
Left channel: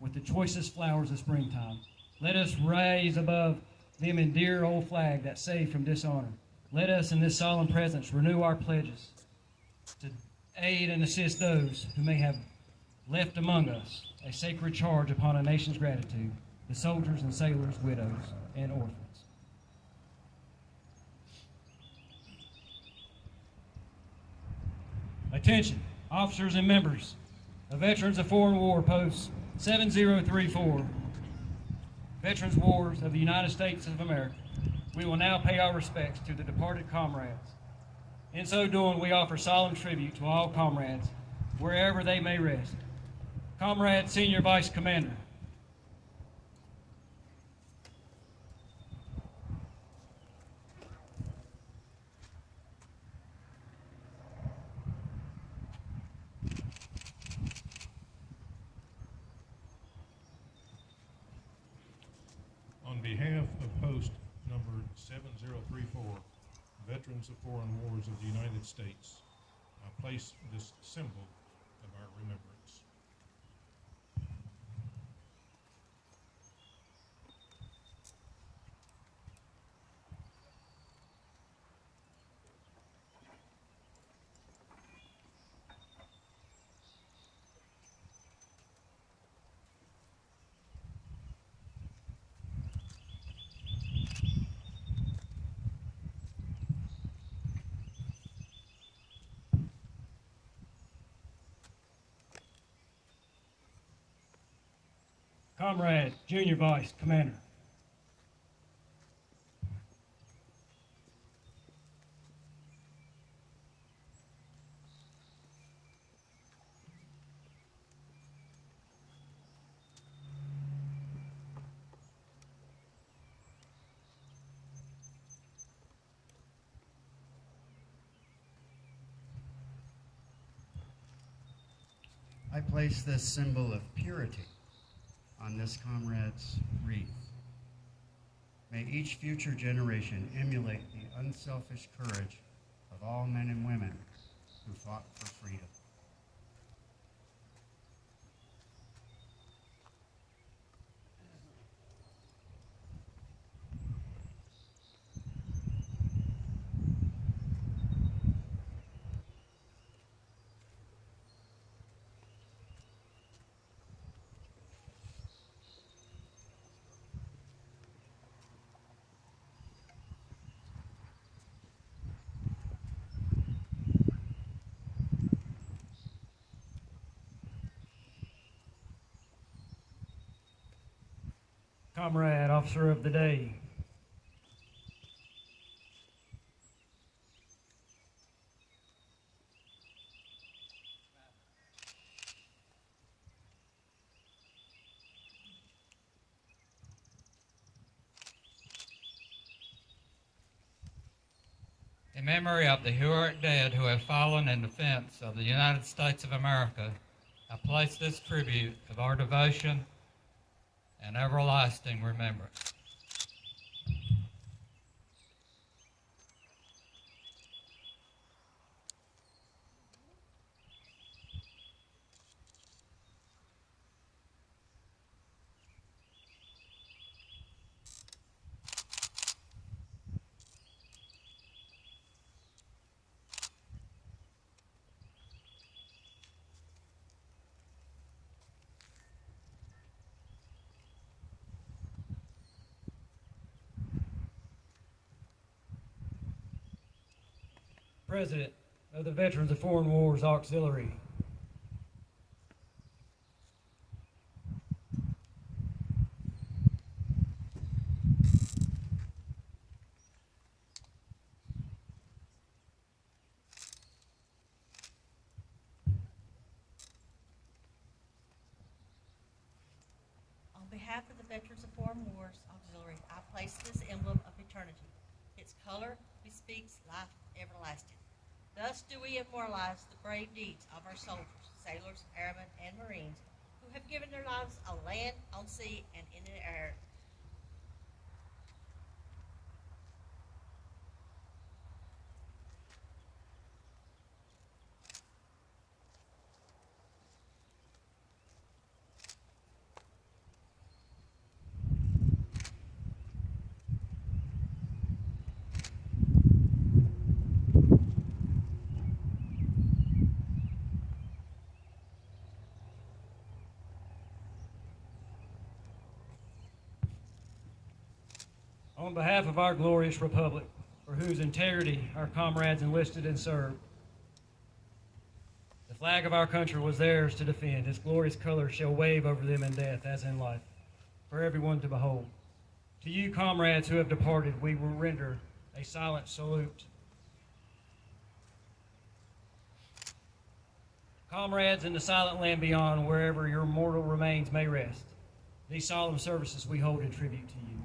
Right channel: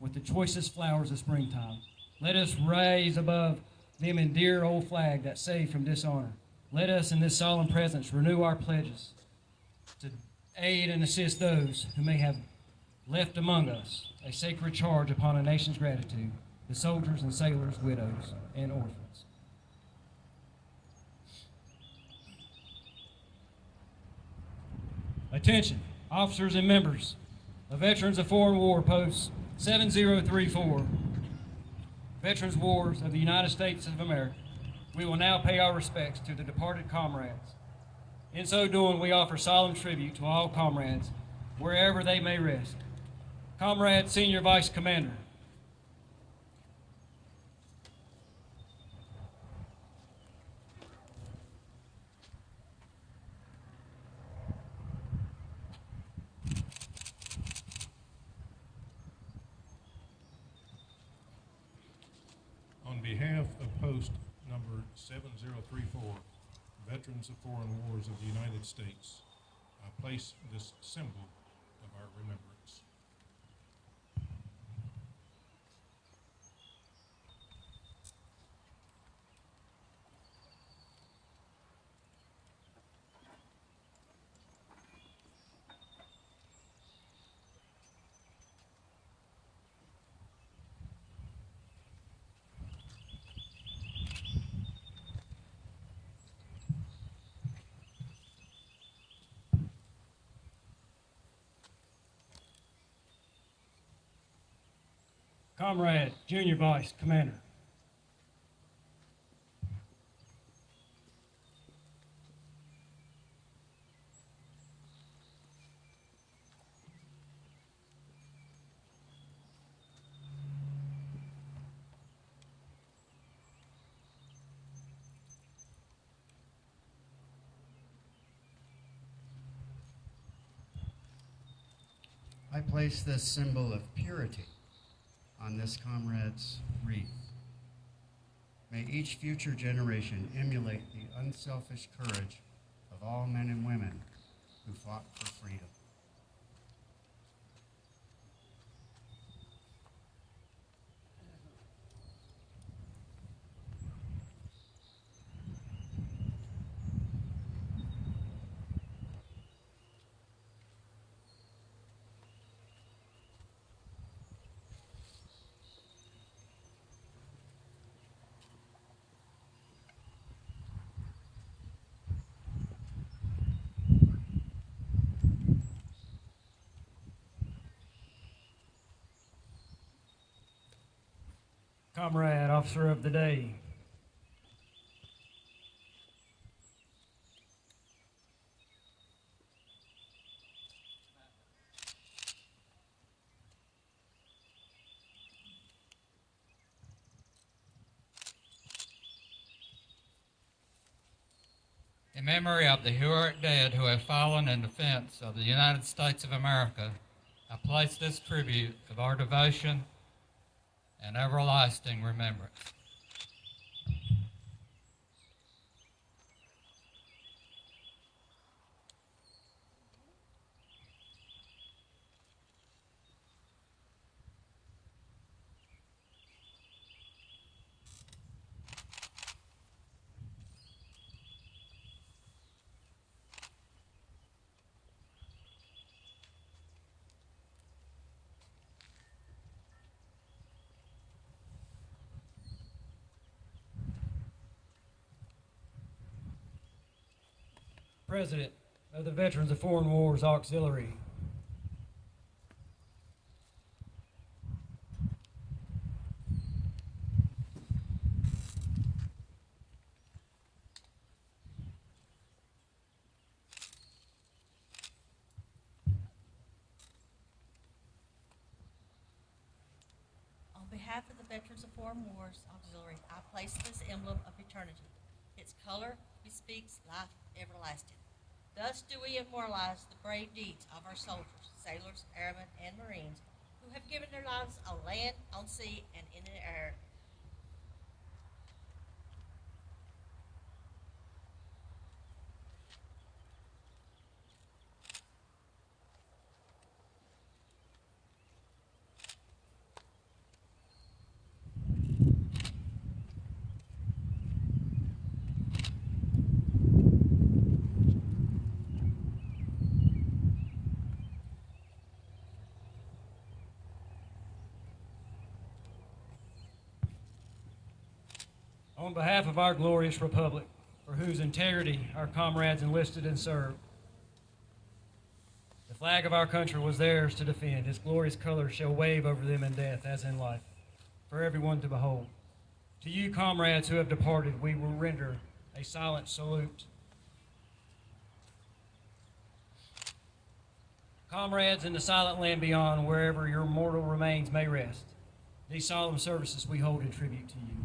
with the choicest flowers of springtime. Let us raise above them a dear old flag that saved from dishonor. Let us in this solemn presence renew our pledges to aid and assist those who may have left among us a sacred charge upon a nation's gratitude, the soldiers and sailors, widows, and orphans. Attention, officers and members of Veterans of Foreign War Post 7034, Veterans Wars of the United States of America. We will now pay our respects to the departed comrades. In so doing, we offer solemn tribute to all comrades, wherever they may rest. Comrade Senior Vice Commander. On behalf of Post number 7034, Veterans of Foreign Wars of the United States, I place this symbol of our remembrance. Comrade Junior Vice Commander. I place this symbol of purity on this comrade's wreath. May each future generation emulate the unselfish courage of all men and women who fought for freedom. Comrade, Officer of the Day. In memory of the heroic dead who have fallen in defense of the United States of America, I place this tribute of our devotion and everlasting remembrance. President of the Veterans of Foreign Wars Auxiliary. On behalf of the Veterans of Foreign Wars Auxiliary, I place this emblem of eternity. Its color bespeaks life everlasting. Thus do we immortalize the brave deeds of our soldiers, sailors, airmen, and Marines who have given their lives on land, on sea, and in the air. On behalf of our glorious republic, for whose integrity our comrades enlisted and served, the flag of our country was theirs to defend. Its glorious colors shall wave over them in death as in life, for everyone to behold. To you, comrades who have departed, we will render a silent salute. Comrades in the silent land beyond, wherever your mortal remains may rest, these solemn services we hold in tribute to you.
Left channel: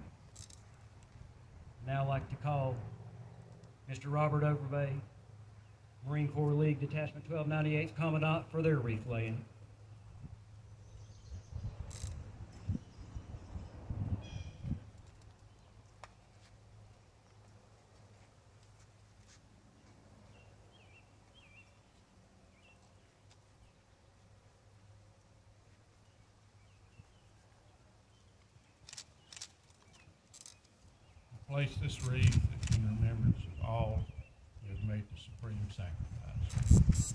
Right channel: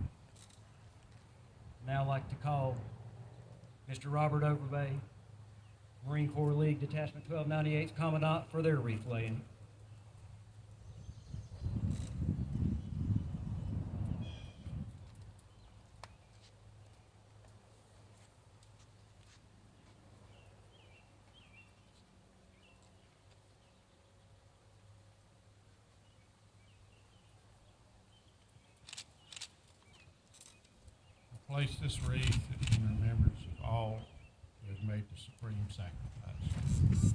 Now I'd like to call Mr. Robert Overbay, Marine Corps League Detachment 1298's Commandant, for their wreath laying. Place this wreath in remembrance of all who have made the supreme sacrifice.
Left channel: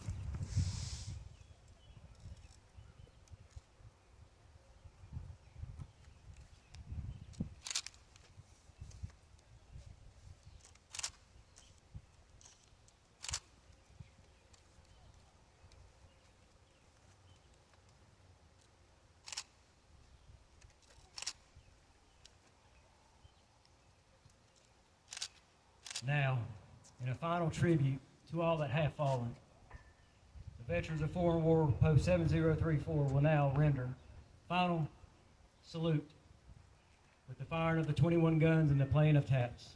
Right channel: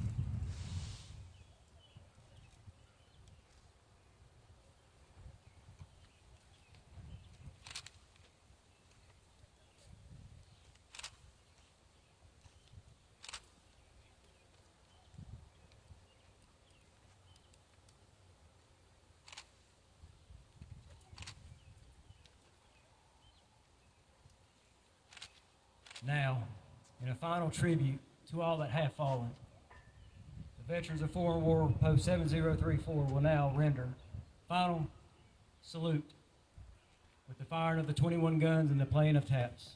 Now, in a final tribute to all that have fallen, the Veterans of Foreign War Post 7034 will now render final salute with the firing of the 21 guns and the playing of taps.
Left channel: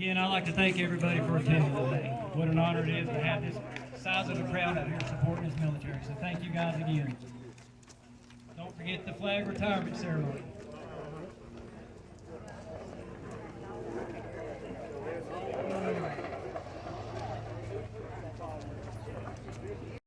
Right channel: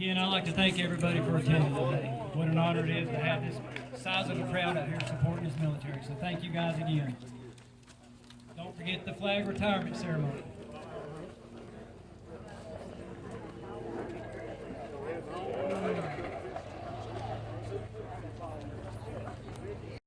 Again, I'd like to thank everybody for attending today. What an honor it is to have this size of a crowd out here supporting this military. So thank you guys again. Don't forget the flag retirement ceremony.